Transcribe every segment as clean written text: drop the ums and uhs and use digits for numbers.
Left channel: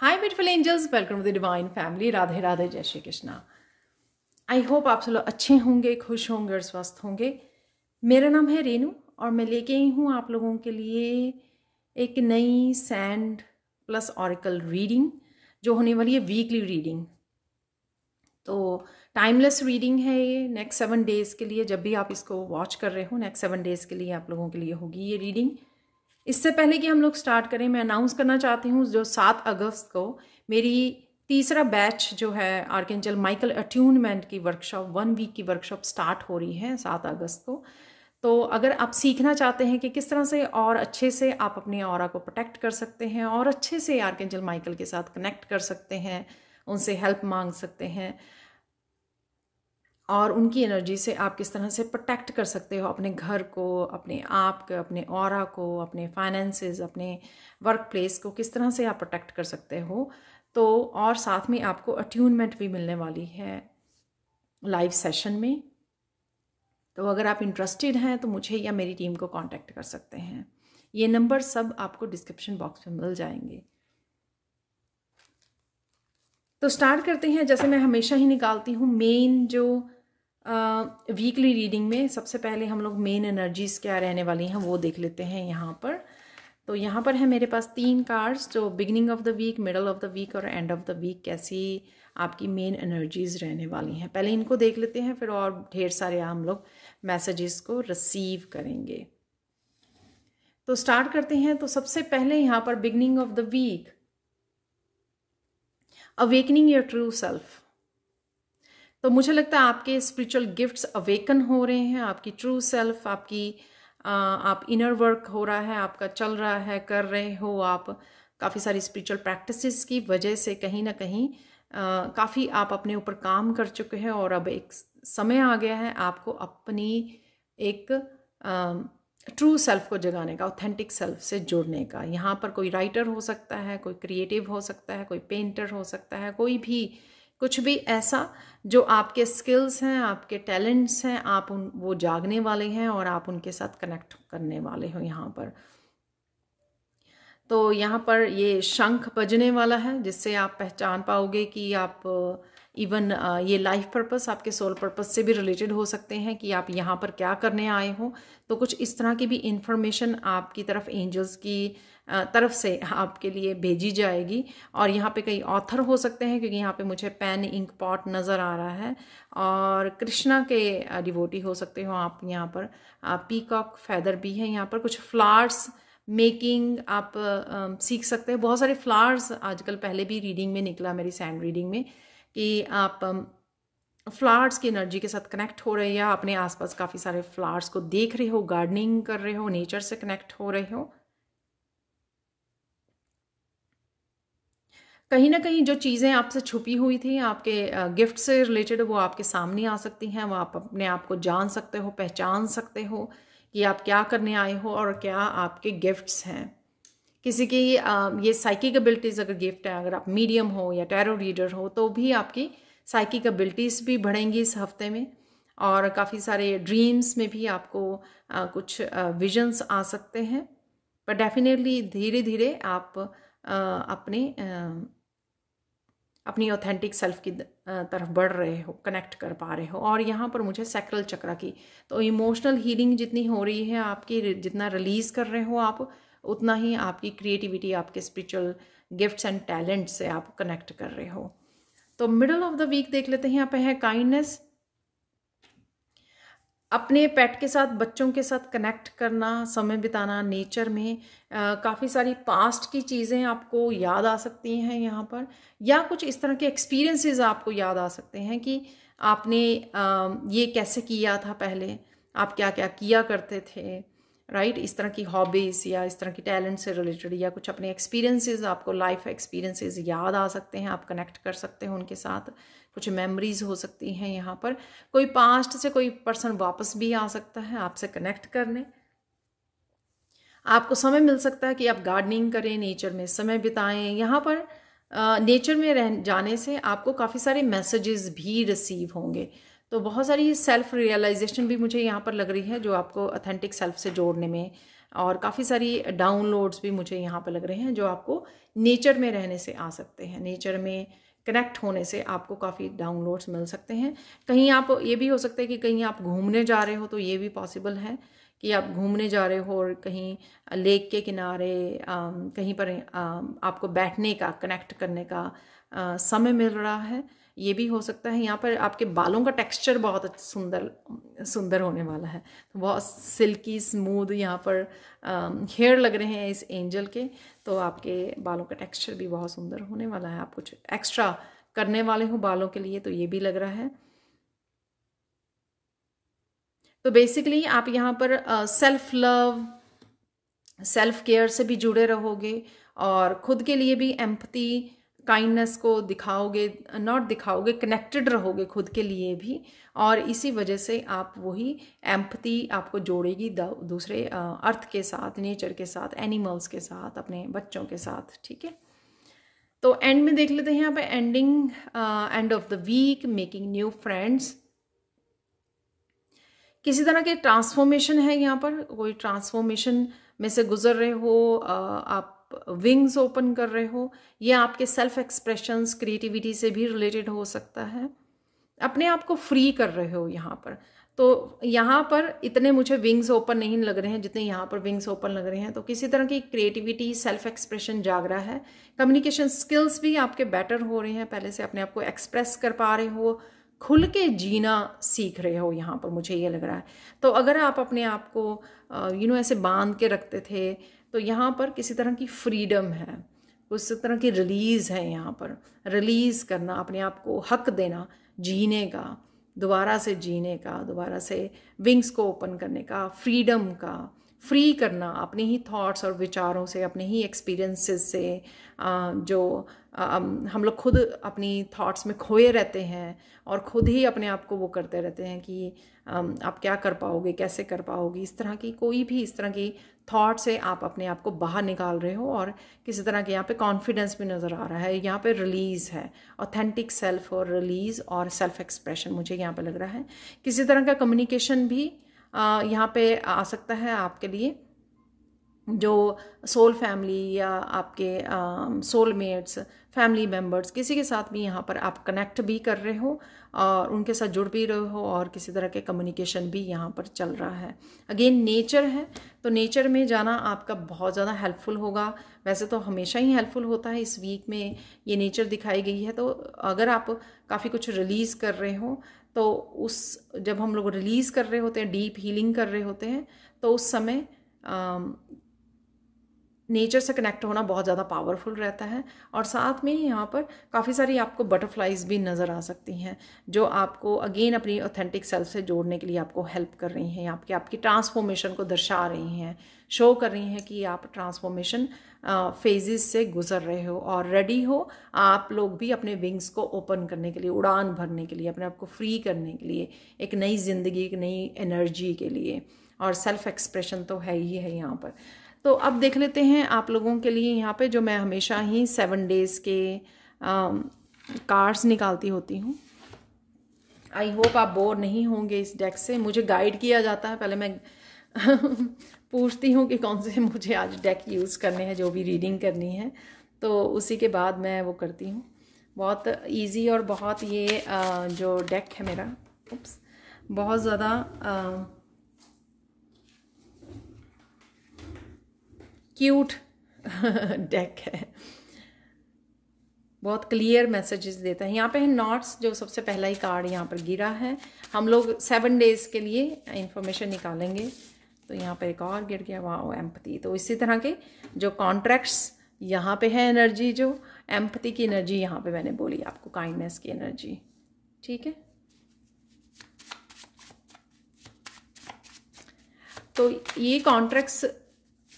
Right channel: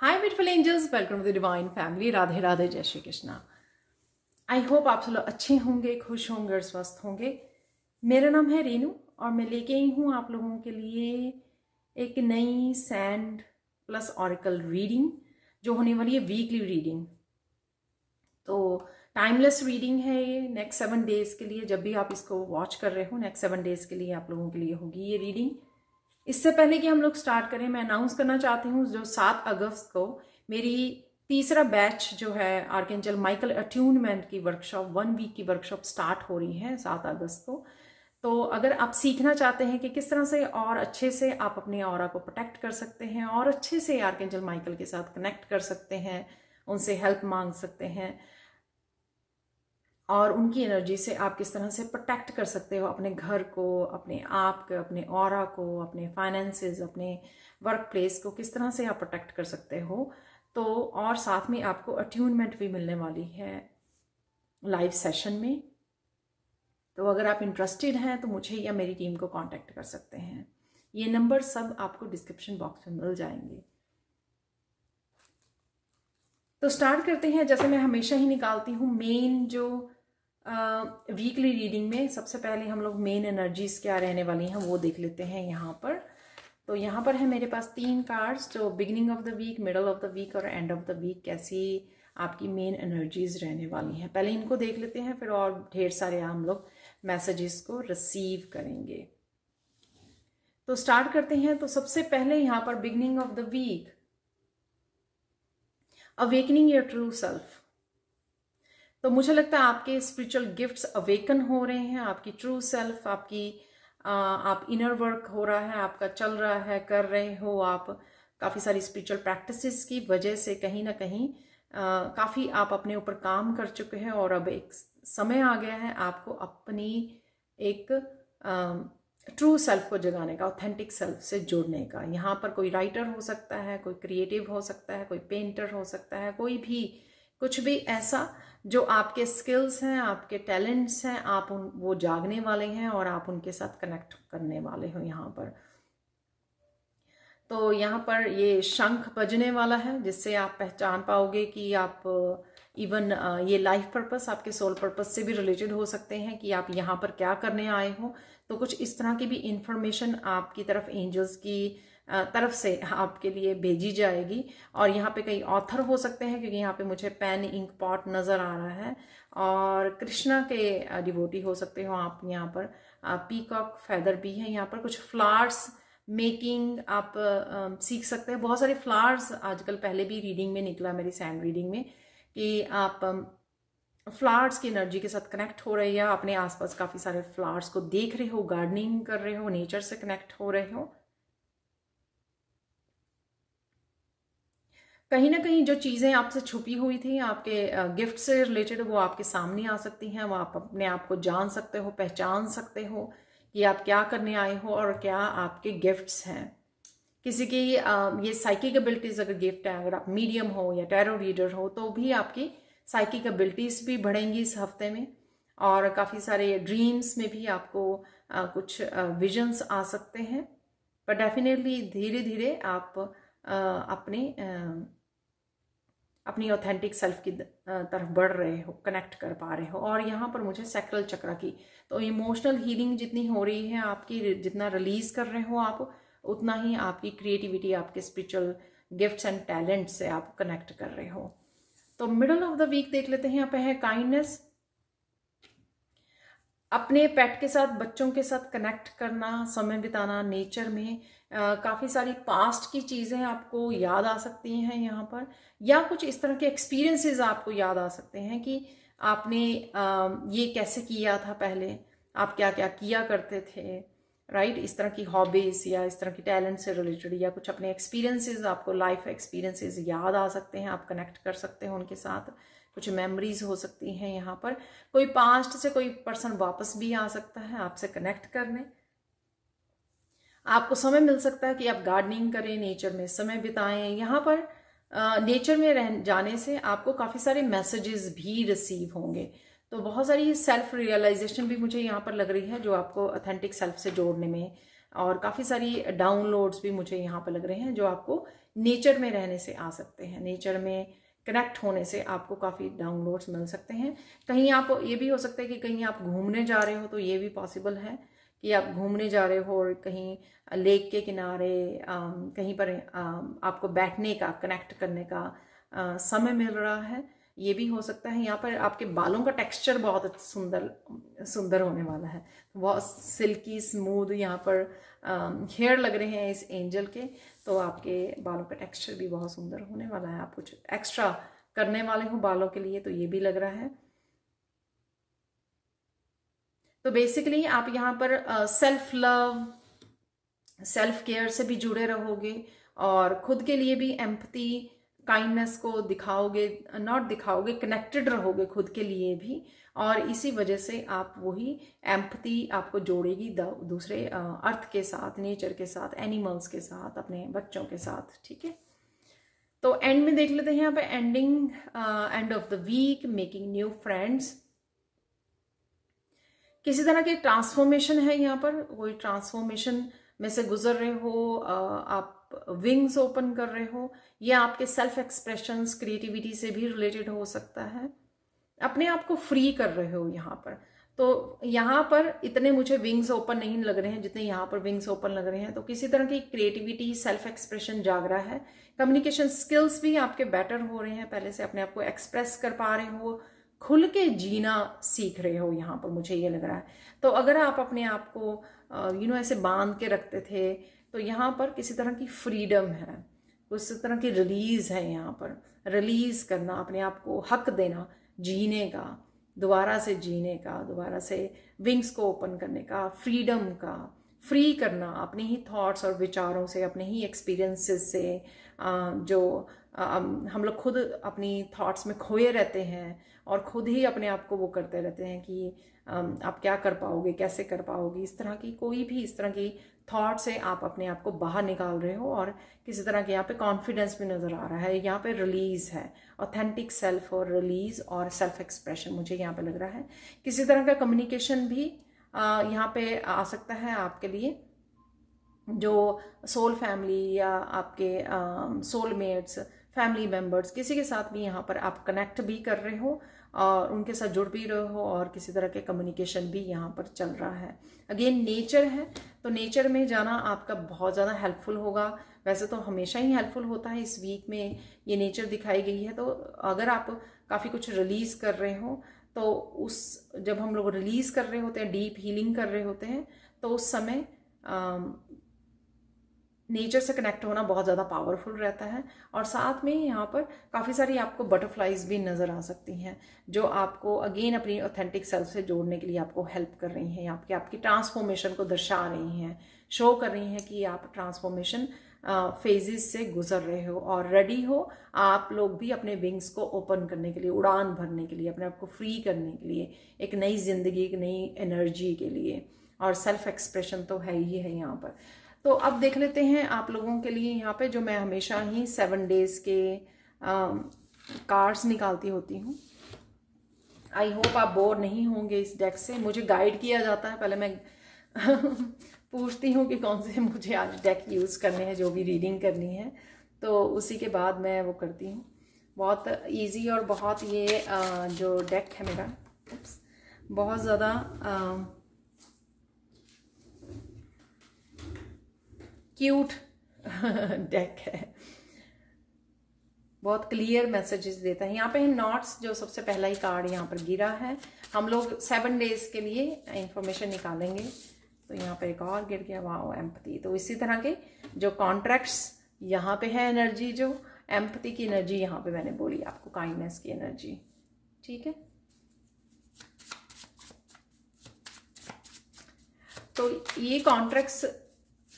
Hi beautiful angels, welcome to the divine family. Radhe Radhe, जय Shri Krishna. I hope आप सब लोग अच्छे होंगे, खुश होंगे और स्वस्थ होंगे। मेरा नाम है रेनू और मैं लेके आई हूँ आप लोगों के लिए एक नई सैंड प्लस ऑरिकल रीडिंग जो होने वाली है वीकली रीडिंग। तो टाइमलेस रीडिंग है ये नेक्स्ट 7 डेज़ के लिए। जब भी आप इसको वॉच कर रहे हो नेक्स्ट 7 डेज़ के लिए आप लोगों के लिए होगी ये रीडिंग। इससे पहले कि हम लोग स्टार्ट करें, मैं अनाउंस करना चाहती हूँ जो 7 अगस्त को मेरी तीसरा बैच जो है आर्कएंजल माइकल अट्यूनमेंट की वर्कशॉप 1 वीक की वर्कशॉप स्टार्ट हो रही है 7 अगस्त को। तो अगर आप सीखना चाहते हैं कि किस तरह से और अच्छे से आप अपने ऑरा को प्रोटेक्ट कर सकते हैं और अच्छे से आर्कएंजल माइकल के साथ कनेक्ट कर सकते हैं, उनसे हेल्प मांग सकते हैं और उनकी एनर्जी से आप किस तरह से प्रोटेक्ट कर सकते हो अपने घर को, अपने आप को, अपने ऑरा को, अपने फाइनेंसेस, अपने वर्क प्लेस को किस तरह से आप प्रोटेक्ट कर सकते हो। तो और साथ में आपको अट्यूनमेंट भी मिलने वाली है लाइव सेशन में। तो अगर आप इंटरेस्टेड हैं तो मुझे या मेरी टीम को कांटेक्ट कर सकते हैं। ये नंबर सब आपको डिस्क्रिप्शन बॉक्स में मिल जाएंगे। तो स्टार्ट करते हैं। जैसे मैं हमेशा ही निकालती हूँ मेन जो वीकली रीडिंग में सबसे पहले हम लोग मेन एनर्जीज क्या रहने वाली हैं वो देख लेते हैं यहाँ पर। तो यहाँ पर है मेरे पास 3 कार्ड्स जो beginning of the week, middle of the week और एंड ऑफ द वीक कैसी आपकी मेन एनर्जीज रहने वाली हैं। पहले इनको देख लेते हैं, फिर और ढेर सारे हम लोग मैसेजेस को रिसीव करेंगे। तो स्टार्ट करते हैं। तो सबसे पहले यहाँ पर beginning of the week, awakening your true self. तो मुझे लगता है आपके स्पिरिचुअल गिफ्ट्स अवेकन हो रहे हैं। आपकी ट्रू सेल्फ, आप इनर वर्क हो रहा है, आपका चल रहा है, कर रहे हो आप काफ़ी सारी स्पिरिचुअल प्रैक्टिसेस की वजह से कहीं ना कहीं काफ़ी आप अपने ऊपर काम कर चुके हैं और अब एक समय आ गया है आपको अपनी एक ट्रू सेल्फ को जगाने का, ऑथेंटिक सेल्फ से जुड़ने का। यहाँ पर कोई राइटर हो सकता है, कोई क्रिएटिव हो सकता है, कोई पेंटर हो सकता है, कोई भी कुछ भी ऐसा जो आपके स्किल्स हैं, आपके टैलेंट्स हैं, आप वो जागने वाले हैं और आप उनके साथ कनेक्ट करने वाले हो यहाँ पर। तो यहाँ पर ये शंख बजने वाला है जिससे आप पहचान पाओगे कि आप इवन ये लाइफ पर्पस, आपके सोल पर्पस से भी रिलेटेड हो सकते हैं कि आप यहाँ पर क्या करने आए हो। तो कुछ इस तरह की भी इंफॉर्मेशन आपकी तरफ एंजल्स की तरफ से आपके लिए भेजी जाएगी। और यहाँ पे कई ऑथर हो सकते हैं क्योंकि यहाँ पे मुझे पेन इंक पॉट नज़र आ रहा है, और कृष्णा के डिवोटी हो सकते हो आप। यहाँ पर पीकॉक फेदर भी है। यहाँ पर कुछ फ्लावर्स मेकिंग आप सीख सकते हैं। बहुत सारे फ्लावर्स आजकल पहले भी रीडिंग में निकला मेरी सैंड रीडिंग में कि आप फ्लावर्स की एनर्जी के साथ कनेक्ट हो रहे हैं या अपने आसपास काफ़ी सारे फ्लावर्स को देख रहे हो, गार्डनिंग कर रहे हो, नेचर से कनेक्ट हो रहे हो। कहीं ना कहीं जो चीज़ें आपसे छुपी हुई थी आपके गिफ्ट से रिलेटेड वो आपके सामने आ सकती हैं। वो आप अपने आप को जान सकते हो, पहचान सकते हो कि आप क्या करने आए हो और क्या आपके गिफ्ट्स हैं। किसी की ये साइकिक एबिलिटीज़ अगर गिफ्ट है, अगर आप मीडियम हो या टैरो रीडर हो तो भी आपकी साइकिक एबिलिटीज़ भी बढ़ेंगी इस हफ्ते में। और काफ़ी सारे ड्रीम्स में भी आपको कुछ विजन्स आ सकते हैं। पर डेफिनेटली धीरे धीरे आप अपनी ऑथेंटिक सेल्फ की तरफ बढ़ रहे हो, कनेक्ट कर पा रहे हो। और यहाँ पर मुझे सैक्रल चक्र की तो इमोशनल हीलिंग जितनी हो रही है आपकी, जितना रिलीज कर रहे हो आप, उतना ही आपकी क्रिएटिविटी, आपके स्पिरिचुअल गिफ्ट्स एंड टैलेंट से आप कनेक्ट कर रहे हो। तो मिडल ऑफ द वीक देख लेते हैं। यहाँ पे है काइंडनेस, अपने पेट के साथ, बच्चों के साथ कनेक्ट करना, समय बिताना नेचर में। काफ़ी सारी पास्ट की चीज़ें आपको याद आ सकती हैं यहाँ पर, या कुछ इस तरह के एक्सपीरियंसेस आपको याद आ सकते हैं कि आपने ये कैसे किया था पहले, आप क्या क्या किया करते थे, राइट। इस तरह की हॉबीज़ या इस तरह की टैलेंट से रिलेटेड या कुछ अपने एक्सपीरियंसेस, आपको लाइफ एक्सपीरियंसेस याद आ सकते हैं, आप कनेक्ट कर सकते हो उनके साथ। कुछ मेमोरीज हो सकती हैं यहाँ पर। कोई पास्ट से कोई पर्सन वापस भी आ सकता है आपसे कनेक्ट करने। आपको समय मिल सकता है कि आप गार्डनिंग करें, नेचर में समय बिताएं। यहाँ पर नेचर में जाने से आपको काफ़ी सारे मैसेजेस भी रिसीव होंगे। तो बहुत सारी सेल्फ रियलाइजेशन भी मुझे यहाँ पर लग रही है जो आपको ऑथेंटिक सेल्फ से जोड़ने में और काफ़ी सारी डाउनलोड्स भी मुझे यहाँ पे लग रहे हैं जो आपको नेचर में रहने से आ सकते हैं। नेचर में कनेक्ट होने से आपको काफ़ी डाउनलोड्स मिल सकते हैं। कहीं आप, ये भी हो सकता है कि कहीं आप घूमने जा रहे हो, तो ये भी पॉसिबल है कि आप घूमने जा रहे हो और कहीं लेक के किनारे कहीं पर आपको बैठने का, कनेक्ट करने का समय मिल रहा है, ये भी हो सकता है। यहाँ पर आपके बालों का टेक्सचर बहुत सुंदर होने वाला है, बहुत सिल्की स्मूथ यहाँ पर हेयर लग रहे हैं इस एंजल के, तो आपके बालों का टेक्सचर भी बहुत सुंदर होने वाला है। आप कुछ एक्स्ट्रा करने वाले हो बालों के लिए, तो ये भी लग रहा है। तो बेसिकली आप यहाँ पर सेल्फ लव, सेल्फ केयर से भी जुड़े रहोगे और खुद के लिए भी एम्पैथी, काइंडनेस को दिखाओगे, नॉट दिखाओगे, कनेक्टेड रहोगे खुद के लिए भी, और इसी वजह से आप वही एम्पैथी आपको जोड़ेगी दूसरे अर्थ के साथ, नेचर के साथ, एनिमल्स के साथ, अपने बच्चों के साथ। ठीक है, तो एंड में देख लेते हैं यहाँ पे ending, end of the week, making new friends. किसी तरह के ट्रांसफॉर्मेशन है यहाँ पर, कोई ट्रांसफॉर्मेशन में से गुजर रहे हो, आप विंग्स ओपन कर रहे हो, या आपके सेल्फ एक्सप्रेशंस, क्रिएटिविटी से भी रिलेटेड हो सकता है। अपने आप को फ्री कर रहे हो यहाँ पर। तो यहाँ पर इतने मुझे विंग्स ओपन नहीं लग रहे हैं जितने यहाँ पर विंग्स ओपन लग रहे हैं। तो किसी तरह की क्रिएटिविटी, सेल्फ एक्सप्रेशन जाग रहा है। कम्युनिकेशन स्किल्स भी आपके बेटर हो रहे हैं, पहले से अपने आप को एक्सप्रेस कर पा रहे हो, खुल के जीना सीख रहे हो यहाँ पर, मुझे ये लग रहा है। तो अगर आप अपने आप को ऐसे बांध के रखते थे, तो यहाँ पर किसी तरह की फ्रीडम है, उस तरह की रिलीज है। यहाँ पर रिलीज करना, अपने आप को हक देना जीने का, दोबारा से जीने का, दोबारा से विंग्स को ओपन करने का, फ्रीडम का, फ्री करना अपने ही थॉट्स और विचारों से, अपने ही एक्सपीरियंसेस से, जो हम लोग खुद अपनी थॉट्स में खोए रहते हैं और खुद ही अपने आप को वो करते रहते हैं कि आप क्या कर पाओगे, कैसे कर पाओगे, इस तरह की कोई भी इस तरह की थॉट से आप अपने आप को बाहर निकाल रहे हो। और किसी तरह के यहाँ पे कॉन्फिडेंस भी नज़र आ रहा है, यहाँ पे रिलीज है, ऑथेंटिक सेल्फ और रिलीज और सेल्फ एक्सप्रेशन मुझे यहाँ पे लग रहा है। किसी तरह का कम्युनिकेशन भी यहाँ पे आ सकता है आपके लिए, जो सोल फैमिली या आपके सोलमेट्स, फैमिली मेम्बर्स, किसी के साथ भी यहाँ पर आप कनेक्ट भी कर रहे हो और उनके साथ जुड़ भी रहे हो, और किसी तरह के कम्युनिकेशन भी यहाँ पर चल रहा है। अगेन नेचर है, तो नेचर में जाना आपका बहुत ज़्यादा हेल्पफुल होगा। वैसे तो हमेशा ही हेल्पफुल होता है, इस वीक में ये नेचर दिखाई गई है। तो अगर आप काफ़ी कुछ रिलीज़ कर रहे हो, तो जब हम लोग रिलीज़ कर रहे होते हैं, डीप हीलिंग कर रहे होते हैं, तो उस समय नेचर से कनेक्ट होना बहुत ज़्यादा पावरफुल रहता है। और साथ में यहाँ पर काफ़ी सारी आपको बटरफ्लाइज भी नज़र आ सकती हैं, जो आपको अगेन अपनी ऑथेंटिक सेल्फ से जोड़ने के लिए आपको हेल्प कर रही हैं, आपकी ट्रांसफॉर्मेशन को दर्शा रही हैं, शो कर रही हैं कि आप ट्रांसफॉर्मेशन फेजेस से गुजर रहे हो और रेडी हो आप लोग भी अपने विंग्स को ओपन करने के लिए, उड़ान भरने के लिए, अपने आप को फ्री करने के लिए, एक नई जिंदगी, एक नई एनर्जी के लिए। और सेल्फ एक्सप्रेशन तो है ही है यहाँ पर। तो अब देख लेते हैं आप लोगों के लिए यहाँ पे, जो मैं हमेशा ही 7 डेज के कार्ड्स निकालती होती हूँ। आई होप आप बोर नहीं होंगे इस डेक से। मुझे गाइड किया जाता है, पहले मैं पूछती हूँ कि कौन से मुझे आज डेक यूज़ करने हैं, जो भी रीडिंग करनी है, तो उसी के बाद मैं वो करती हूँ। बहुत इजी और बहुत ये जो डेक है मेरा, बहुत ज़्यादा क्यूट डेक है, बहुत क्लियर मैसेजेस देता है। यहाँ पे नॉट्स, जो सबसे पहला ही कार्ड यहाँ पर गिरा है। हम लोग 7 डेज के लिए इंफॉर्मेशन निकालेंगे। तो यहाँ पे एक और गिर गया, वाओ, एम्पैथी। तो इसी तरह के जो कॉन्ट्रैक्ट्स यहाँ पे है, एनर्जी, जो एम्पैथी की एनर्जी यहाँ पे मैंने बोली आपको, काइंडनेस की एनर्जी, ठीक है। तो ये कॉन्ट्रैक्ट्स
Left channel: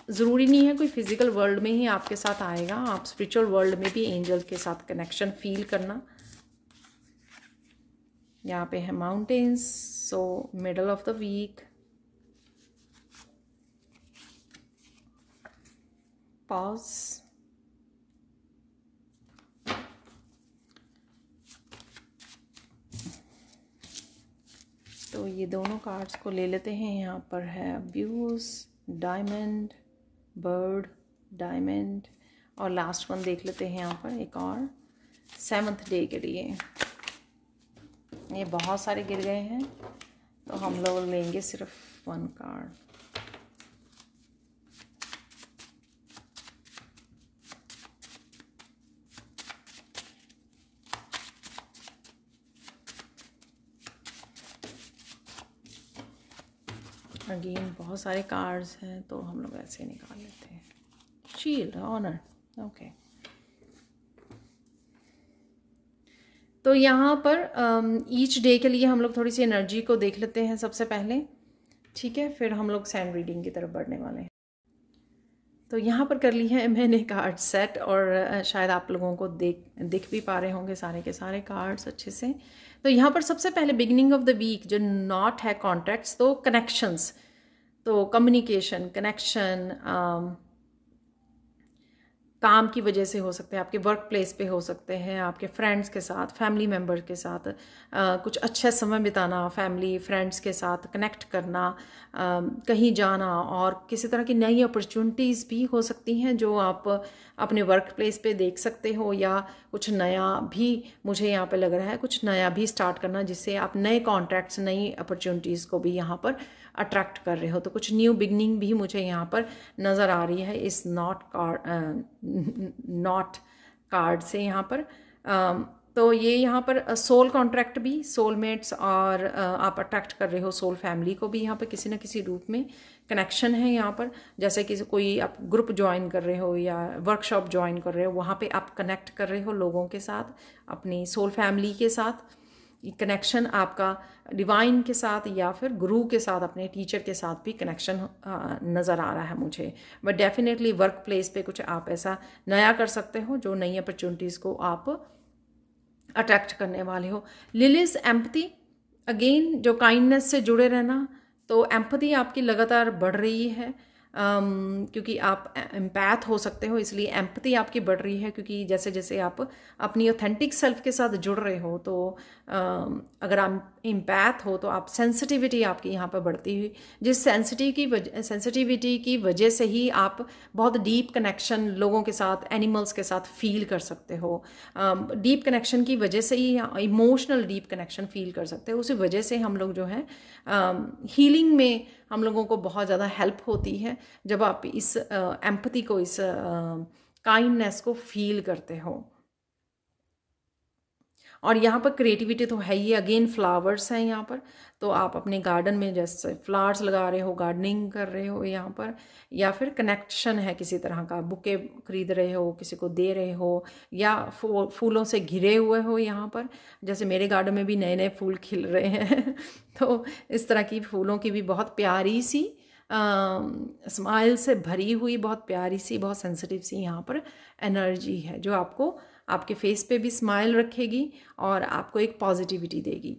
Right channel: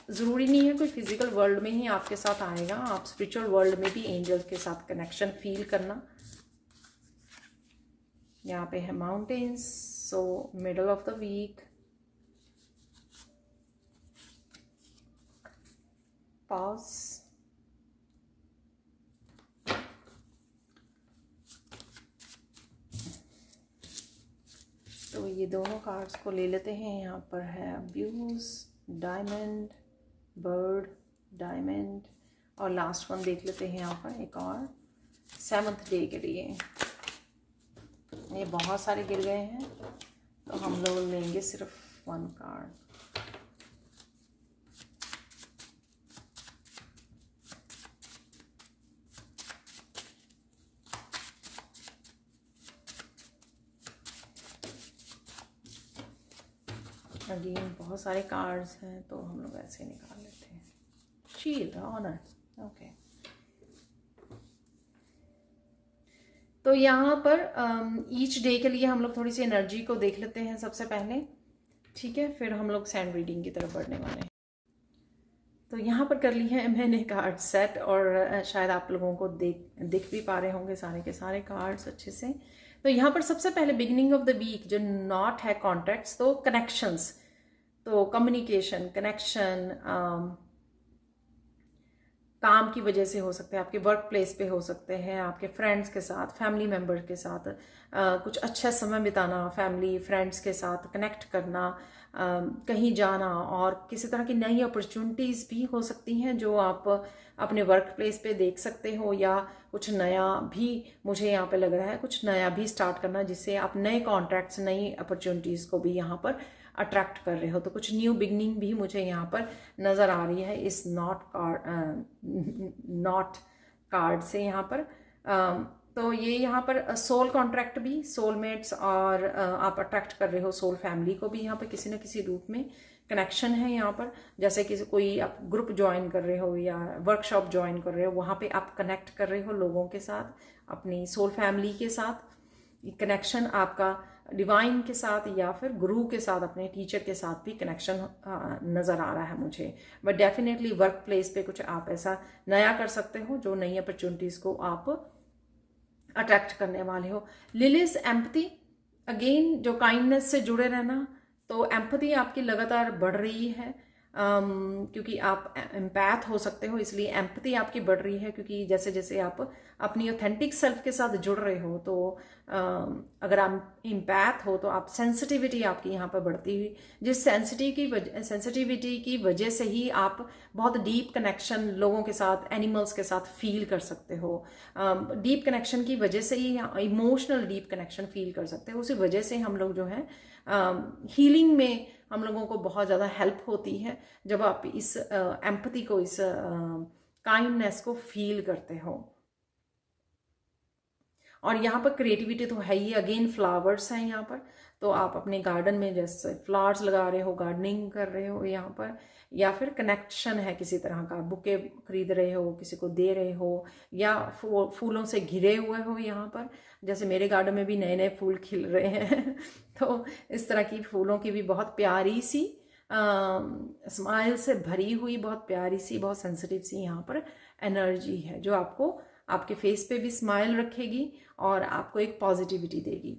ज़रूरी नहीं है कोई फिजिकल वर्ल्ड में ही आपके साथ आएगा, आप स्पिरिचुअल वर्ल्ड में भी एंजल्स के साथ कनेक्शन फील करना। यहाँ पे है mountains, so middle of the week, pause, तो ये दोनों कार्ड्स को ले लेते हैं। यहाँ पर है अब्यूज, डायमंड, बर्ड, डायमंड, और लास्ट वन देख लेते हैं यहाँ पर एक और 7th डे के लिए। ये बहुत सारे गिर गए हैं तो हम लोग लेंगे सिर्फ 1 कार्ड। अगेन बहुत सारे कार्ड्स हैं तो हम लोग ऐसे निकाल लेते हैं। Shield, honour, okay. तो यहाँ पर ईच डे के लिए हम लोग थोड़ी सी एनर्जी को देख लेते हैं सबसे पहले, ठीक है, फिर हम लोग सैंड रीडिंग की तरफ बढ़ने वाले हैं। तो यहाँ पर कर ली है मैंने कार्ड सेट, और शायद आप लोगों को दिख भी पा रहे होंगे सारे के सारे कार्ड्स अच्छे से। तो यहाँ पर सबसे पहले बिगिनिंग ऑफ द वीक जो नॉट है कॉन्ट्रैक्ट्स, तो कनेक्शंस, तो कम्युनिकेशन, कनेक्शन काम की वजह से हो सकते हैं, आपके वर्क प्लेस पे हो सकते हैं, आपके फ्रेंड्स के साथ, फैमिली मेम्बर के साथ कुछ अच्छा समय बिताना, फैमिली फ्रेंड्स के साथ कनेक्ट करना, कहीं जाना, और किसी तरह की नई अपॉर्चुनिटीज़ भी हो सकती हैं जो आप अपने वर्क प्लेस पे देख सकते हो, या कुछ नया भी मुझे यहाँ पे लग रहा है, कुछ नया भी स्टार्ट करना जिससे आप नए कॉन्ट्रैक्ट्स, नई अपॉर्चुनिटीज़ को भी यहाँ पर अट्रैक्ट कर रहे हो। तो कुछ न्यू बिगनिंग भी मुझे यहाँ पर नज़र आ रही है इस नॉट कार्ड से यहाँ पर। तो ये यहाँ पर सोल कॉन्ट्रैक्ट भी, सोलमेट्स, और आप अट्रैक्ट कर रहे हो सोल फैमिली को भी यहाँ पर किसी न किसी रूप में कनेक्शन है यहाँ पर। जैसे कि कोई आप ग्रुप ज्वाइन कर रहे हो या वर्कशॉप ज्वाइन कर रहे हो, वहाँ पे आप कनेक्ट कर रहे हो लोगों के साथ, अपनी सोल फैमिली के साथ। कनेक्शन आपका डिवाइन के साथ या फिर गुरु के साथ, अपने टीचर के साथ भी कनेक्शन नज़र आ रहा है मुझे। बट डेफिनेटली वर्क प्लेस पे कुछ आप ऐसा नया कर सकते हो जो नई अपॉर्चुनिटीज़ को आप अट्रैक्ट करने वाले हो। लिलीज एम्पैथी, अगेन जो काइंडनेस से जुड़े रहना, तो एम्पैथी आपकी लगातार बढ़ रही है, क्योंकि आप एम्पैथ हो सकते हो, इसलिए एम्पैथी आपकी बढ़ रही है, क्योंकि जैसे जैसे आप अपनी ऑथेंटिक सेल्फ के साथ जुड़ रहे हो, तो अगर आप एम्पैथ हो तो आप सेंसिटिविटी आपकी यहाँ पर बढ़ती हुई, जिस सेंसिटिविटी की वजह से ही आप बहुत डीप कनेक्शन लोगों के साथ, एनिमल्स के साथ फील कर सकते हो। डीप कनेक्शन की वजह से ही इमोशनल डीप कनेक्शन फील कर सकते हो, उसी वजह से हम लोग जो है हीलिंग में हम लोगों को बहुत ज़्यादा हेल्प होती है जब आप इस एम्पैथी को, इस काइंडनेस को फील करते हो। और यहाँ पर क्रिएटिविटी तो है ही, अगेन फ्लावर्स हैं यहाँ पर, तो आप अपने गार्डन में जैसे फ्लावर्स लगा रहे हो, गार्डनिंग कर रहे हो यहाँ पर, या फिर कनेक्शन है किसी तरह का, बुके खरीद रहे हो, किसी को दे रहे हो, या फूलों से घिरे हुए हो यहाँ पर, जैसे मेरे गार्डन में भी नए नए फूल खिल रहे हैं तो इस तरह की फूलों की भी बहुत प्यारी सी स्माइल से भरी हुई, बहुत प्यारी सी, बहुत सेंसिटिव सी यहाँ पर एनर्जी है जो आपको आपके फेस पे भी स्माइल रखेगी और आपको एक पॉजिटिविटी देगी।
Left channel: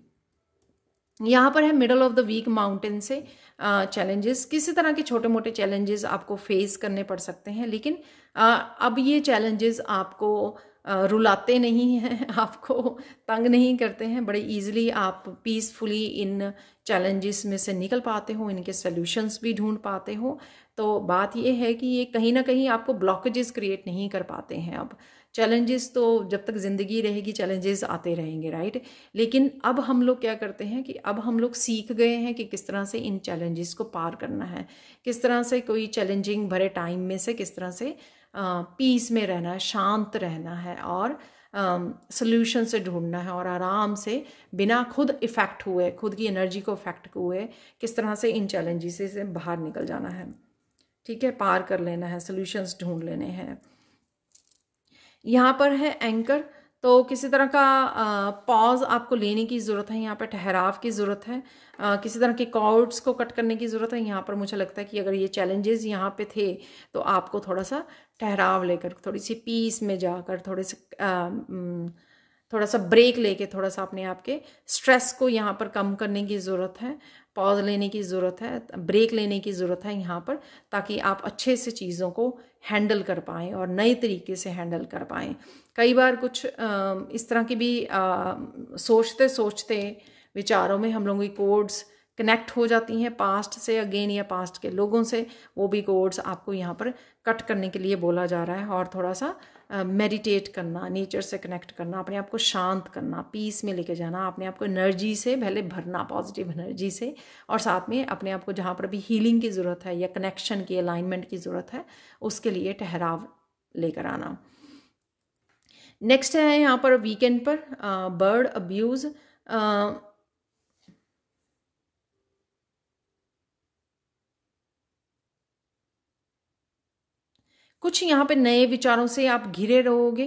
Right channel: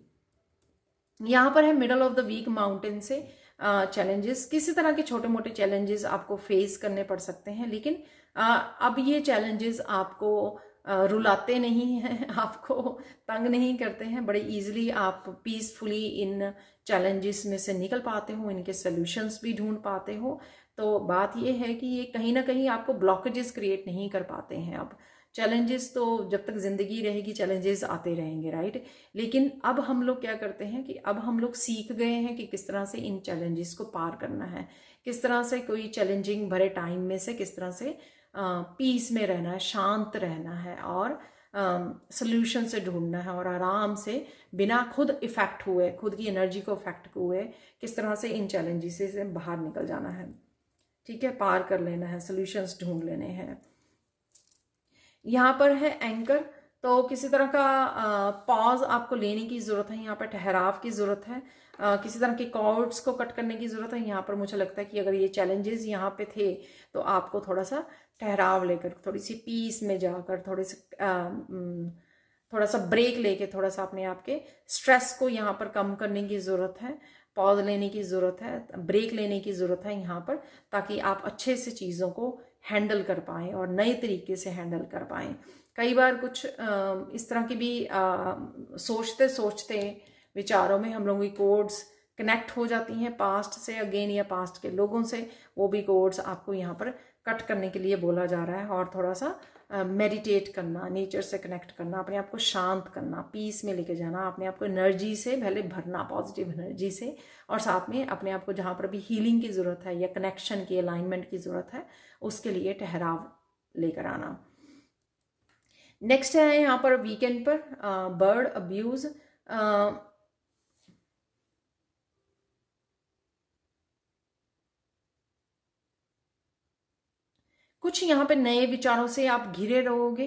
यहाँ पर है middle of the week mountain से चैलेंजेस, किसी तरह के छोटे मोटे चैलेंजेस आपको फेस करने पड़ सकते हैं, लेकिन अब ये चैलेंजेस आपको रुलाते नहीं हैं, आपको तंग नहीं करते हैं, बड़े इजीली आप पीसफुली इन चैलेंजेस में से निकल पाते हो, इनके सॉल्यूशंस भी ढूंढ पाते हो। तो बात ये है कि ये कहीं ना कहीं आपको ब्लॉकेजेस क्रिएट नहीं कर पाते हैं। अब चैलेंजेस तो जब तक ज़िंदगी रहेगी चैलेंजेस आते रहेंगे, राइट। लेकिन अब हम लोग क्या करते हैं कि अब हम लोग सीख गए हैं कि किस तरह से इन चैलेंजेस को पार करना है, किस तरह से कोई चैलेंजिंग भरे टाइम में से किस तरह से पीस में रहना है, शांत रहना है, और सॉल्यूशन से ढूंढना है, और आराम से बिना खुद इफ़ेक्ट हुए, खुद की एनर्जी को इफेक्ट हुए, किस तरह से इन चैलेंजेस से बाहर निकल जाना है, ठीक है, पार कर लेना है, सॉल्यूशंस ढूंढ लेने हैं। यहाँ पर है एंकर, तो किसी तरह का पॉज आपको लेने की ज़रूरत है, यहाँ पर ठहराव की ज़रूरत है, किसी तरह के कॉर्ड्स को कट करने की ज़रूरत है। यहाँ पर मुझे लगता है कि अगर ये चैलेंजेस यहाँ पे थे तो आपको थोड़ा सा ठहराव लेकर, थोड़ी सी पीस में जाकर, थोड़ा सा ब्रेक लेके, थोड़ा सा अपने आप के स्ट्रेस को यहाँ पर कम करने की ज़रूरत है, पॉज लेने की ज़रूरत है, ब्रेक लेने की ज़रूरत है यहाँ पर, ताकि आप अच्छे से चीज़ों को हैंडल कर पाएँ और नए तरीके से हैंडल कर पाएँ। कई बार कुछ इस तरह की भी सोचते सोचते विचारों में हम लोगों की कोड्स कनेक्ट हो जाती हैं पास्ट से अगेन या पास्ट के लोगों से, वो भी कोड्स आपको यहाँ पर कट करने के लिए बोला जा रहा है। और थोड़ा सा मेडिटेट करना, नेचर से कनेक्ट करना, अपने आप को शांत करना, पीस में लेके जाना, अपने आप को एनर्जी से पहले भरना, पॉजिटिव एनर्जी से, और साथ में अपने आप को जहाँ पर भी हीलिंग की ज़रूरत है या कनेक्शन की, अलाइनमेंट की ज़रूरत है, उसके लिए ठहराव लेकर आना। नेक्स्ट है यहाँ पर वीकेंड पर बर्ड अब्यूज़। कुछ यहाँ पे नए विचारों से आप घिरे रहोगे।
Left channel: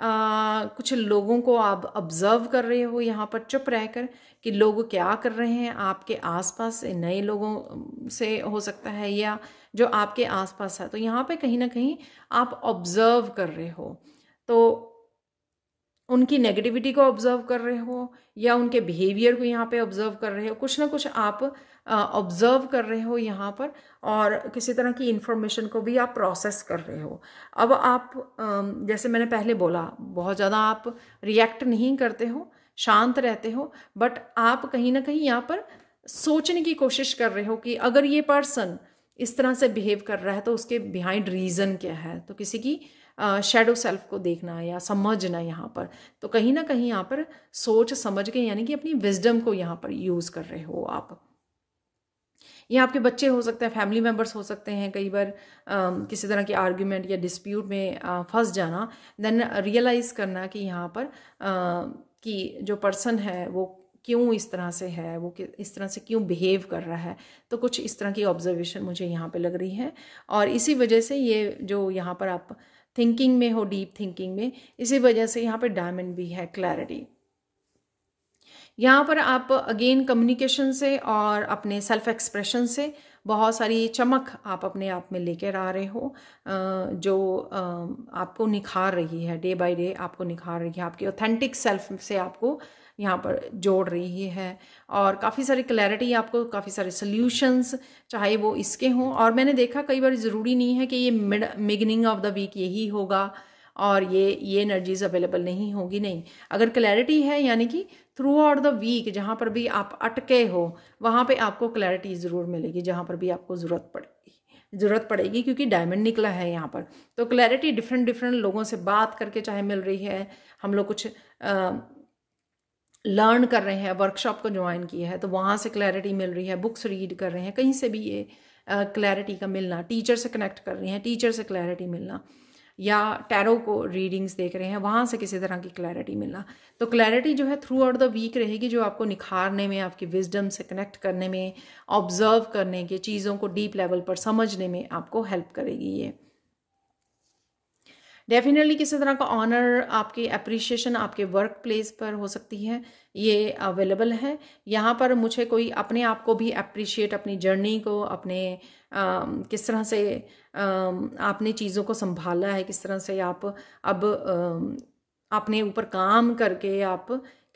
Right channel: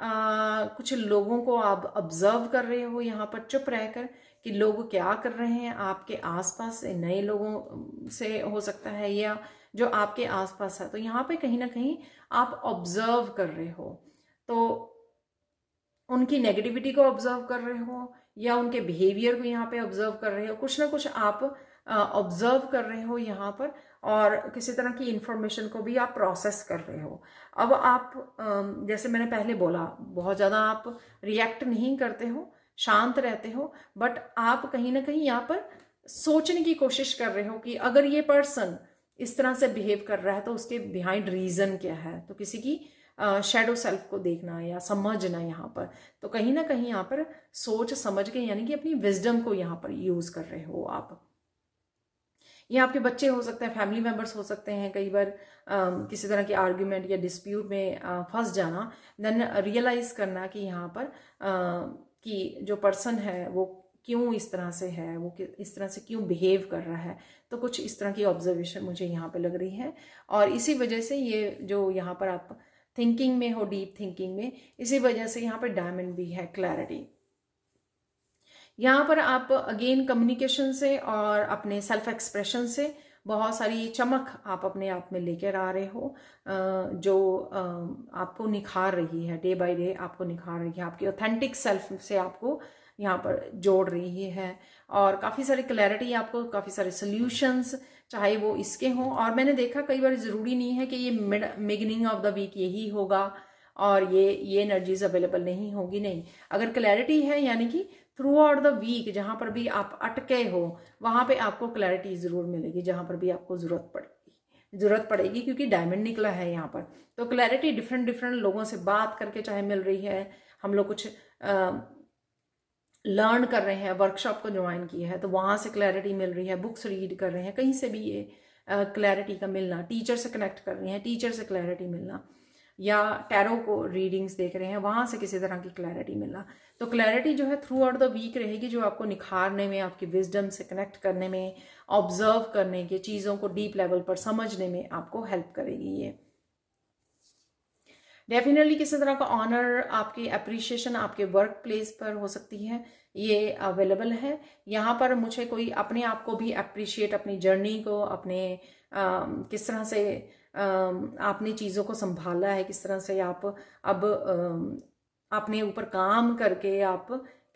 कुछ लोगों को आप ऑब्जर्व कर रहे हो यहाँ पर चुप रहकर कि लोग क्या कर रहे हैं आपके आसपास, नए लोगों से हो सकता है या जो आपके आसपास है। तो यहाँ पे कहीं ना कहीं आप ऑब्जर्व कर रहे हो, तो उनकी नेगेटिविटी को ऑब्जर्व कर रहे हो या उनके बिहेवियर को यहाँ पे ऑब्जर्व कर रहे हो। कुछ ना कुछ आप ऑब्जर्व कर रहे हो यहाँ पर, और किसी तरह की इंफॉर्मेशन को भी आप प्रोसेस कर रहे हो। अब आप जैसे मैंने पहले बोला, बहुत ज़्यादा आप रिएक्ट नहीं करते हो, शांत रहते हो, बट आप कहीं ना कहीं यहाँ पर सोचने की कोशिश कर रहे हो कि अगर ये पर्सन इस तरह से बिहेव कर रहा है तो उसके बिहाइंड रीज़न क्या है। तो किसी की शैडो सेल्फ को देखना या समझना यहाँ पर, तो कहीं ना कहीं यहाँ पर सोच समझ के, यानी कि अपनी विजडम को यहाँ पर यूज़ कर रहे हो आप। ये आपके बच्चे हो सकते हैं, फैमिली मेम्बर्स हो सकते हैं। कई बार किसी तरह की आर्ग्यूमेंट या डिस्प्यूट में फंस जाना, देन रियलाइज़ करना कि यहाँ पर कि जो पर्सन है वो क्यों इस तरह से है, वो इस तरह से क्यों बिहेव कर रहा है। तो कुछ इस तरह की ऑब्जर्वेशन मुझे यहाँ पे लग रही है, और इसी वजह से ये जो यहाँ पर आप थिंकिंग में हो, डीप थिंकिंग में, इसी वजह से यहाँ पर डायमंड भी है, क्लैरिटी। यहाँ पर आप अगेन कम्युनिकेशन से और अपने सेल्फ एक्सप्रेशन से बहुत सारी चमक आप अपने आप में लेकर आ रहे हो, जो आपको निखार रही है, डे बाय डे आपको निखार रही है, आपकी ऑथेंटिक सेल्फ से आपको यहाँ पर जोड़ रही है। और काफ़ी सारी क्लैरिटी आपको, काफ़ी सारे सॉल्यूशंस, चाहे वो इसके हों। और मैंने देखा कई बार ज़रूरी नहीं है कि ये बिगिनिंग ऑफ द वीक यही होगा और ये एनर्जीज अवेलेबल नहीं होगी, नहीं। अगर क्लैरिटी है, यानी कि थ्रू आउट द वीक जहाँ पर भी आप अटके हो वहाँ पे आपको क्लैरिटी ज़रूर मिलेगी, जहाँ पर भी आपको ज़रूरत पड़ेगी, क्योंकि डायमंड निकला है यहाँ पर। तो क्लैरिटी डिफरेंट लोगों से बात करके चाहे मिल रही है, हम लोग कुछ लर्न कर रहे हैं, वर्कशॉप को ज्वाइन किया है तो वहाँ से क्लैरिटी मिल रही है, बुक्स रीड कर रहे हैं, कहीं से भी ये क्लैरिटी का मिलना, टीचर से कनेक्ट कर रहे हैं, टीचर से क्लैरिटी मिलना, या टैरो को रीडिंग्स देख रहे हैं, वहाँ से किसी तरह की क्लैरिटी मिलना। तो क्लैरिटी जो है थ्रू आउट द वीक रहेगी, जो आपको निखारने में, आपकी विजडम से कनेक्ट करने में, ऑब्जर्व करने के, चीज़ों को डीप लेवल पर समझने में आपको हेल्प करेगी। ये डेफिनेटली किसी तरह का ऑनर, आपकी अप्रिशिएशन आपके वर्क प्लेस पर हो सकती है, ये अवेलेबल है। यहाँ पर मुझे कोई अपने आप को भी अप्रिशिएट, अपनी जर्नी को, अपने किस तरह से आपने चीज़ों को संभाला है, किस तरह से आप अब अपने ऊपर काम करके आप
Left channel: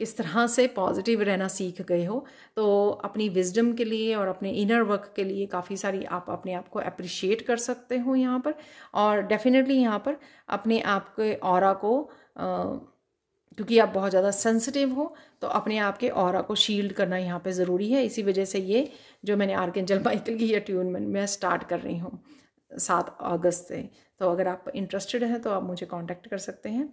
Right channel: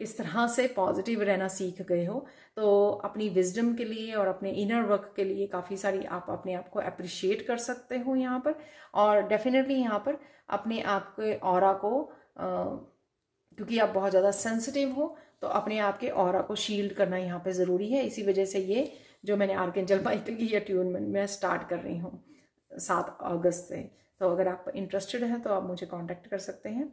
किस तरह से पॉजिटिव रहना सीख गए हो। तो अपनी विजडम के लिए और अपने इनर वर्क के लिए काफ़ी सारी आप अपने आप को अप्रिशिएट कर सकते हो यहाँ पर। और डेफिनेटली यहाँ पर अपने आप के ऑरा को, क्योंकि आप बहुत ज़्यादा सेंसिटिव हो, तो अपने आप के ऑरा को शील्ड करना यहाँ पे ज़रूरी है। इसी वजह से ये जो मैंने आर्कएंजल माइकल की अट्यूनमेंट मैं स्टार्ट कर रही हूँ 7 अगस्त से। तो अगर आप इंटरेस्टेड हैं तो आप मुझे कांटेक्ट कर सकते हैं।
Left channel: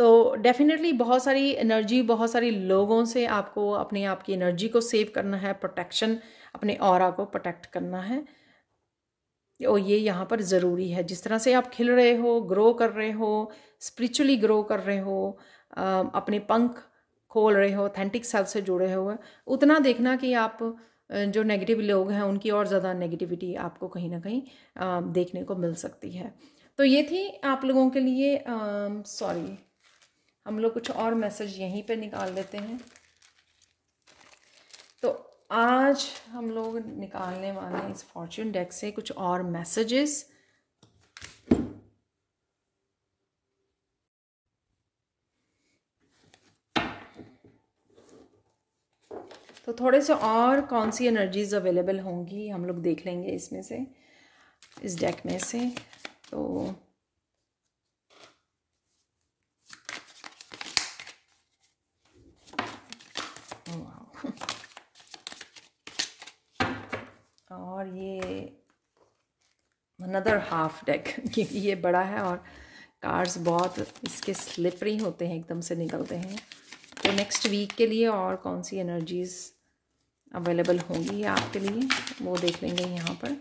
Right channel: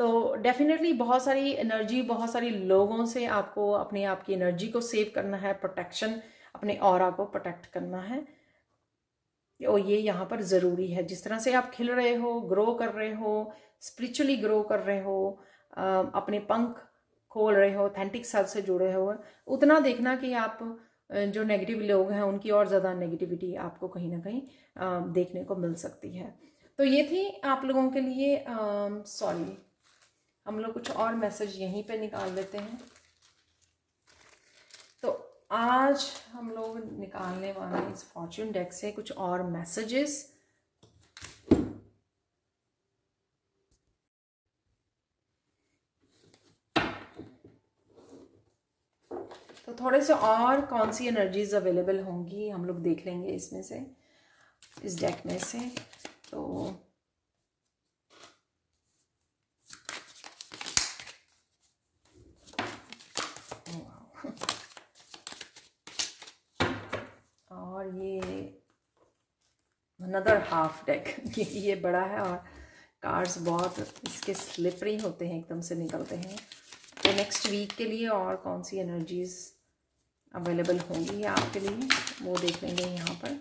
तो डेफिनेटली बहुत सारी एनर्जी, बहुत सारी लोगों से आपको अपने आप की एनर्जी को सेव करना है, प्रोटेक्शन, अपने ऑरा को प्रोटेक्ट करना है, और ये यहाँ पर ज़रूरी है। जिस तरह से आप खिल रहे हो, ग्रो कर रहे हो, स्पिरिचुअली ग्रो कर रहे हो, अपने पंख खोल रहे हो, ऑथेंटिक सेल्फ से जुड़े हो, उतना देखना कि आप जो नेगेटिव लोग हैं उनकी और ज़्यादा नेगेटिविटी आपको कहीं ना कहीं देखने को मिल सकती है। तो ये थी आप लोगों के लिए, सॉरी, हम लोग कुछ और मैसेज यहीं पे निकाल लेते हैं। तो आज हम लोग निकालने वाले हैं इस फॉर्च्यून डेक से कुछ और मैसेजेस। तो थोड़े से और कौन सी एनर्जीज अवेलेबल होंगी हम लोग देख लेंगे इसमें से, इस डेक में से। तो और ये अनदर हाफ डेक क्योंकि ये बड़ा है और कार्ड्स बहुत इसके स्लिपरी होते हैं, एकदम से निकलते हैं। तो नेक्स्ट वीक के लिए और कौन सी एनर्जीज अवेलेबल होंगी आपके लिए वो देख लेंगे यहाँ पर।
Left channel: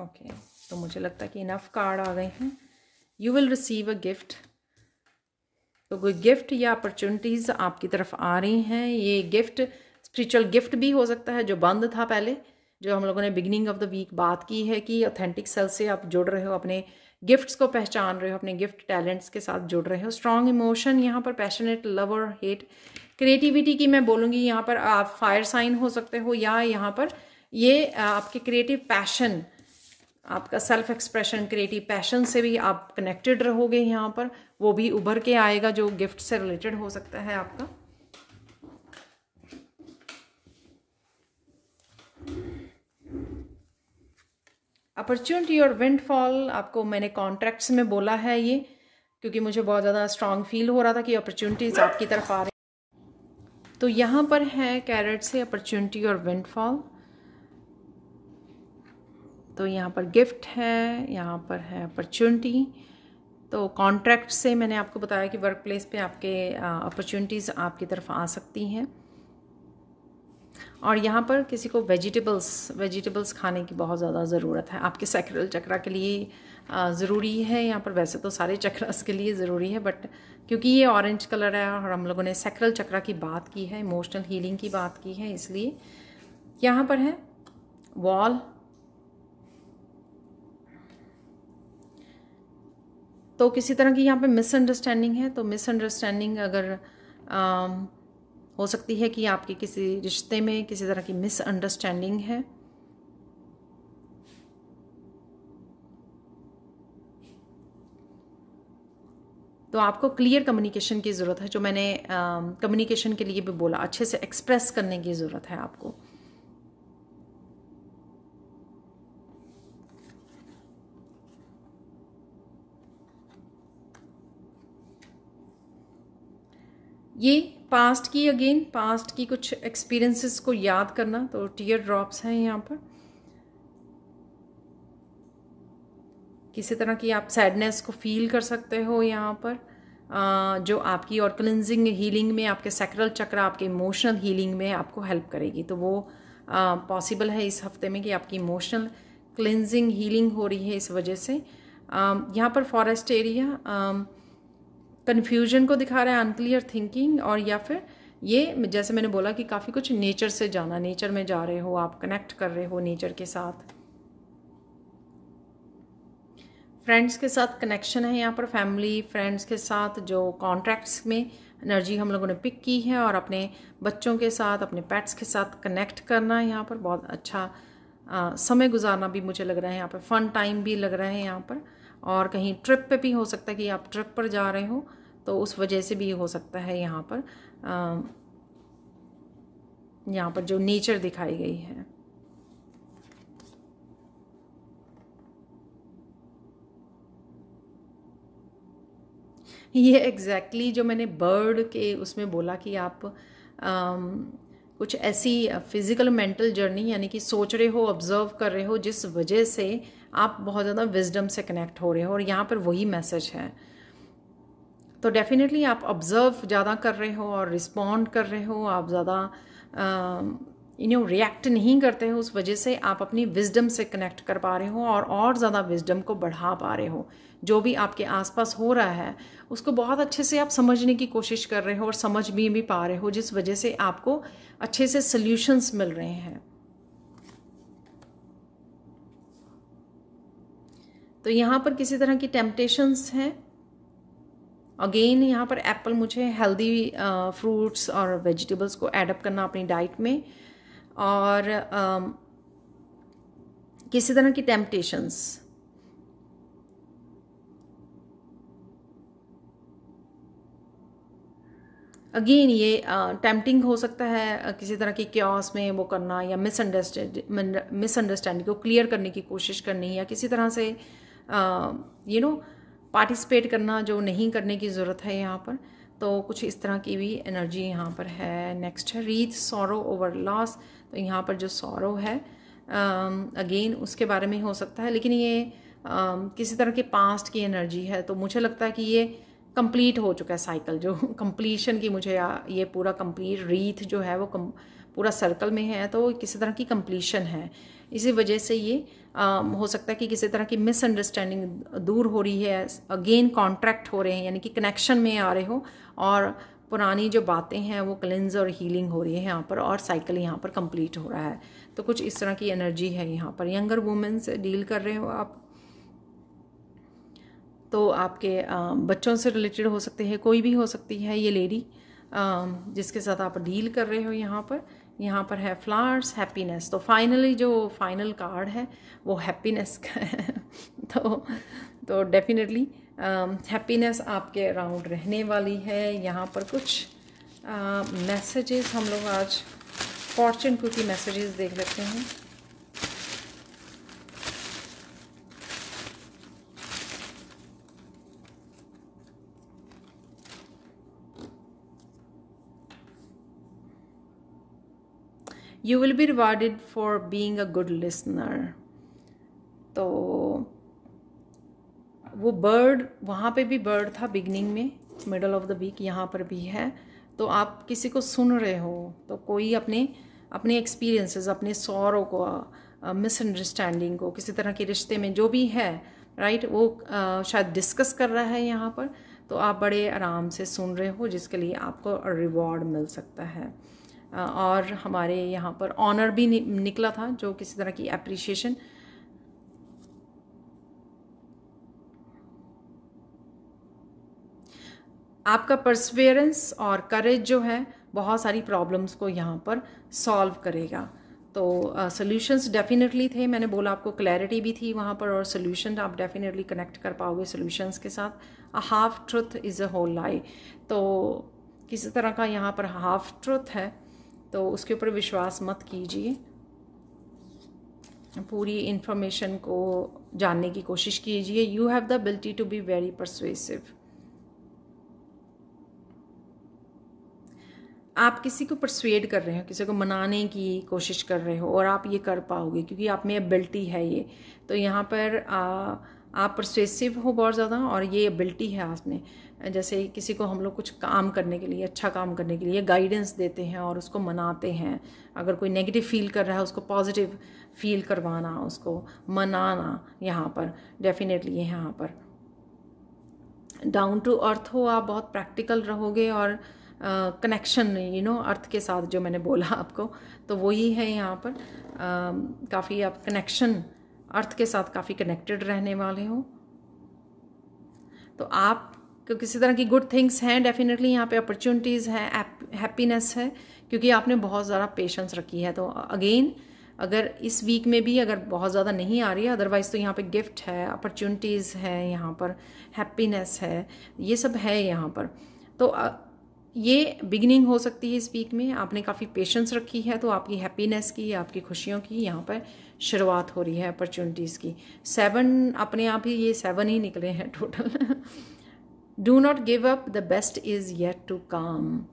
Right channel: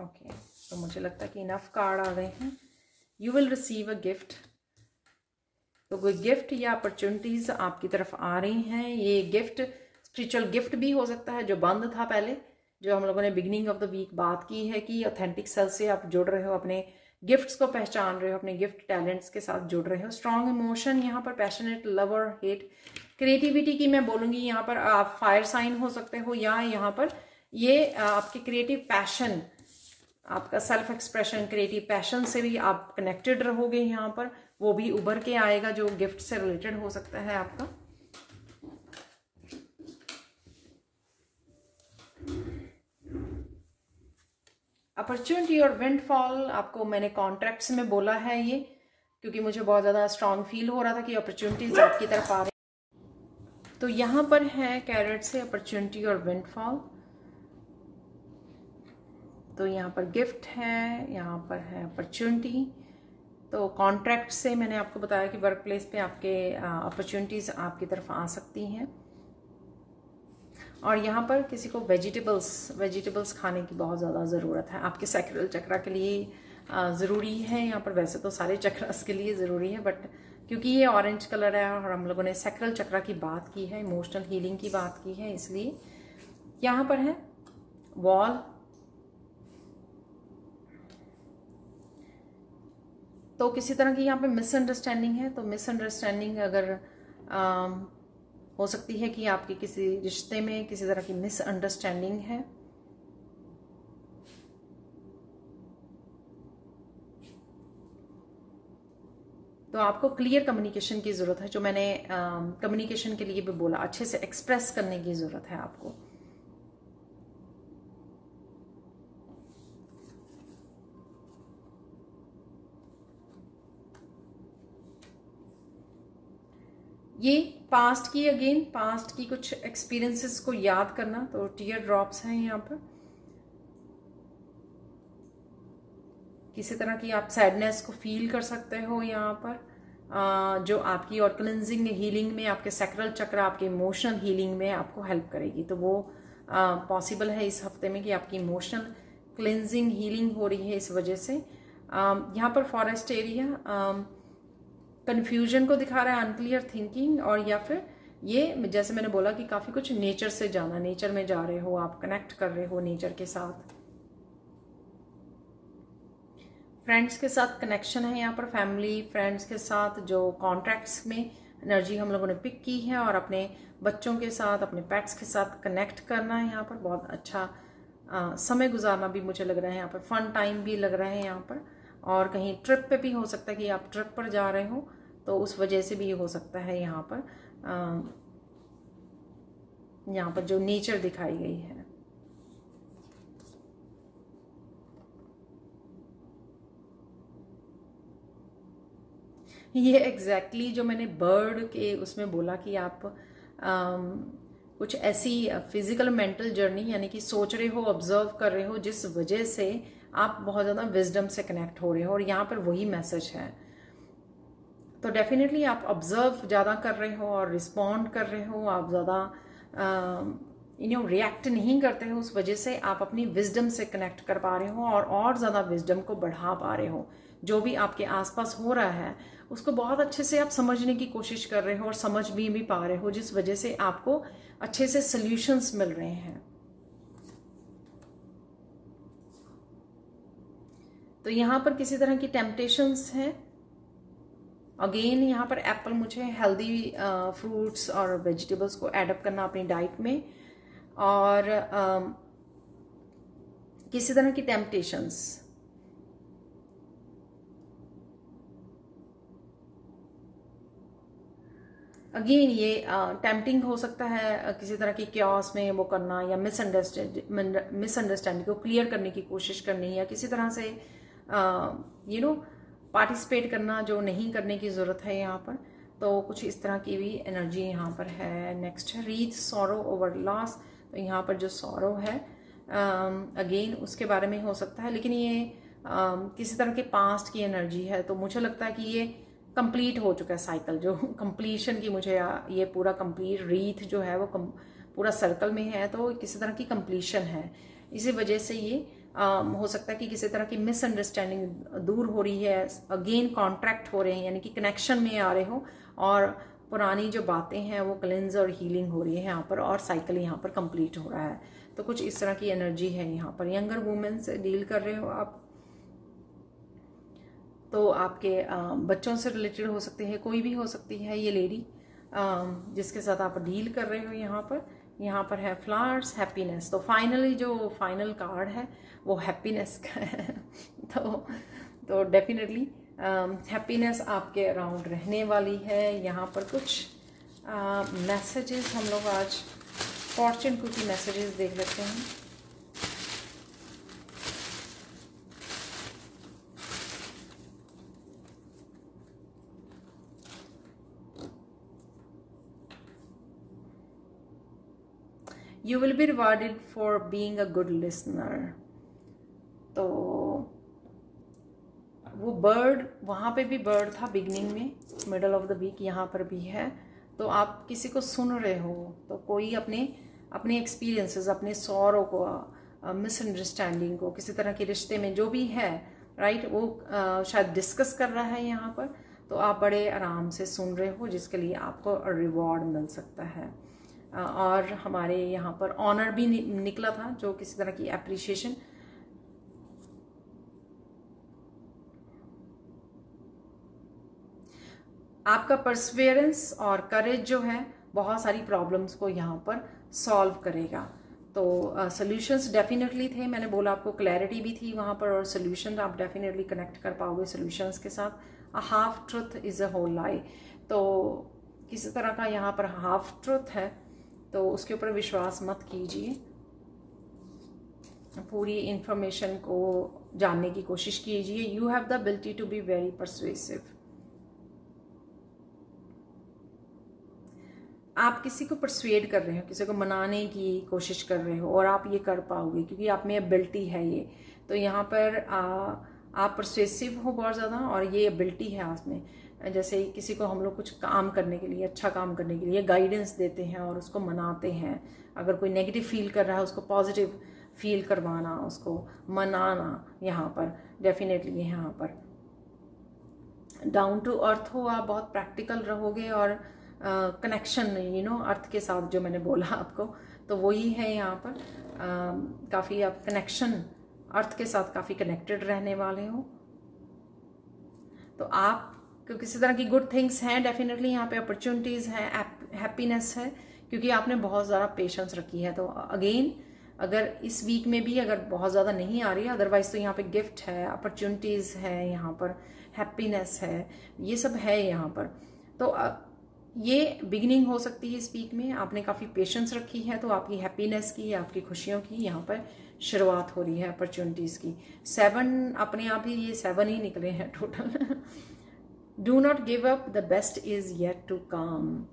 ओके, तो मुझे लगता है कि इनफ कार्ड आ गए हैं। You will receive a gift. तो कोई गिफ्ट या अपॉर्चुनिटीज़ आपकी तरफ आ रही हैं। ये गिफ्ट स्पिरिचुअल गिफ्ट भी हो सकता है जो बंद था पहले, जो हम लोगों ने बिगिनिंग ऑफ द वीक बात की है कि ऑथेंटिक सेल्फ से आप जुड़ रहे हो, अपने गिफ्ट्स को पहचान रहे हो, अपने गिफ्ट टैलेंट्स के साथ जुड़ रहे हो। स्ट्रॉन्ग इमोशन यहाँ पर, पैशनेट लव और हेट। क्रिएटिविटी की मैं बोलूँगी यहाँ पर आप फायर साइन हो सकते हो, या यहाँ पर ये आपके क्रिएटिव पैशन, आपका सेल्फ एक्सप्रेशन, क्रिएटिव पैशन से भी आप कनेक्टेड रहोगे यहाँ पर, वो भी उभर के आएगा जो गिफ्ट से रिलेटेड हो सकता है आपका। अपॉर्चुनिटी और विंडफॉल आपको मैंने कॉन्ट्रैक्ट्स में बोला है ये, क्योंकि मुझे बहुत ज़्यादा स्ट्रांग फील हो रहा था कि अपॉर्चुनिटीज आपकी तरफ आ रही। तो यहाँ पर है कैरेट से अपॉर्चुनिटी और विंडफॉल। तो यहाँ पर गिफ्ट है, यहाँ पर है अपॉर्चुनिटी। तो कॉन्ट्रैक्ट से मैंने आपको बताया कि वर्क प्लेस पे आपके अपॉर्चुनिटीज़ आपकी तरफ आ सकती हैं। और यहाँ पर किसी को वेजिटेबल्स खाने की बहुत ज़्यादा ज़रूरत है, आपके सैक्रल चक्रा के लिए ज़रूरी है यहाँ पर। वैसे तो सारे चक्रास के लिए ज़रूरी है, बट क्योंकि ये ऑरेंज कलर है और हम लोगों ने सैक्रल चक्रा की बात की है, इमोशनल हीलिंग की बात की है, इसलिए यहाँ पर है वॉल। तो किसी तरह की यहाँ पे मिसअंडरस्टैंडिंग है। तो मिसअंडरस्टैंडिंग अगर हो सकती है कि आपके किसी रिश्ते में किसी तरह की मिसअंडरस्टैंडिंग है। तो आपको क्लियर कम्युनिकेशन की ज़रूरत है, जो मैंने कम्युनिकेशन के लिए भी बोला, अच्छे से एक्सप्रेस करने की ज़रूरत है आपको। ये पास्ट की कुछ एक्सपीरियंसेस को याद करना। तो टीयर ड्रॉप्स हैं यहाँ पर। किसी तरह की आप सैडनेस को फील कर सकते हो यहाँ पर, जो आपकी और क्लिनजिंग हीलिंग में, आपके सैक्रल चक्र, आपके इमोशनल हीलिंग में आपको हेल्प करेगी। तो वो पॉसिबल है इस हफ्ते में कि आपकी इमोशनल क्लिनजिंग हीलिंग हो रही है इस वजह से। यहाँ पर फॉरेस्ट एरिया कन्फ्यूजन को दिखा रहा है, अनक्लियर थिंकिंग, और या फिर ये जैसे मैंने बोला कि काफ़ी कुछ नेचर से जाना, नेचर में जा रहे हो, आप कनेक्ट कर रहे हो नेचर के साथ। फ्रेंड्स के साथ कनेक्शन है यहाँ पर, फैमिली फ्रेंड्स के साथ जो कॉन्ट्रैक्ट्स में एनर्जी हम लोगों ने पिक की है, और अपने बच्चों के साथ, अपने पेट्स के साथ कनेक्ट करना है यहाँ पर। बहुत अच्छा समय गुजारना भी मुझे लग रहा है यहाँ पर, फन टाइम भी लग रहा है यहाँ पर। और कहीं ट्रिप पे भी हो सकता है कि आप ट्रिप पर जा रहे हो, तो उस वजह से भी हो सकता है यहाँ पर जो नेचर दिखाई गई है। ये एग्जैक्टली जो मैंने बर्ड के उसमें बोला कि आप कुछ ऐसी फिजिकल मेंटल जर्नी, यानी कि सोच रहे हो, ऑब्जर्व कर रहे हो, जिस वजह से आप बहुत ज़्यादा विजडम से कनेक्ट हो रहे हो, और यहाँ पर वही मैसेज है। तो डेफिनेटली आप ऑब्जर्व ज़्यादा कर रहे हो और रिस्पॉन्ड कर रहे हो, आप ज़्यादा रिएक्ट नहीं करते हो, उस वजह से आप अपनी विजडम से कनेक्ट कर पा रहे हो और ज़्यादा विजडम को बढ़ा पा रहे हो। जो भी आपके आसपास हो रहा है उसको बहुत अच्छे से आप समझने की कोशिश कर रहे हो और समझ भी पा रहे हो, जिस वजह से आपको अच्छे से सॉल्यूशंस मिल रहे हैं। तो यहाँ पर किसी तरह की टेम्पटेशंस हैं। अगेन यहाँ पर एप्पल, मुझे हेल्दी फ्रूट्स और वेजिटेबल्स को एडअप करना अपनी डाइट में, और किसी तरह की टेम्पटेशंस। अगेन ये टेम्पटिंग हो सकता है किसी तरह की क्योस में वो करना, या मिसअंडरस्टैंडिंग को क्लियर करने की कोशिश करनी, या किसी तरह से पार्टिसिपेट करना जो नहीं करने की ज़रूरत है यहाँ पर। तो कुछ इस तरह की भी एनर्जी यहाँ पर है। नेक्स्ट है रीथ, सॉरो ओवर लॉस। तो यहाँ पर जो सॉरो है अगेन उसके बारे में हो सकता है, लेकिन ये किसी तरह के पास्ट की एनर्जी है। तो मुझे लगता है कि ये कंप्लीट हो चुका है साइकिल, जो कंप्लीशन की मुझे ये पूरा कंप्लीट रीथ जो है वो पूरा सर्कल में है, तो किसी तरह की कंप्लीशन है। इसी वजह से ये हो सकता है कि किसी तरह की मिसअंडरस्टैंडिंग दूर हो रही है, अगेन कॉन्ट्रैक्ट हो रहे हैं, यानी कि कनेक्शन में आ रहे हो, और पुरानी जो बातें हैं वो क्लेंज और हीलिंग हो रही है यहाँ पर, और साइकिल यहाँ पर कंप्लीट हो रहा है। तो कुछ इस तरह की एनर्जी है यहाँ पर। यंगर वुमेन से डील कर रहे हो आप, तो आपके बच्चों से रिलेटेड हो सकते हैं, कोई भी हो सकती है ये लेडी जिसके साथ आप डील कर रहे हो। यहाँ पर है फ्लावर्स, हैप्पीनेस। तो फाइनली जो फाइनल कार्ड है वो हैप्पीनेस का है। तो डेफिनेटली हैप्पीनेस आपके अराउंड रहने वाली है। यहाँ पर कुछ मैसेजेस हम लोग आज फॉर्चून कुकी मैसेजेस देख लेते हैं। You will be rewarded for being a good listener। तो वो बर्ड, वहाँ पे भी बर्ड था बिगनिंग में, मिडल ऑफ द वीक यहाँ पर भी है। तो आप किसी को सुन रहे हो, तो कोई अपने एक्सपीरियंसेस, अपने सॉरो को, मिसअंडरस्टैंडिंग को, किसी तरह के रिश्ते में जो भी है, राइट, वो शायद डिस्कस कर रहा है यहाँ पर। तो आप बड़े आराम से सुन रहे हो, जिसके लिए आपको रिवॉर्ड मिल सकता है। और हमारे यहाँ पर ऑनर भी निकला था, जो किसी तरह की एप्रिसिएशन। आपका परसिवियरेंस और करेज जो है बहुत सारी प्रॉब्लम्स को यहाँ पर सॉल्व करेगा। तो सॉल्यूशंस डेफिनेटली थे, मैंने बोला आपको क्लैरिटी भी थी वहाँ पर, और सॉल्यूशन आप डेफिनेटली कनेक्ट कर पाओगे सॉल्यूशंस के साथ। A half truth is a whole lie. तो किसी तरह का यहाँ पर हाफ ट्रुथ है, तो उसके ऊपर विश्वास मत कीजिए। पूरी इंफॉर्मेशन को जानने की कोशिश कीजिए। You have the ability to be very persuasive. आप किसी को परसुएड कर रहे हो, किसी को मनाने की कोशिश कर रहे हो, और आप ये कर पाओगे क्योंकि आप में एबिलिटी है ये। तो यहाँ पर आप परसुएसिव हो बहुत ज़्यादा, और ये एबिलिटी है आप में। जैसे किसी को हम लोग कुछ काम करने के लिए, अच्छा काम करने के लिए गाइडेंस देते हैं और उसको मनाते हैं। अगर कोई नेगेटिव फील कर रहा है, उसको पॉजिटिव फील करवाना, उसको मनाना, यहाँ पर डेफिनेटली यहाँ पर डाउन टू अर्थ हो, आप बहुत प्रैक्टिकल रहोगे, और कनेक्शन अर्थ के साथ, जो मैंने बोला आपको, तो वही है यहाँ पर। काफ़ी आप कनेक्शन अर्थ के साथ काफ़ी कनेक्टेड रहने वाले हो। तो आप किसी तरह की गुड थिंग्स हैं डेफिनेटली यहाँ पे, अपॉर्चुनिटीज़ हैं, हैप्पीनेस है, क्योंकि आपने बहुत ज़्यादा पेशेंस रखी है। तो अगेन अगर इस वीक में भी अगर बहुत ज़्यादा नहीं आ रही है, अदरवाइज तो यहाँ पे गिफ्ट है, अपॉर्चुनिटीज़ है, यहाँ पर हैप्पीनेस है, ये सब है यहाँ पर। तो ये बिगिनिंग हो सकती है इस वीक में। आपने काफ़ी पेशेंस रखी है, तो आपकी हैप्पीनेस की, आपकी खुशियों की यहाँ पर शुरुआत हो रही है, अपॉर्चुनिटीज़ की। 7 अपने आप ही, ये 7 ही निकले हैं total. Do not give up, the best is yet to come.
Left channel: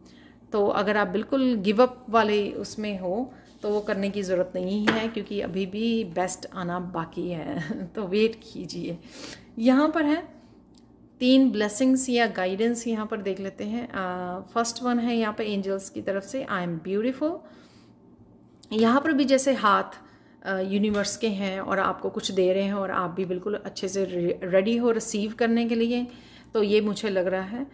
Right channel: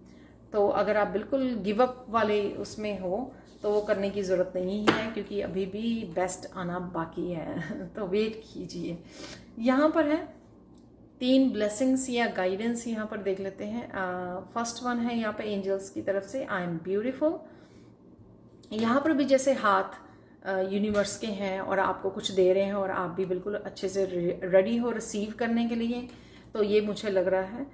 तो अगर आप बिल्कुल गिव अप वाले उसमें हो, तो वो करने की ज़रूरत नहीं है, क्योंकि अभी भी बेस्ट आना बाकी है। तो वेट कीजिए। यहाँ पर है 3 ब्लेसिंग्स या गाइडेंस, यहाँ पर देख लेते हैं। फर्स्ट वन है यहाँ पर एंजल्स की तरफ से, आई एम ब्यूटिफुल। यहाँ पर भी जैसे हाथ यूनिवर्स के हैं और आपको कुछ दे रहे हैं, और आप भी बिल्कुल अच्छे से रेडी हो रिसीव करने के लिए। तो ये मुझे लग रहा है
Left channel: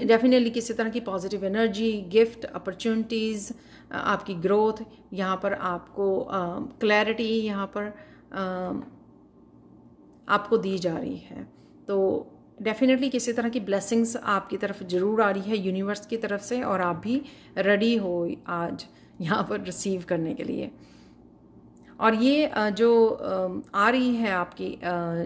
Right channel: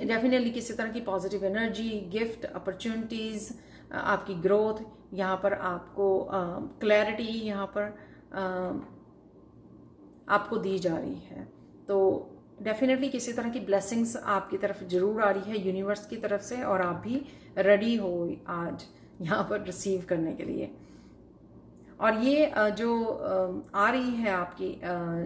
डेफिनेटली किसी तरह की पॉजिटिव एनर्जी, गिफ्ट, अपॉर्चुनिटीज़, आपकी ग्रोथ, यहाँ पर आपको क्लैरिटी यहाँ पर आपको दी जा रही है। तो डेफिनेटली किसी तरह की ब्लेसिंग्स आपकी तरफ जरूर आ रही है यूनिवर्स की तरफ से, और आप भी रेडी हो आज यहाँ पर रिसीव करने के लिए। और ये जो आ रही है आपकी,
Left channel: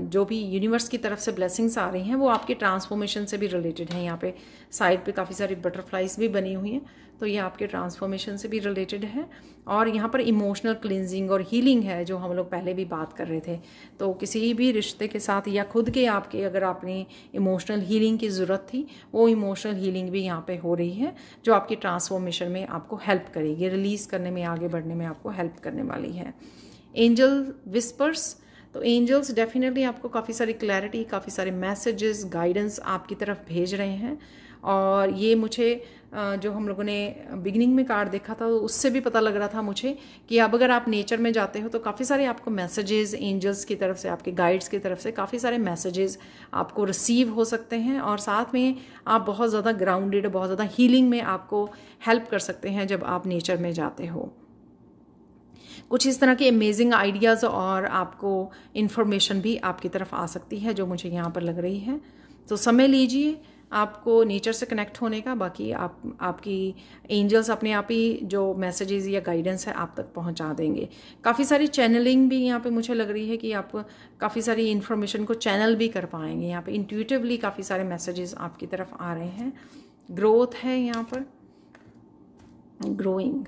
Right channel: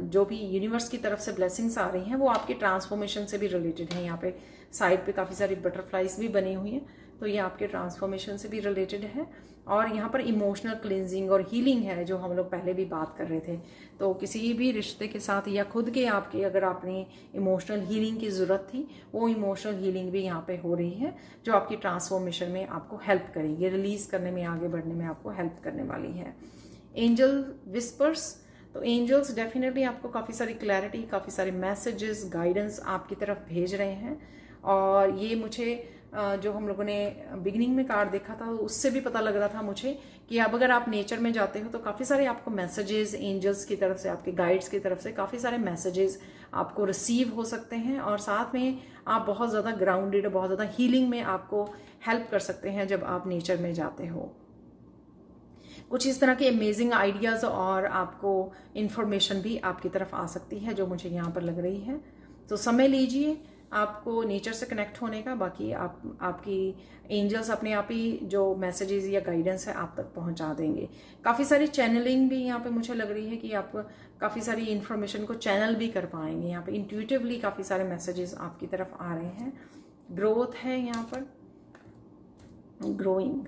जो भी यूनिवर्स की तरफ से ब्लेसिंग्स आ रही हैं, वो आपके ट्रांसफॉर्मेशन से भी रिलेटेड है। यहाँ पे साइड पे काफ़ी सारी बटरफ्लाइज भी बनी हुई हैं, तो ये आपके ट्रांसफॉर्मेशन से भी रिलेटेड है। और यहाँ पर इमोशनल क्लिनजिंग और हीलिंग है, जो हम लोग पहले भी बात कर रहे थे। तो किसी भी रिश्ते के साथ या खुद के आपके अगर आपने इमोशनल हीलिंग की ज़रूरत थी, वो इमोशनल हीलिंग भी यहाँ पे हो रही है, जो आपकी ट्रांसफॉर्मेशन में आपको हेल्प करेगी, रिलीज़ करने में, आगे बढ़ने में आपको हेल्प करने वाली है। एंजल विस्पर्स, तो एंजल्स डेफिनेटली आपको काफ़ी सारी क्लैरिटी, काफ़ी सारे मैसेजेस, गाइडेंस आपकी तरफ भेज रहे हैं। और ये मुझे जो हम लोगों ने बिगिनिंग में कार्ड देखा था उससे भी पता लग रहा था मुझे कि अब अगर आप नेचर में जाते हो तो काफ़ी सारे आपको मैसेजेस एंजल्स की तरफ से, आपके गाइड्स की तरफ से काफ़ी सारे मैसेजेस आपको रिसीव हो सकते हैं। और साथ में आप बहुत ज़्यादा ग्राउंडेड, बहुत ज़्यादा हीलिंग में आपको हेल्प कर सकते हैं जब आप नेचर में जाते हो। कुछ इस तरह के अमेजिंग आइडियाज़ और आपको इन्फॉर्मेशन भी आपकी तरफ आ सकती है, जो मुझे यहाँ पर लग रही है। तो समय लीजिए आपको नेचर से कनेक्ट होने का, बाकी आपकी एंजल्स अपने आप ही जो मैसेजेस या गाइडेंस है आप तक पहुंचा देंगे। काफ़ी सारी चैनलिंग भी यहाँ पे मुझे लग रही है कि आप काफ़ी सारी इन्फॉर्मेशन को चैनल भी कर पाएंगे। यहाँ पे इंट्यूटिवली काफ़ी सारे मैसेजेस आपकी तरफ आ रहे हैं। ग्रोथ है यहाँ पर, ग्रोइंग,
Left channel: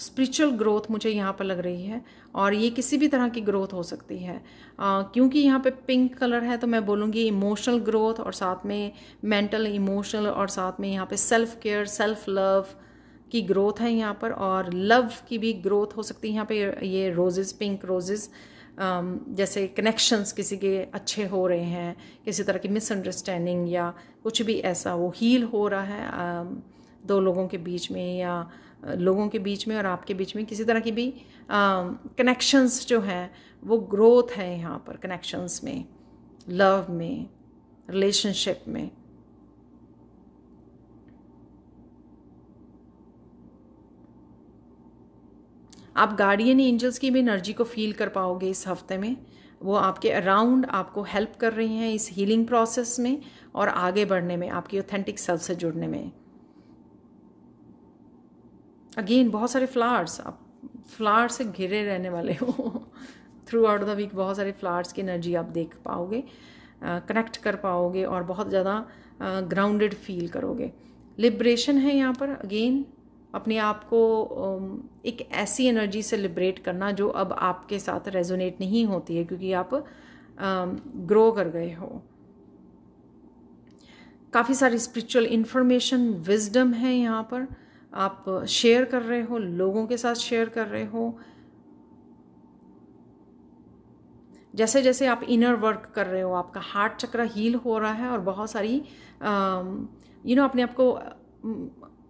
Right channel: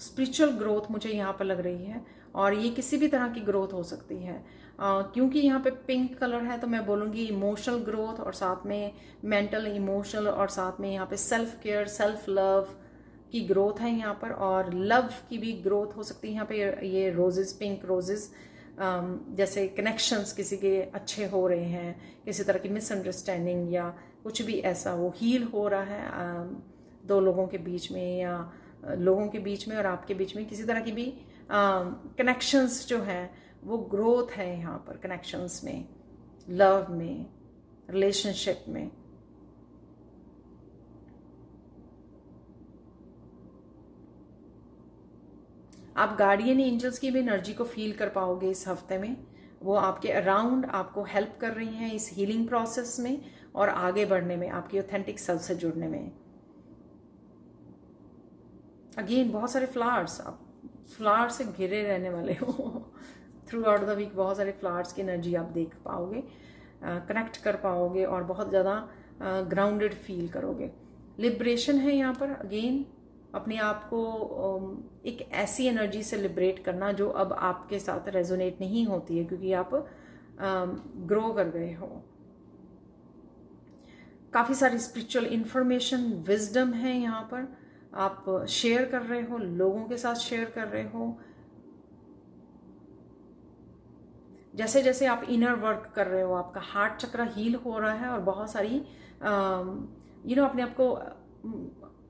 स्पिरिचुअल ग्रोथ मुझे यहाँ पर लग रही है। और ये किसी भी तरह की ग्रोथ हो सकती है, क्योंकि यहाँ पे पिंक कलर है तो मैं बोलूँगी इमोशनल ग्रोथ, और साथ में मेंटल, इमोशनल, और साथ में यहाँ पे सेल्फ केयर, सेल्फ लव की ग्रोथ है यहाँ पर। और लव की भी ग्रोथ हो सकती है यहाँ पे। ये रोजेस, पिंक रोजेस, जैसे कनेक्शंस किसी के अच्छे हो रहे हैं, किसी तरह की मिसअंडरस्टैंडिंग या कुछ भी ऐसा वो हील हो रहा है दो लोगों के बीच में, या लोगों के बीच में और आपके बीच में किसी तरह की भी कनेक्शंस जो हैं वो ग्रोथ है यहाँ पर, कनेक्शंस में, लव में, रिलेशनशिप में। आप गार्डियन एंजल्स की भी एनर्जी को फील कर पाओगे इस हफ्ते में। वो आपके अराउंड आपको हेल्प कर रही हैं इस हीलिंग प्रोसेस में और आगे बढ़ने में, आपकी ऑथेंटिक सेल्फ से जुड़ने में। अगेन बहुत सारे फ्लावर्स, आप फ्लावर से घिरे रहने वाले हो थ्रू आउट द वीक। बहुत सारे फ्लावर्स की एनर्जी आप देख पाओगे, कनेक्ट कर पाओगे और बहुत ज़्यादा ग्राउंडेड फील करोगे। लिबरेशन है यहाँ पर, अगेन अपने आप को एक ऐसी एनर्जी से लिबरेट करना जो अब आपके साथ रेजोनेट नहीं होती है, क्योंकि आप ग्रो कर गए हो। काफ़ी सारी स्पिरिचुअल इंफॉर्मेशन, विजडम है यहाँ पर, आप शेयर कर रहे हो, लोगों के साथ शेयर कर रहे हो। जैसे जैसे आप इनर वर्क कर रहे हो, आपका हार्ट चक्र हील हो रहा है और बहुत सारी अपने आप को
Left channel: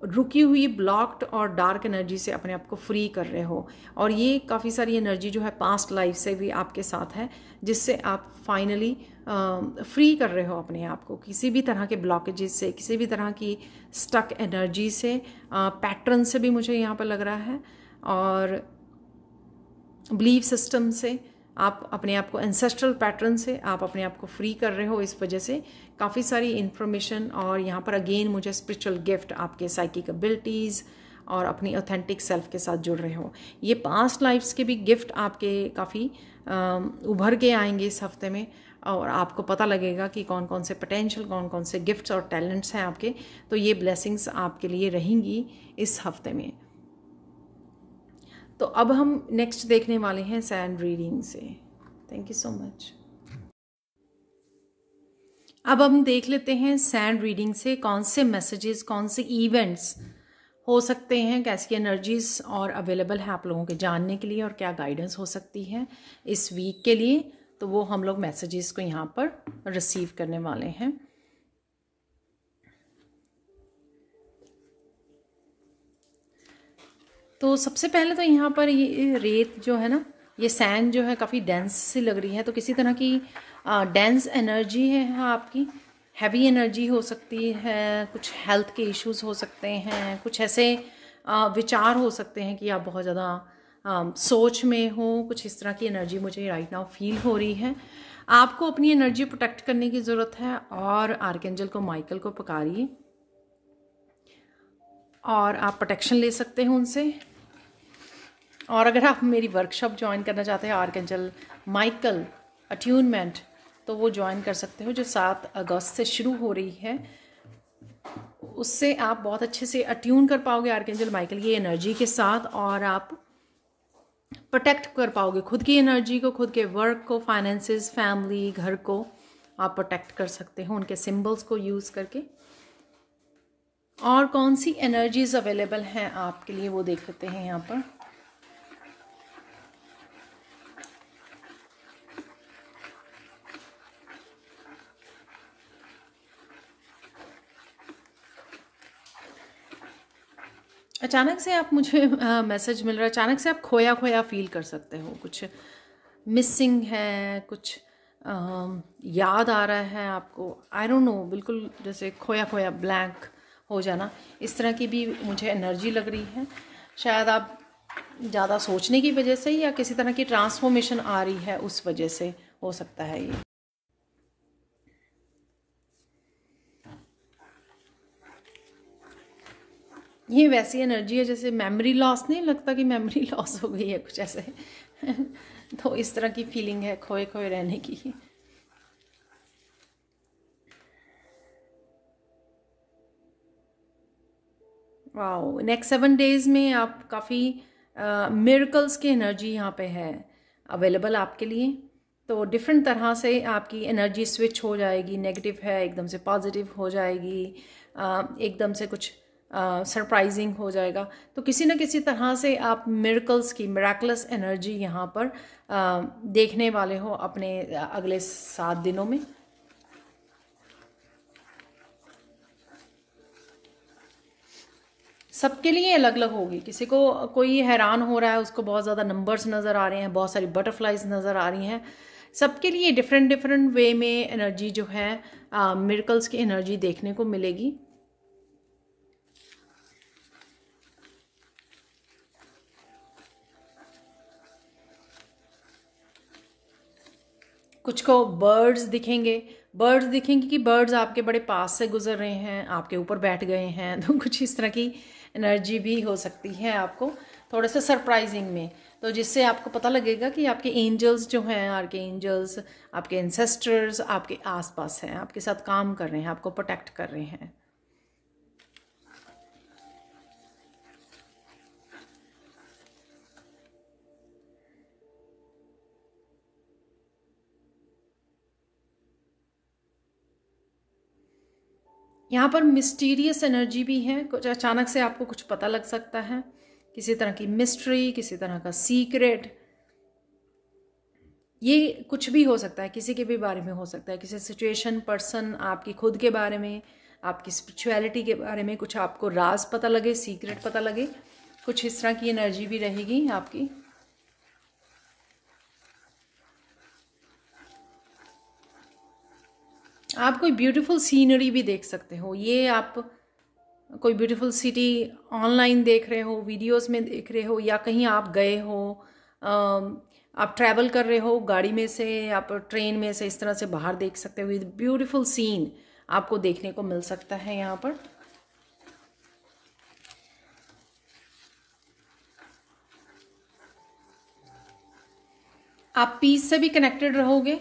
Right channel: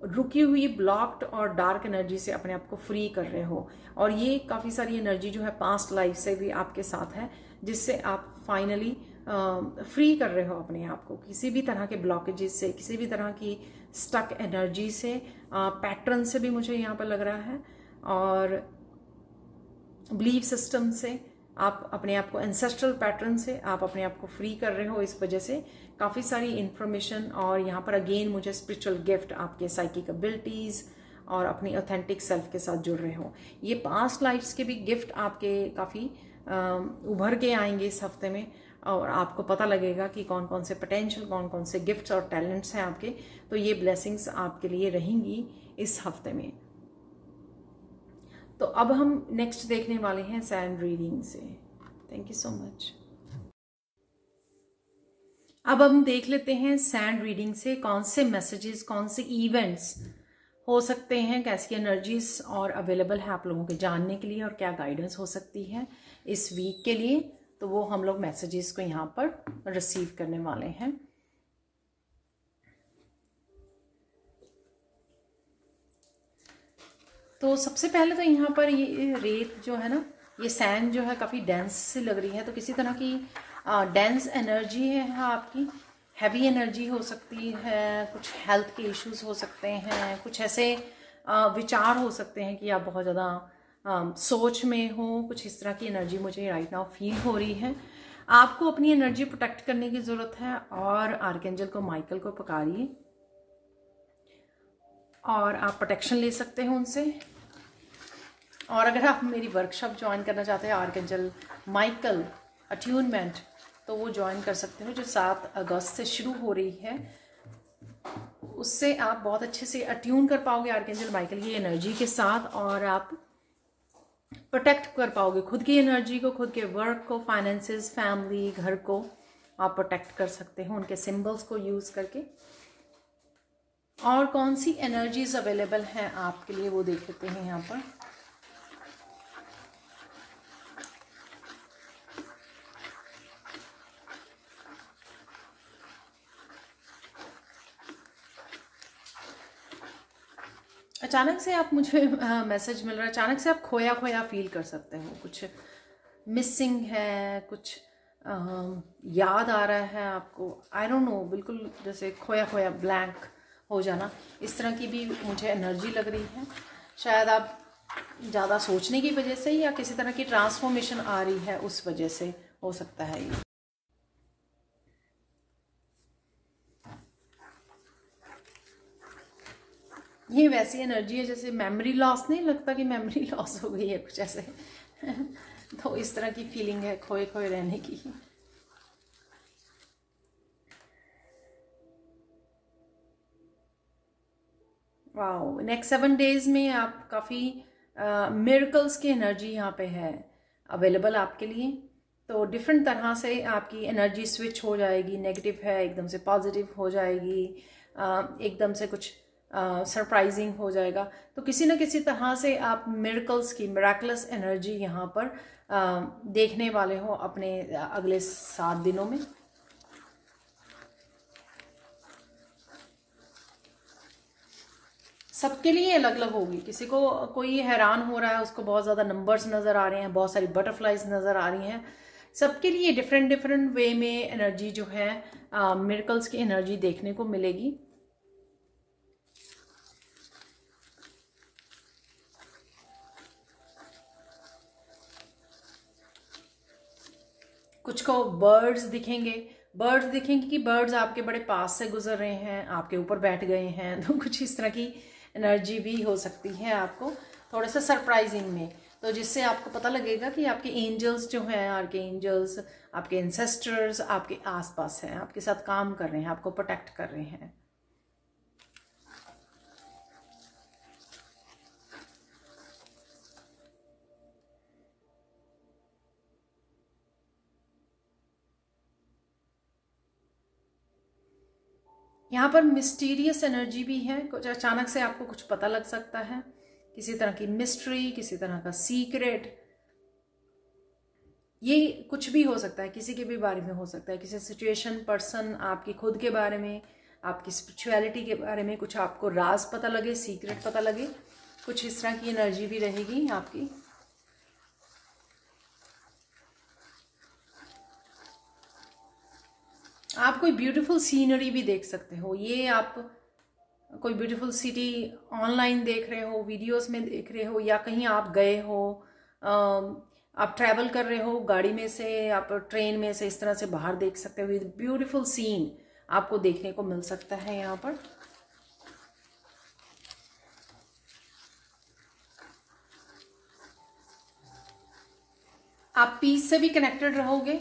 रुकी हुई ब्लॉक्ड और डार्क एनर्जी से अपने आप को फ्री कर रहे हो। और ये काफ़ी सारी एनर्जी जो है पास्ट लाइफ से भी आपके साथ है, जिससे आप फाइनली फ्री कर रहे हो अपने आप को किसी भी तरह के ब्लॉकेजेस से, किसी भी तरह की स्टक एनर्जी से, पैटर्न से भी मुझे यहाँ पर लग रहा है, और बिलीफ सिस्टम से आप अपने आप को, एंसेस्ट्रल पैटर्न से आप अपने आप को फ्री कर रहे हो। इस वजह से काफ़ी सारी इंफॉर्मेशन, और यहाँ पर अगेन मुझे स्पिरिचुअल गिफ्ट, आपके साइकिक एबिलिटीज़ और अपनी ऑथेंटिक सेल्फ के साथ जुड़ रहे हो। ये पास्ट लाइफ्स के भी गिफ्ट आपके काफ़ी उभर के आएंगे इस हफ्ते में, और आपको पता लगेगा कि कौन कौन से पोटेंशियल, कौन कौन से गिफ्ट्स और टैलेंट्स हैं आपके। तो ये ब्लेसिंग्स आपके लिए रहेंगी इस हफ्ते में। तो अब हम नेक्स्ट देखने वाले हैं सैंड रीडिंग से। Thank you so much. अब हम देख लेते हैं सैंड रीडिंग से कौन से मैसेजेस, कौन से इवेंट्स हो सकते हैं, कैसी एनर्जीज और अवेलेबल है आप लोगों के जानने के लिए, और क्या गाइडेंस हो सकती है इस वीक के लिए। तो वो हम लोग मैसेजेस को यहाँ पर रिसीव करने वाले हैं। तो सबसे पहले तो यहाँ पर ये रेत जो है ना, ये सैंड जो है काफ़ी डेंस सी लग रही है। तो किसी तरह की डेंस एनर्जी है आपकी, हैवी एनर्जी हो सकती है, कुछ हेल्थ के इश्यूज हो सकते हैं, कुछ ऐसे विचार हो सकते हैं कि आप बहुत ज़्यादा सोच में हो। कुछ इस तरह की एनर्जी मुझे राइट नाउ फील हो रही है। आपको अपनी एनर्जी प्रोटेक्ट करने की ज़रूरत है, और आर्कएंजल को, माइकल को पुकारिए और आप प्रोटेक्शन ले सकते हैं उनसे। और अगर आप मेरी वर्कशॉप ज्वाइन करना चाहते हैं आर्कएंजल माइकल अट्यूनमेंट, तो वो ज्वाइन कर सकते हो, जो 7 अगस्त से शुरू हो रही है उससे आप बहुत अच्छे से अट्यून कर पाओगे आर्कएंजल माइकल की एनर्जी के साथ, और आप प्रोटेक्ट कर पाओगे खुद की एनर्जी को, खुद के वर्क को, फाइनेंसेस, फैमिली, घर को आप प्रोटेक्ट कर सकते हो उनके सिंबल्स को यूज़ करके। और कौन सी एनर्जीज अवेलेबल हैं आपके लिए वो देख लेते हैं यहाँ पर। अचानक से आप मुझे मैसेज मिल रहा है, अचानक से आप खोया खोया फील कर सकते हो, कुछ मिसिंग है, कुछ याद आ रहा है आपको, आई डोंट नो, बिल्कुल जैसे खोया खोया ब्लैंक हो जाना, इस तरह की भी मुझे एनर्जी लग रही है। शायद आप ज़्यादा सोचने की वजह से या किसी तरह की ट्रांसफॉर्मेशन आ रही है उस वजह से हो सकता है ये वैसी एनर्जी है जैसे मेमोरी लॉस, नहीं लगता कि मेमोरी लॉस हो गई है कुछ ऐसे तो इस तरह की फीलिंग है खोए खोए रहने की। वाओ, नेक्स्ट 7 डेज में आप काफ़ी मिरेकल्स की एनर्जी यहाँ पे है अवेलेबल आपके लिए। तो डिफरेंट तरह से आपकी एनर्जी स्विच हो जाएगी, नेगेटिव है एकदम से पॉजिटिव हो जाएगी, एकदम से कुछ सरप्राइजिंग हो जाएगा। तो किसी न किसी तरह से आप मिरेकल्स की, मिराकुलस एनर्जी यहाँ पर देखने वाले हो अपने अगले 7 दिनों में। सबके लिए अलग अलग होगी, किसी को कोई हैरान हो रहा है, उसको बहुत ज़्यादा नंबर्स नज़र आ रहे हैं, बहुत सारी बटरफ्लाइज नज़र आ रही हैं। सबके लिए डिफरेंट डिफरेंट वे में एनर्जी जो है मिरेकल्स की एनर्जी देखने को मिलेगी। कुछ को बर्ड्स दिखेंगे कि बर्ड्स आपके बड़े पास से गुजर रहे हैं, आपके ऊपर बैठ गए हैं, तो कुछ इस तरह की एनर्जी भी हो सकती है आपको थोड़ा सा सरप्राइजिंग में। तो जिससे आपको पता लगेगा कि आपके एंजल्स जो हैं, आपके एंजल्स, आपके एंसेस्टर्स आपके आसपास हैं, आपके साथ काम कर रहे हैं, आपको प्रोटेक्ट कर रहे हैं। यहाँ पर मिस्टीरियस एनर्जी भी है, कुछ अचानक से आपको कुछ पता लग सकता है, किसी तरह की मिस्ट्री, किसी तरह का सीक्रेट, ये कुछ भी हो सकता है, किसी के भी बारे में हो सकता है, किसी सिचुएशन, पर्सन, आपकी खुद के बारे में, आपकी स्पिरिचुअलिटी के बारे में कुछ आपको राज पता लगे, सीक्रेट पता लगे, कुछ इस तरह की एनर्जी भी रहेगी आपकी। आप कोई ब्यूटीफुल सीनरी भी देख सकते हो, ये आप कोई ब्यूटीफुल सिटी ऑनलाइन देख रहे हो, वीडियोस में देख रहे हो, या कहीं आप गए हो, आप ट्रैवल कर रहे हो गाड़ी में से, आप ट्रेन में से, इस तरह से बाहर देख सकते हो। ब्यूटीफुल सीन आपको देखने को मिल सकता है यहाँ पर। आप पीस से भी कनेक्टेड रहोगे।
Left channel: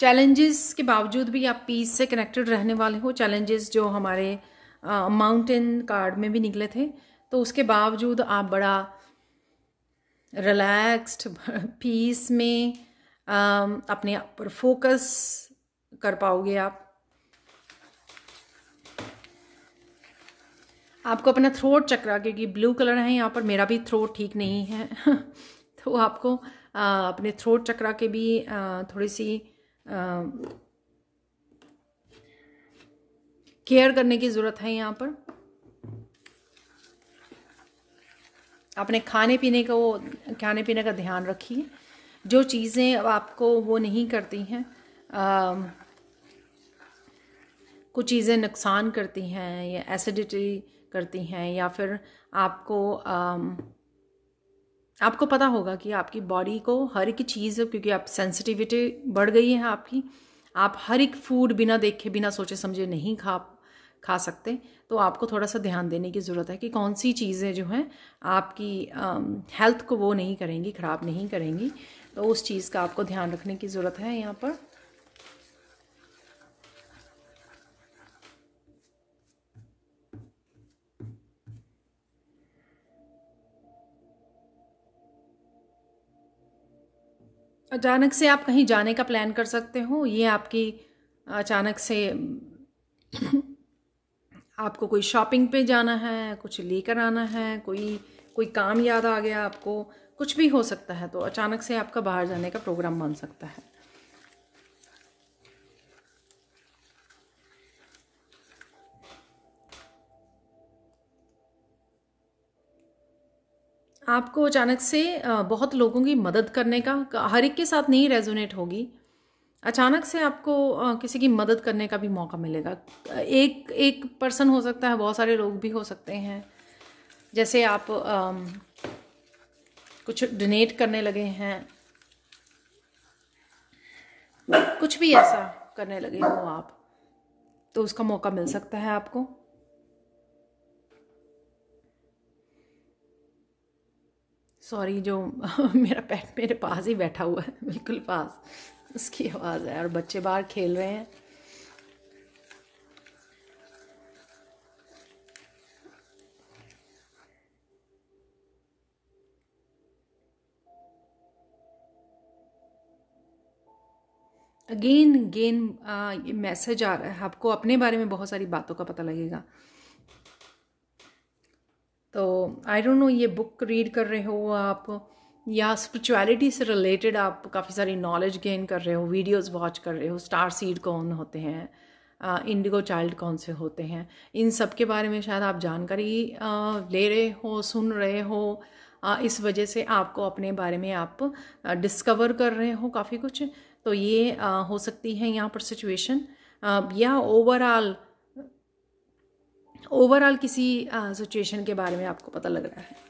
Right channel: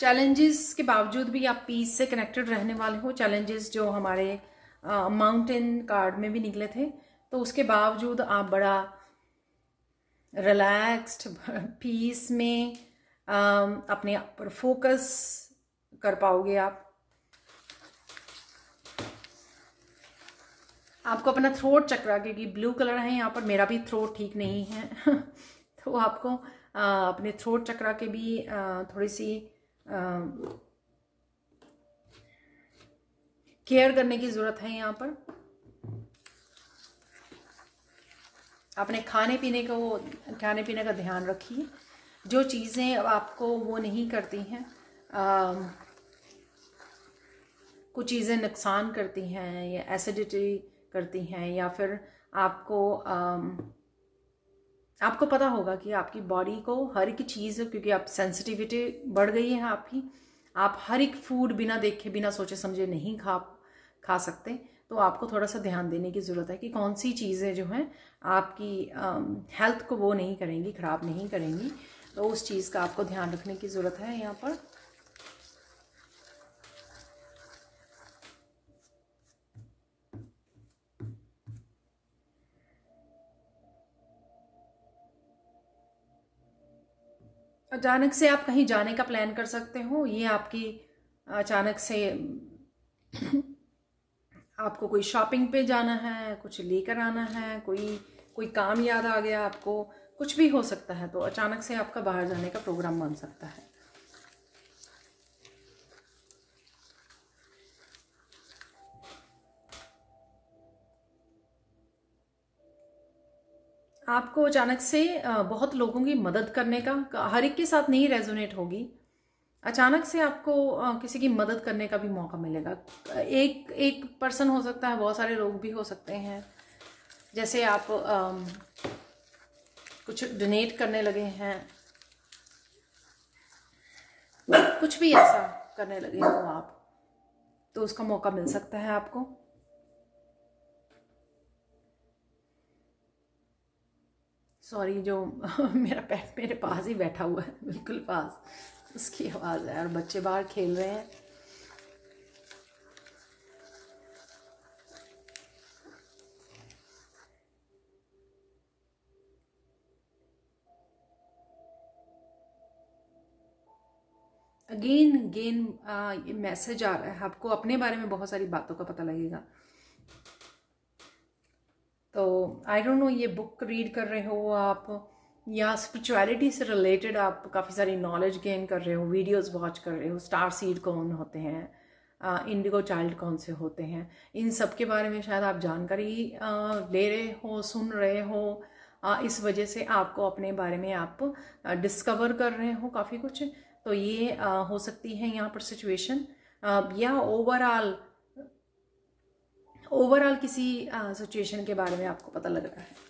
चैलेंजेस के बावजूद भी आप पीस से कनेक्टेड रहने वाले हो। चैलेंजेस जो हमारे माउंटेन कार्ड में भी निकले थे, तो उसके बावजूद आप बड़ा रिलैक्स्ड पीस में अपने आप पर फोकस कर पाओगे। आपको अपना थ्रोट चक्रा, क्योंकि ब्लू कलर है यहाँ पर, मेरा भी थ्रोट ठीक नहीं है तो आपको अपने थ्रोट चक्रा के भी थोड़ी सी केयर करने की ज़रूरत है यहाँ पर। अपने खाने पीने का ध्यान रखिए। जो चीज़ें आपको वो नहीं करती हैं, कुछ चीज़ें नुकसान करती हैं या एसिडिटी करती हैं, या फिर आपको पता होगा कि आपकी बॉडी को हर एक चीज़, क्योंकि आप सेंसिटिविटी बढ़ गई है आपकी, आप हर एक फूड बिना देखे, बिना सोचे समझे नहीं खा सकते। तो तो आपको थोड़ा सा ध्यान देने की ज़रूरत है कि कौन सी चीज़ें जो हैं आपकी हेल्थ को वो नहीं करेंगी, ख़राब नहीं करेंगी। तो उस चीज़ का आपको ध्यान रखने की ज़रूरत है यहाँ पर। अचानक से आप कहीं जाने का प्लान कर सकते हो, ये आपकी अचानक से आपको कोई शॉपिंग पे जाना है, कुछ लेकर आना है, कोई काम याद आ गया आपको, कुछ भी हो सकता है। तो अचानक से आपका बाहर जाने का प्रोग्राम बन सकता है। आपको अचानक से बहुत लोगों की मदद करने का, हर एक के साथ नहीं रेजोनेट होगी, अचानक से आपको किसी की मदद करने का भी मौका मिलेगा। एक पर्सन हो सकता है, बहुत सारे लोग भी हो सकते हैं। जैसे आप कुछ डोनेट करने लगे हैं, कुछ भी ऐसा करने लगे हो आप, तो उसका मौका मिल सकता है आपको। सॉरी, जो मेरा पेट मेरे पास ही बैठा हुआ है, बिल्कुल पास, उसकी आवाज़ है और बच्चे बाहर खेल रहे हैं। अगेन ये मैसेज आ रहा है, आपको अपने बारे में बहुत सारी बातों का पता लगेगा। तो आई डोंट नो, ये बुक रीड कर रहे हो आप, या स्पिरिचुअलिटी से रिलेटेड आप काफ़ी सारी नॉलेज गेन कर रहे हो, वीडियोस वॉच कर रहे हो, स्टार सीड कौन होते हैं, इंडिगो चाइल्ड कौन से होते हैं, इन सब के बारे में शायद आप जानकारी ले रहे हो, सुन रहे हो। इस वजह से आपको अपने बारे में आप डिस्कवर कर रहे हो काफ़ी कुछ। तो ये हो सकती है यहाँ पर सिचुएशन, या ओवरऑल किसी सिचुएशन के बारे में आपको पता लग रहा है।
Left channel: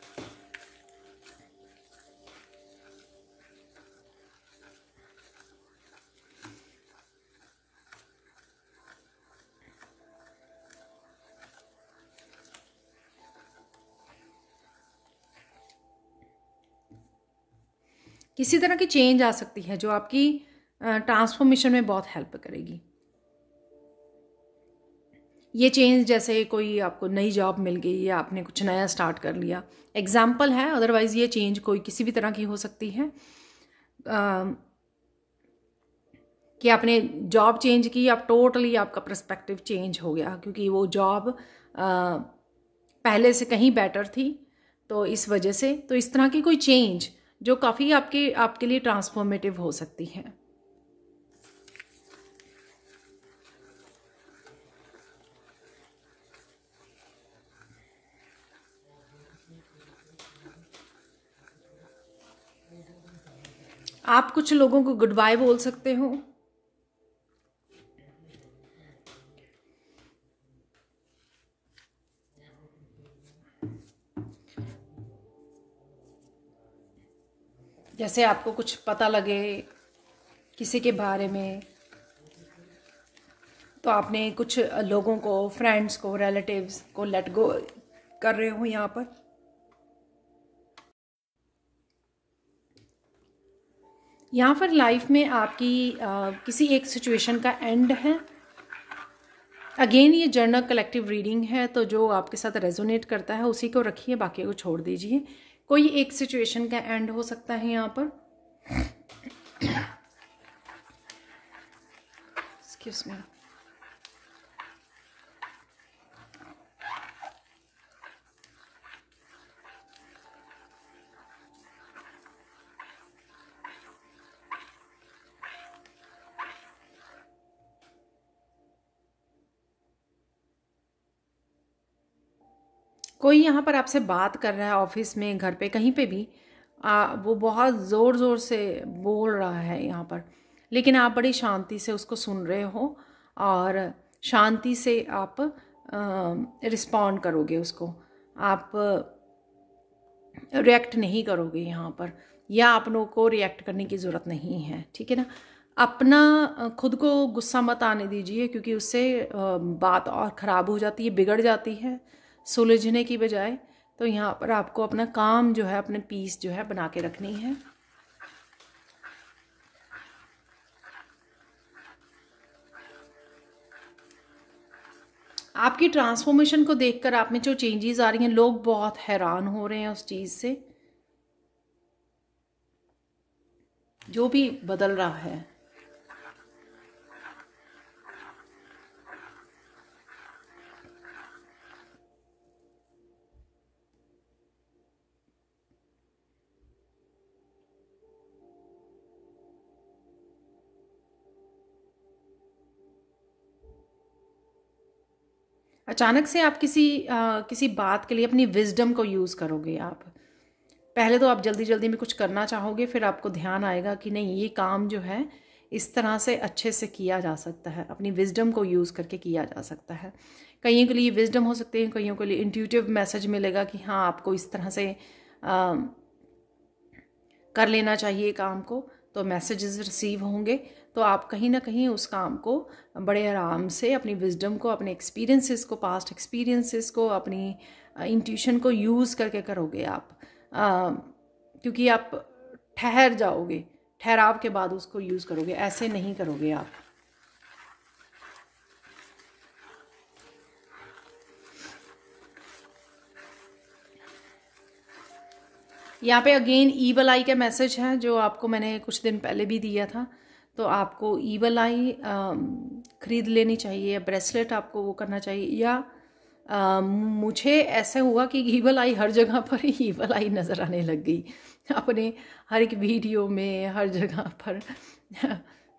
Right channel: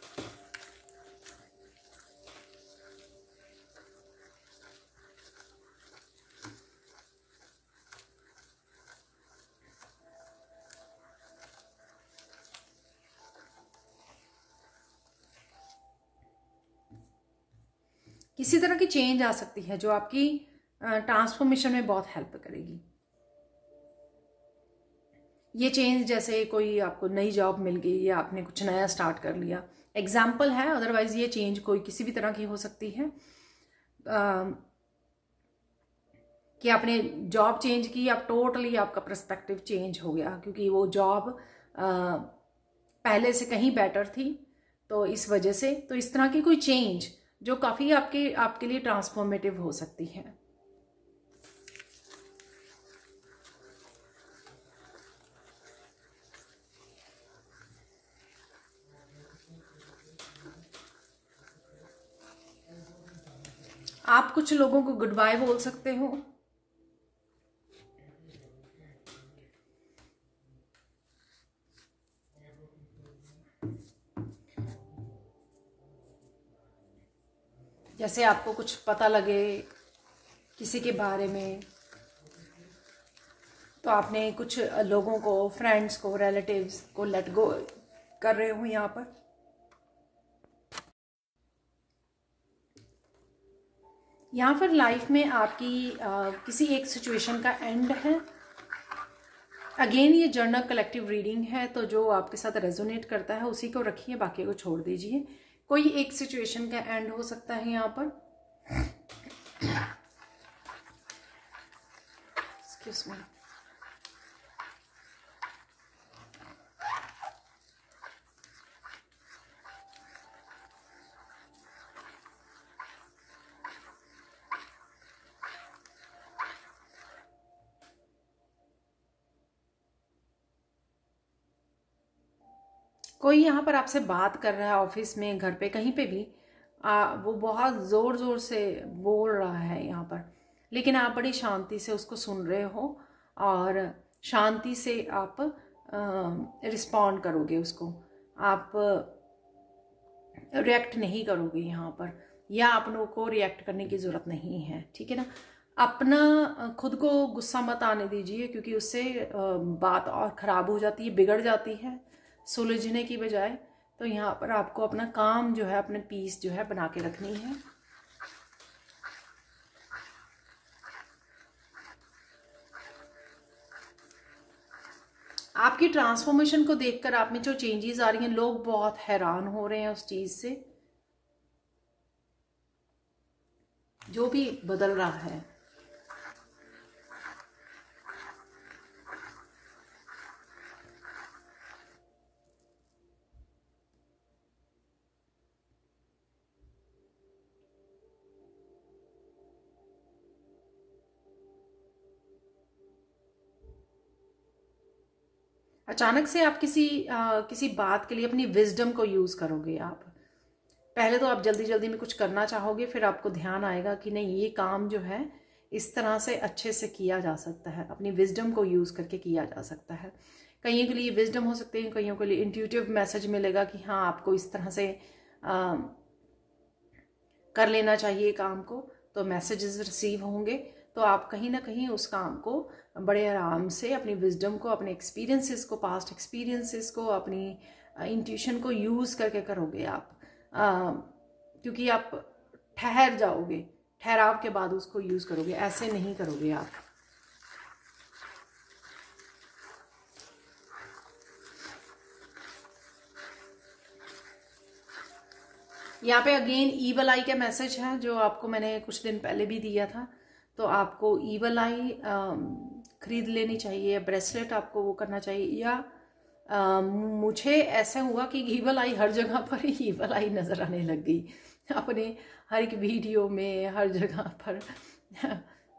किसी तरह की चेंज आ सकती है जो आपकी ट्रांसफॉर्मेशन में बहुत हेल्प करेगी। ये चेंज जैसे कोई आपको नई जॉब मिल गई या आपने कुछ नया स्टार्ट कर लिया, एग्जाम्पल है। अदरवाइज ये चेंज कोई किसी भी तरह की हो सकती है, कि आपने जॉब चेंज की, आप टोटली आपका पर्सपेक्टिव चेंज हो गया, क्योंकि वो जॉब पहले से कहीं बेटर थी। तो इस वजह से, तो इस तरह की कोई चेंज जो काफ़ी आपके लिए ट्रांसफॉर्मेटिव हो सकती है। आप कुछ लोगों को गुड बाय बोल सकते हो। जैसे आपको कुछ पता लगे किसी के बारे में, तो आपने कुछ लोगों को, फ्रेंड्स को, रिलेटिव्स को लेट गो कर रहे हो। यहाँ पर लाइफ में आपकी किसी एक सिचुएशन का एंड है। अगेन ये जर्नल कलेक्टिव रीडिंग है, तो जो आपके साथ रेजोनेट करता है उसी को रखिए, बाकी को छोड़ दीजिए। कोई एक सिचुएशन का एंड हो सकता है यहाँ पर। Excuse me. कोई यहाँ पर आपसे बात कर रहा है, ऑफिस में, घर पे, कहीं पे भी, वो बहुत ज़ोर ज़ोर से बोल रहा है यहाँ पर, लेकिन आप बड़ी शांति से उसको सुन रहे हो और शांति से आप रिस्पॉन्ड करोगे उसको। आप रिएक्ट नहीं करोगे यहाँ पर, या आप लोगों को रिएक्ट करने की ज़रूरत नहीं है, ठीक है ना। अपना खुद को गुस्सा मत आने दीजिए, क्योंकि उससे बात और ख़राब हो जाती है, बिगड़ जाती है सुलझने की बजाय। तो यहाँ पर आपको अपना काम जो है, अपने पीस जो है बना के रखनी है। आपकी ट्रांसफॉर्मेशन को देखकर आप में जो चेंजेस आ रही हैं, लोग बहुत हैरान हो रहे हैं उस चीज़ से, जो भी बदल रहा है। अचानक से आप किसी बात के लिए अपनी विजडम को यूज़ करोगे। आप पहले तो आप जल्दी जल्दी में कुछ करना चाहोगे, फिर आपको ध्यान आएगा कि नहीं, ये काम जो है इस तरह से अच्छे से किया जा सकता है, अपनी विजडम को यूज़ करके किया जा सकता है। कईयों के लिए विजडम हो सकते हैं, कईयों के लिए इंट्यूटिव मैसेज मिलेगा कि हाँ, आपको इस तरह से कर लेना चाहिए काम को, तो मैसेजेस रिसीव होंगे। तो आप कहीं ना कहीं उस काम को बड़े आराम से अपनी विजडम को, अपने एक्सपीरियंसेस को, पास्ट एक्सपीरियंसेस को, अपनी इंट्यूशन को यूज़ करके करोगे आप, क्योंकि आप ठहर जाओगे, ठहराव के बाद उसको यूज़ करोगे, ऐसे नहीं करोगे आप। यहाँ पे अगेन ईवल आई का मैसेज है, जो आपको मैंने कुछ दिन पहले भी दिया था। तो आपको ईवल आई खरीद लेनी चाहिए, ब्रेसलेट आपको वो करना चाहिए। या मुझे ऐसा हुआ कि ईवल आई हर जगह पर ही ईवल आई नज़र आने लग गई, अपने हर एक वीडियो में, हर जगह पर।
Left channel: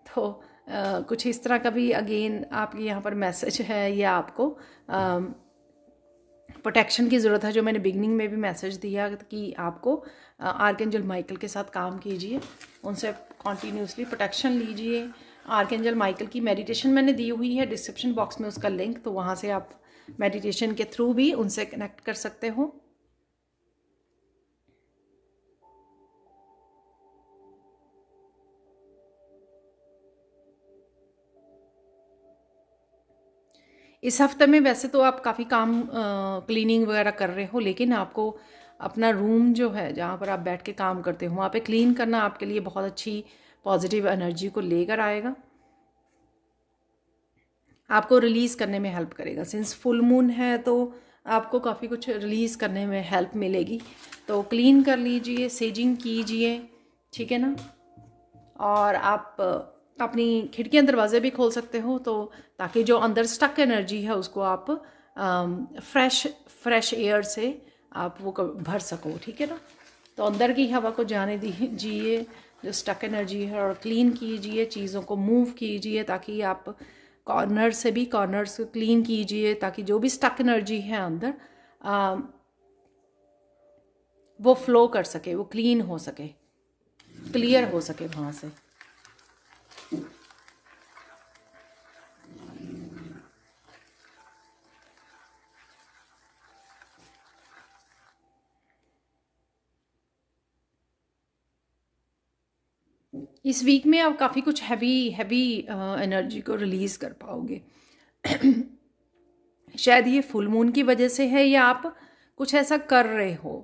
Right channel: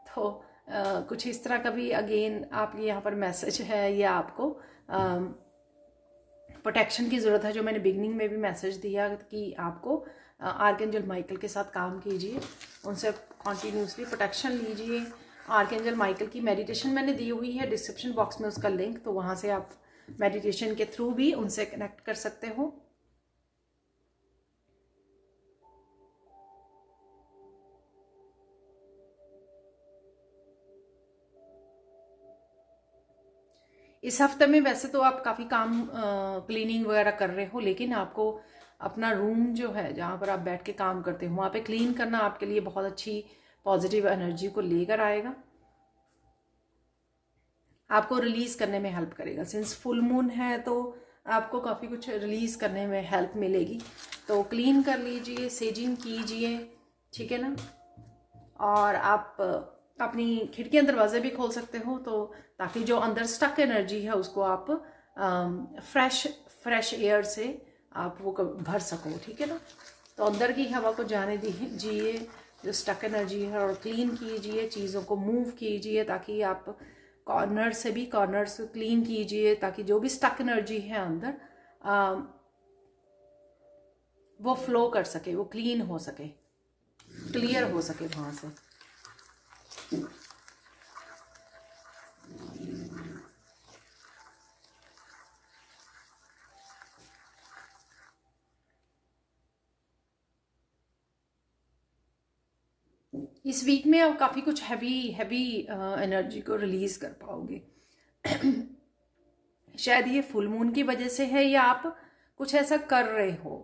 तो कुछ इस तरह का भी अगेन आपके यहाँ पर मैसेज है, या आपको प्रोटेक्शन की ज़रूरत है। जो मैंने बिगनिंग में भी मैसेज दिया कि आपको आर्कएंजल माइकल के साथ काम कीजिए, उनसे कॉन्टीन्यूसली प्रोटेक्शन लीजिए। आर्कएंजल माइकल की मेडिटेशन मैंने दी हुई है डिस्क्रिप्शन बॉक्स में, उसका लिंक, तो वहाँ से आप मेडिटेशन के थ्रू भी उनसे कनेक्ट कर सकते हो। इस हफ्ते में वैसे तो आप काफ़ी काम क्लीनिंग वगैरह कर रहे हो, लेकिन आपको अपना रूम जो है जहाँ पर आप बैठ के काम करते हो, वहाँ पे क्लीन करना आपके लिए बहुत अच्छी पॉजिटिव एनर्जी को लेकर आएगा, आपको रिलीज़ करने में हेल्प करेगा। सिंस फुल मून है तो आपको काफ़ी कुछ रिलीज़ करने में हेल्प मिलेगी। तो क्लीन कर लीजिए, सेजिंग कीजिए, ठीक है ना। और आप अपनी खिड़कियाँ दरवाजे भी खोल सकते हो, तो ताकि जो अंदर स्टक एनर्जी है उसको आप फ्रेश एयर से आप वो भर सको, ठीक है ना। तो अंदर की हवा को जाने दीजिए, जो स्टक एनर्जी है, और क्लीन कीजिए, चीज़ों को मूव कीजिए, ताकि आप कॉर्नर से भी कॉर्नर्स क्लीन कीजिए, ताकि जो भी स्टक एनर्जी है अंदर वो फ्लो कर सके, वो क्लीन हो सके, क्लियर हो सके वहाँ से। इस वीक में आप काफ़ी कुछ हैवी एनर्जी को रिलीज़ कर पाओगे। शायद ये फुल मून की वजह से है, या आप कुछ ऐसा कर रहे हो,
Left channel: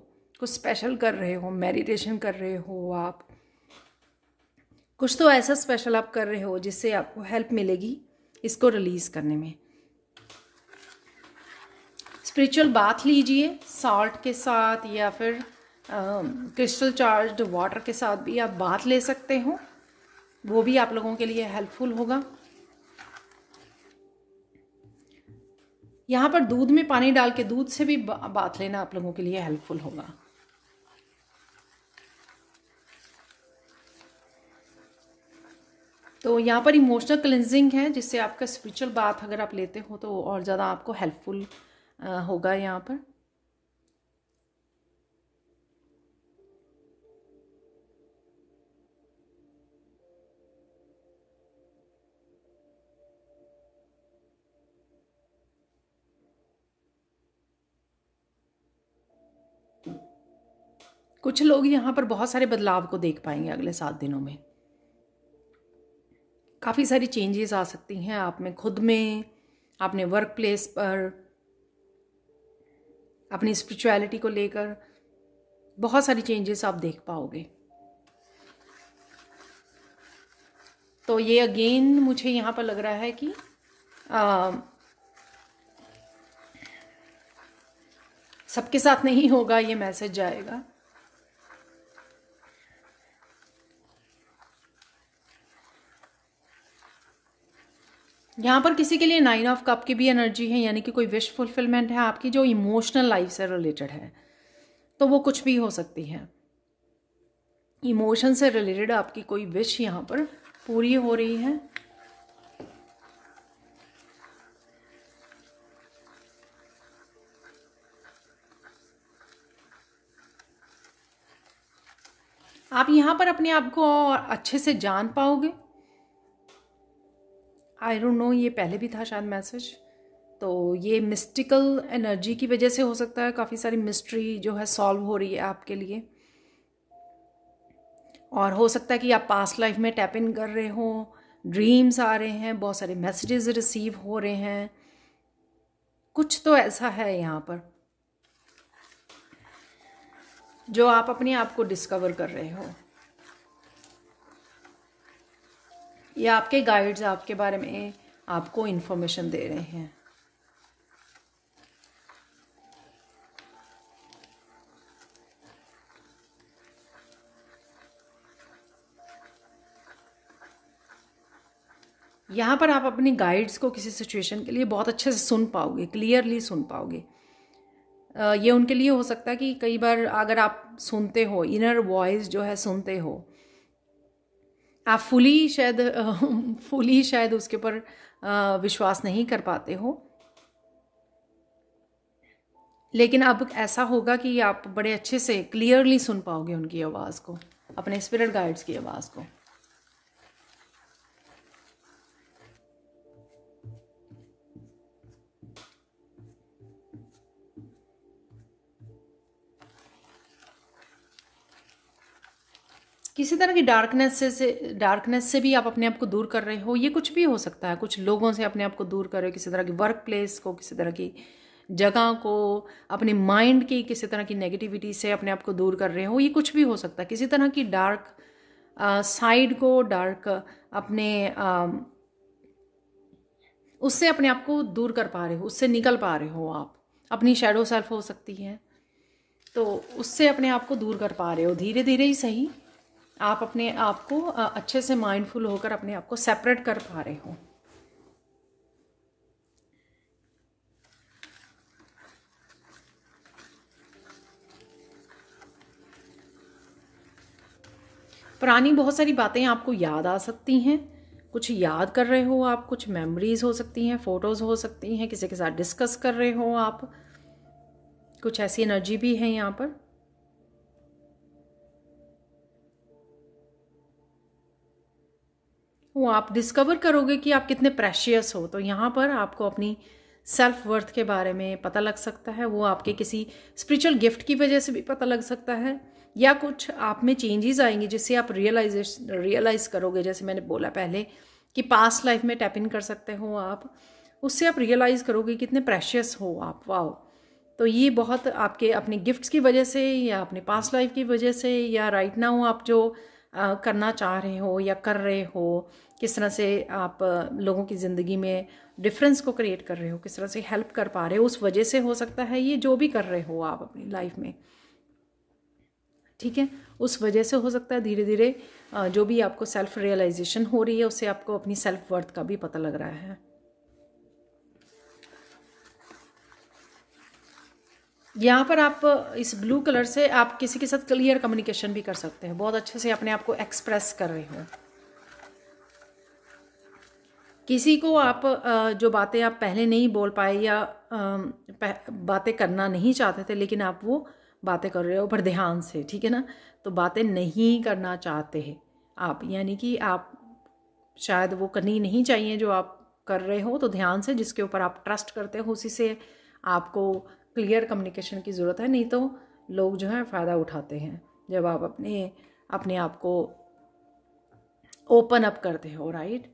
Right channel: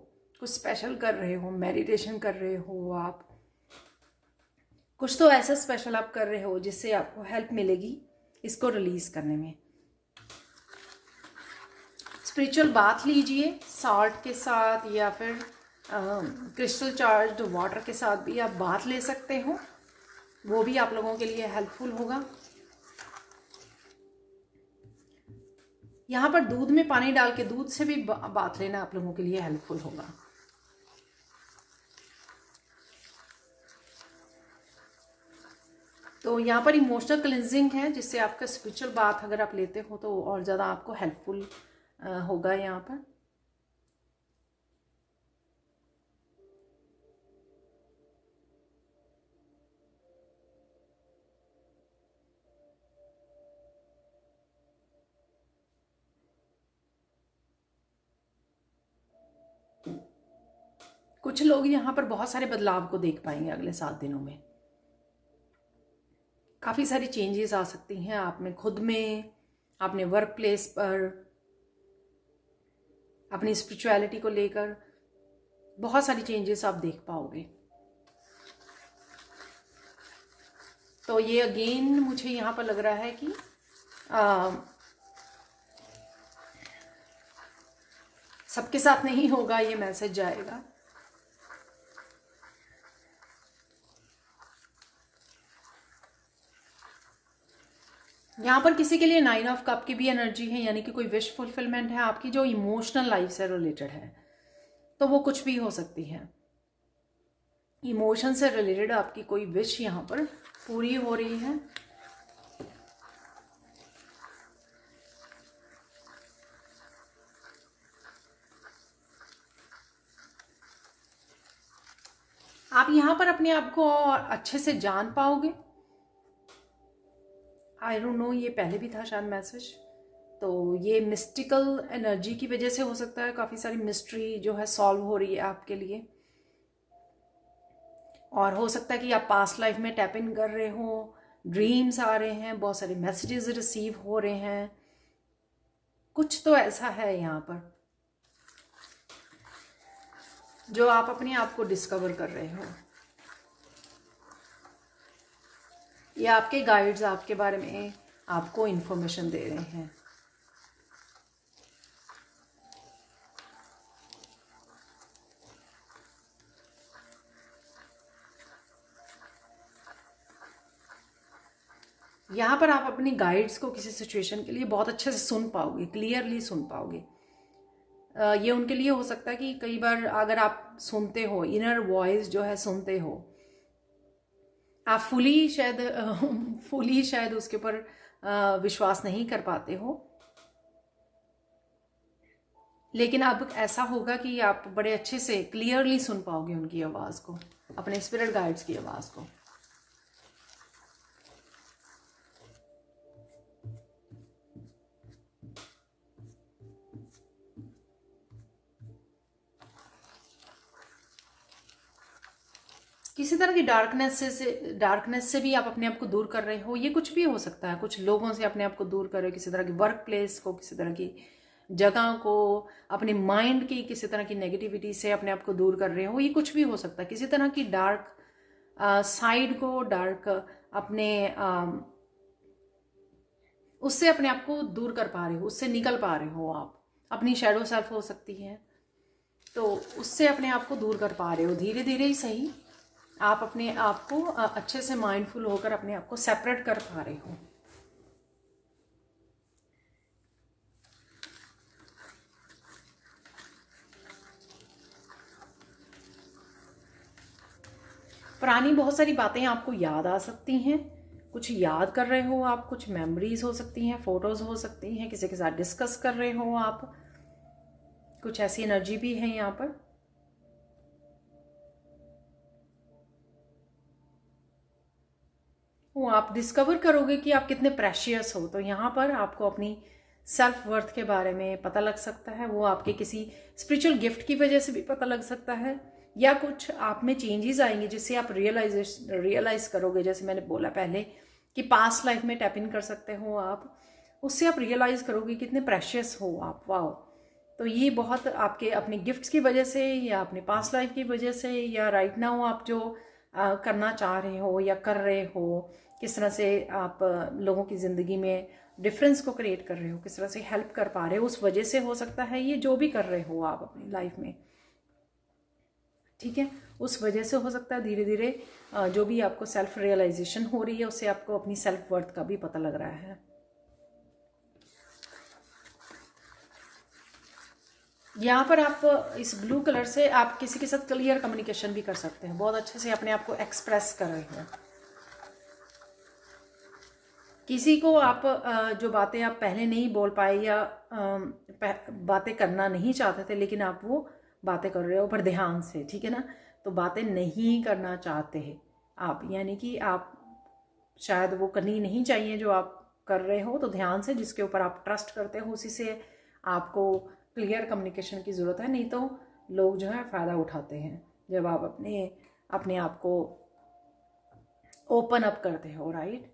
कुछ स्पेशल कर रहे हो, मेडिटेशन कर रहे हो आप, कुछ तो ऐसा स्पेशल आप कर रहे हो जिससे आपको हेल्प मिलेगी इसको रिलीज़ करने में। स्पिरिचुअल बाथ लीजिए सॉल्ट के साथ, या फिर क्रिस्टल चार्ज्ड वाटर के साथ भी आप बाथ ले सकते हो, वो भी आप लोगों के लिए हेल्पफुल होगा। यहाँ पर दूध में पानी डाल के दूध से भी बाथ लेना आप लोगों के लिए हेल्पफुल होगा। तो यहाँ पर इमोशनल क्लिनजिंग है, जिससे आपका स्पिरिचुअल बाथ अगर आप लेते हो तो और ज़्यादा आपको हेल्पफुल होगा यहाँ पर। कुछ लोग यहाँ पर बहुत सारे बदलाव को देख पाएंगे अगले 7 दिनों में। काफ़ी सारी चेंजेस आ सकती हैं आप में, खुद में, अपने वर्क प्लेस पर, अपनी स्पिरिचुअलिटी को लेकर बहुत सारी चेंजेस आप देख पाओगे। तो ये अगेन मुझे यहाँ पर लग रहा है कि सबके साथ नहीं होगा, ये मैसेज जाएगा। यहाँ पर किसी के लिए 9 ऑफ कप की भी एनर्जी है, यानी कि कोई विश फुलफिलमेंट है आपकी जो इमोशनल लाइफ से रिलेटेड है। तो वो कुछ भी हो सकती है, इमोशन से रिलेटेड आपकी कोई विश यहाँ पर पूरी हो रही है। आप यहाँ पर अपने आप को और अच्छे से जान पाओगे। आई डोंट नो, ये पहले भी था शायद मैसेज। तो ये मिस्टिकल एनर्जी की वजह से हो सकता है, काफ़ी सारी मिस्ट्री जो है सॉल्व हो रही है आपके लिए। और हो सकता है कि आप पास्ट लाइफ में टैप इन कर रहे हो, ड्रीम्स आ रहे हैं, बहुत सारे मैसेजेस रिसीव हो रहे हैं, कुछ तो ऐसा है यहाँ पर जो आप अपने आप को डिस्कवर कर रहे हो, या आपके गाइड्स आपके बारे में आपको इन्फॉर्मेशन दे रहे हैं। यहाँ पर आप अपनी गाइड्स को किसी सिचुएशन के लिए बहुत अच्छे से सुन पाओगे, क्लियरली सुन पाओगे। ये उनके लिए हो सकता है कि कई बार अगर आप सुनते हो, इनर वॉइस जो है सुनते हो, आप फुली शायद उसके ऊपर विश्वास नहीं कर पाते हो, लेकिन अब ऐसा होगा कि आप बड़े अच्छे से क्लियरली सुन पाओगे उनकी आवाज़ को, अपने स्पिरिट गाइड्स की आवाज़ को। किसी तरह की डार्कनेस से भी आप अपने आप को दूर कर रहे हो, ये कुछ भी हो सकता है। कुछ लोगों से अपने आप को दूर कर रहे हो, किसी तरह की वर्क प्लेस को, किसी तरह की जगह को, अपने माइंड की किसी तरह की नेगेटिविटी से अपने आप को दूर कर रहे हो, ये कुछ भी हो सकता है। किसी तरह की डार्क साइड को, डार्क अपने उससे अपने आप को दूर कर पा रहे हो, उससे निकल पा रहे हो आप। अपनी शैडो सेल्फ हो सकती है, तो उससे अपने आप को दूर कर पा रहे हो, धीरे धीरे ही सही। आप अपने आप को अच्छे से माइंडफुल होकर अपने आप को सेपरेट कर पा रहे हो। पुरानी बहुत सारी बातें आपको याद आ सकती हैं, कुछ याद कर रहे हो आप, कुछ मेमोरीज हो सकती हैं, फोटोज हो सकती हैं, किसी के साथ डिस्कस कर रहे हो आप, कुछ ऐसी एनर्जी भी है यहाँ पर। वो आप डिस्कवर करोगे कि आप कितने प्रेशियस हो। तो यहाँ पर आपको अपनी सेल्फ वर्थ के बारे में पता लग सकता है। वो आपके किसी स्पिरिचुअल गिफ्ट की वजह से भी पता लग सकता है, या कुछ आप में चेंजेस आएंगे जिससे आप रियलाइज करोगे। जैसे मैंने बोला पहले कि पास्ट लाइफ में टैप इन कर सकते हो आप, उससे आप रियलाइज करोगे कितने प्रेशियस हो आप। वाओ! तो ये बहुत आपके अपने गिफ्ट्स की वजह से, या अपने पास्ट लाइफ की वजह से, या राइट नाउ आप जो करना चाह रहे हो या कर रहे हो, किस तरह से आप लोगों की ज़िंदगी में डिफरेंस को क्रिएट कर रहे हो, किस तरह से हेल्प कर पा रहे हो, उस वजह से हो सकता है ये जो भी कर रहे हो आप अपनी लाइफ में, ठीक है, उस वजह से हो सकता है धीरे धीरे जो भी आपको सेल्फ रियलाइजेशन हो रही है, उससे आपको अपनी सेल्फ वर्थ का भी पता लग रहा है। यहाँ पर आप इस ब्लू कलर से आप किसी के साथ क्लियर कम्युनिकेशन भी कर सकते हैं, बहुत अच्छे से अपने आप को एक्सप्रेस कर रहे हो। किसी को आप जो बातें आप पहले नहीं बोल पाए, या बातें करना नहीं चाहते थे, लेकिन आप वो बातें कर रहे हो पर ध्यान से, ठीक है ना। तो बातें नहीं करना चाहते हैं आप, यानी कि आप शायद वो करनी नहीं चाहिए जो आप कर रहे हो, तो ध्यान से जिसके ऊपर आप ट्रस्ट करते हो उसी से आपको क्लियर कम्युनिकेशन की ज़रूरत है। नहीं तो लोग जो है फ़ायदा उठाते हैं जब आप अपने आप को ओपन अप करते हो, राइट।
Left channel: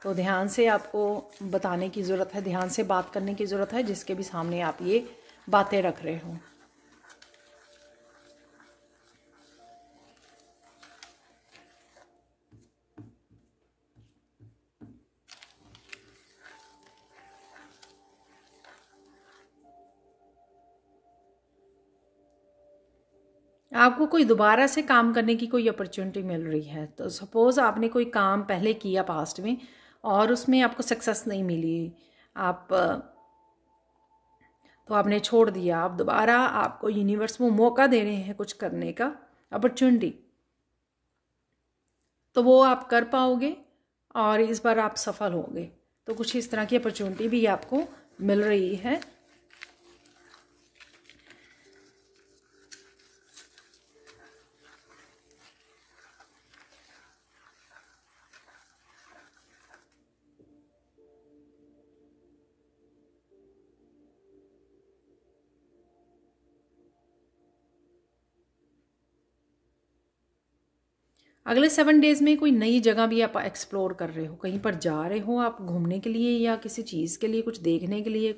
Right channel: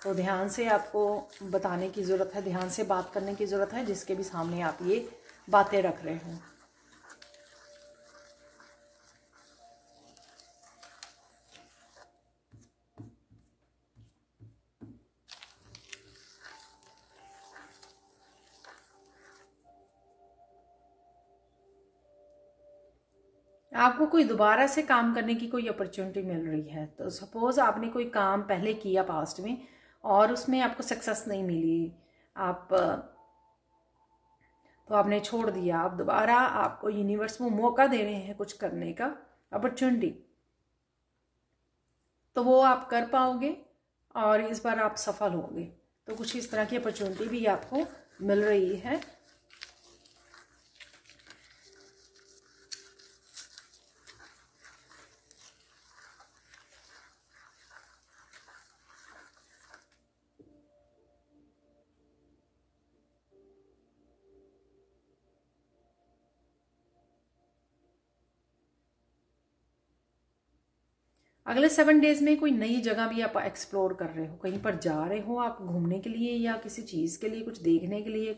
तो ध्यान से आपको बताने की ज़रूरत है, ध्यान से बात करने की ज़रूरत है, जिसके भी सामने आप ये बातें रख रहे हो। आपको कोई दोबारा से काम करने की कोई अपॉर्चुनिटी मिल रही है। तो सपोज़ आपने कोई काम पहले किया पास्ट में और उसमें आपको सक्सेस नहीं मिली, आप तो आपने छोड़ दिया, आप दोबारा, आपको यूनिवर्स वो मौका दे रहे हैं कुछ करने का, अपॉर्चुनिटी, तो वो आप कर पाओगे और इस बार आप सफल होगे। तो कुछ इस तरह की अपॉर्चुनिटी भी आपको मिल रही है। अगले 7 डेज में कोई नई जगह भी आप एक्सप्लोर कर रहे हो, कहीं पर जा रहे हो आप घूमने के लिए या किसी चीज़ के लिए, कुछ देखने के लिए,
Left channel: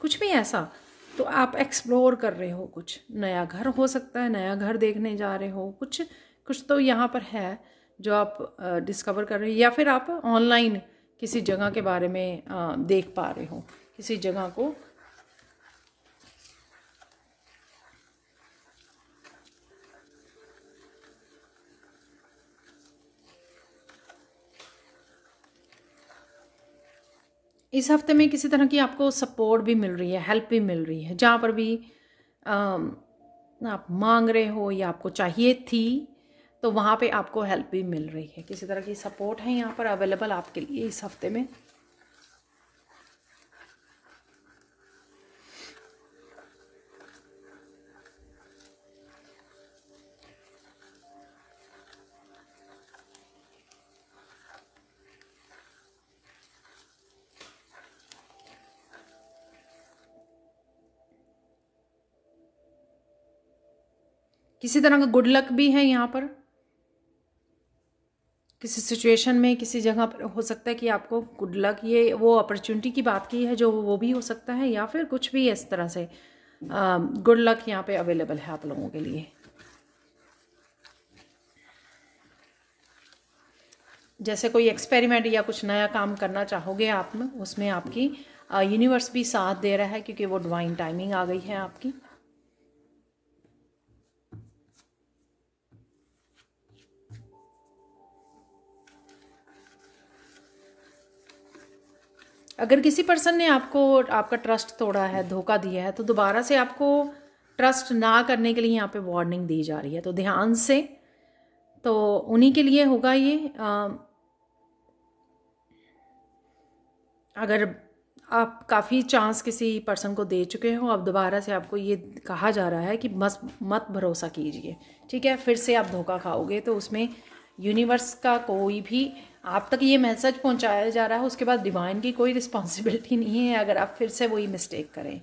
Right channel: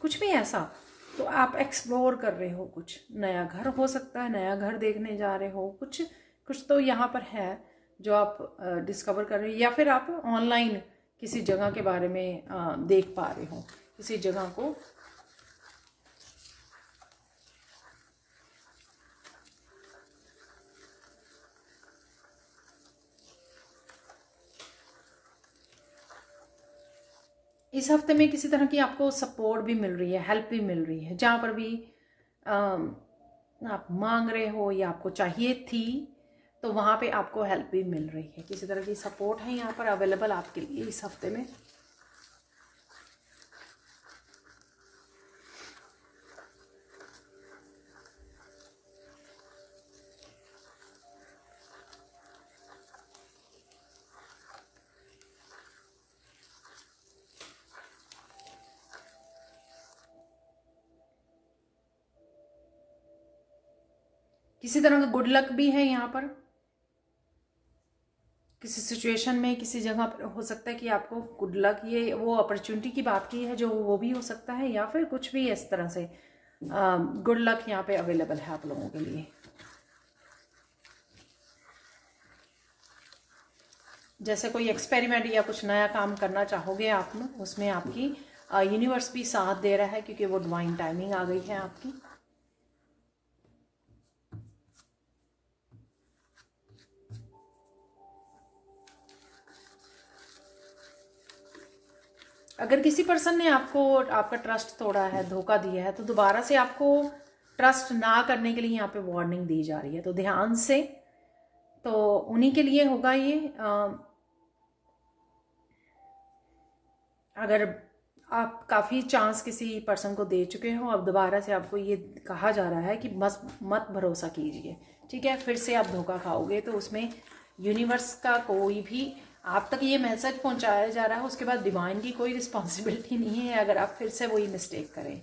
कुछ भी ऐसा, तो आप एक्सप्लोर कर रहे हो। कुछ नया घर हो सकता है, नया घर देखने जा रहे हो, कुछ तो यहाँ पर है जो आप डिस्कवर कर रहे हो, या फिर आप ऑनलाइन किसी जगह के बारे में देख पा रहे हो, किसी जगह को। इस हफ्ते में किसी तरह की आपको सपोर्ट भी मिल रही है, हेल्प भी मिल रही है, जहाँ पर भी आप मांग रहे हो या आपको चाहिए थी, तो वहाँ पे आपको हेल्प भी मिल रही है। किसी तरह की सपोर्ट है यहाँ पर अवेलेबल आपके लिए इस हफ्ते में। किसी तरह का गुड लक भी है यहाँ पर, किसी सिचुएशन में, किसी जगह पर हो सकता है कि आपको गुड लक, ये वो अपॉर्चुनिटी की बात की है जो वो भी हो सकता है, या फिर कुछ भी इस तरह से गुड लक यहाँ पे अवेलेबल है आप लोगों के लिए। जैसे कोई एक्सपेरिमेंट या कुछ नया काम करना चाहोगे आप में, उसमें आपकी यूनिवर्स भी साथ दे रहा है, क्योंकि वो डिवाइन टाइमिंग आ गई है आपकी। अगर किसी पर्सन ने आपको आपका ट्रस्ट तोड़ा है, धोखा दिया है, तो दोबारा से आपको ट्रस्ट ना करने के लिए यहाँ पे वार्निंग दी जा रही है। तो ध्यान से, तो उन्हीं के लिए होगा ये। अगर आप काफ़ी चांस किसी पर्सन को दे चुके हो, अब दोबारा से आपको ये कहा जा रहा है कि मत भरोसा कीजिए, ठीक है। फिर से आप धोखा खाओगे, तो उसमें यूनिवर्स का कोई भी आप तक ये मैसेज पहुंचाया जा रहा है, उसके बाद डिवाइन की कोई रिस्पॉन्सिबिलिटी नहीं है अगर आप फिर से वही मिस्टेक करें।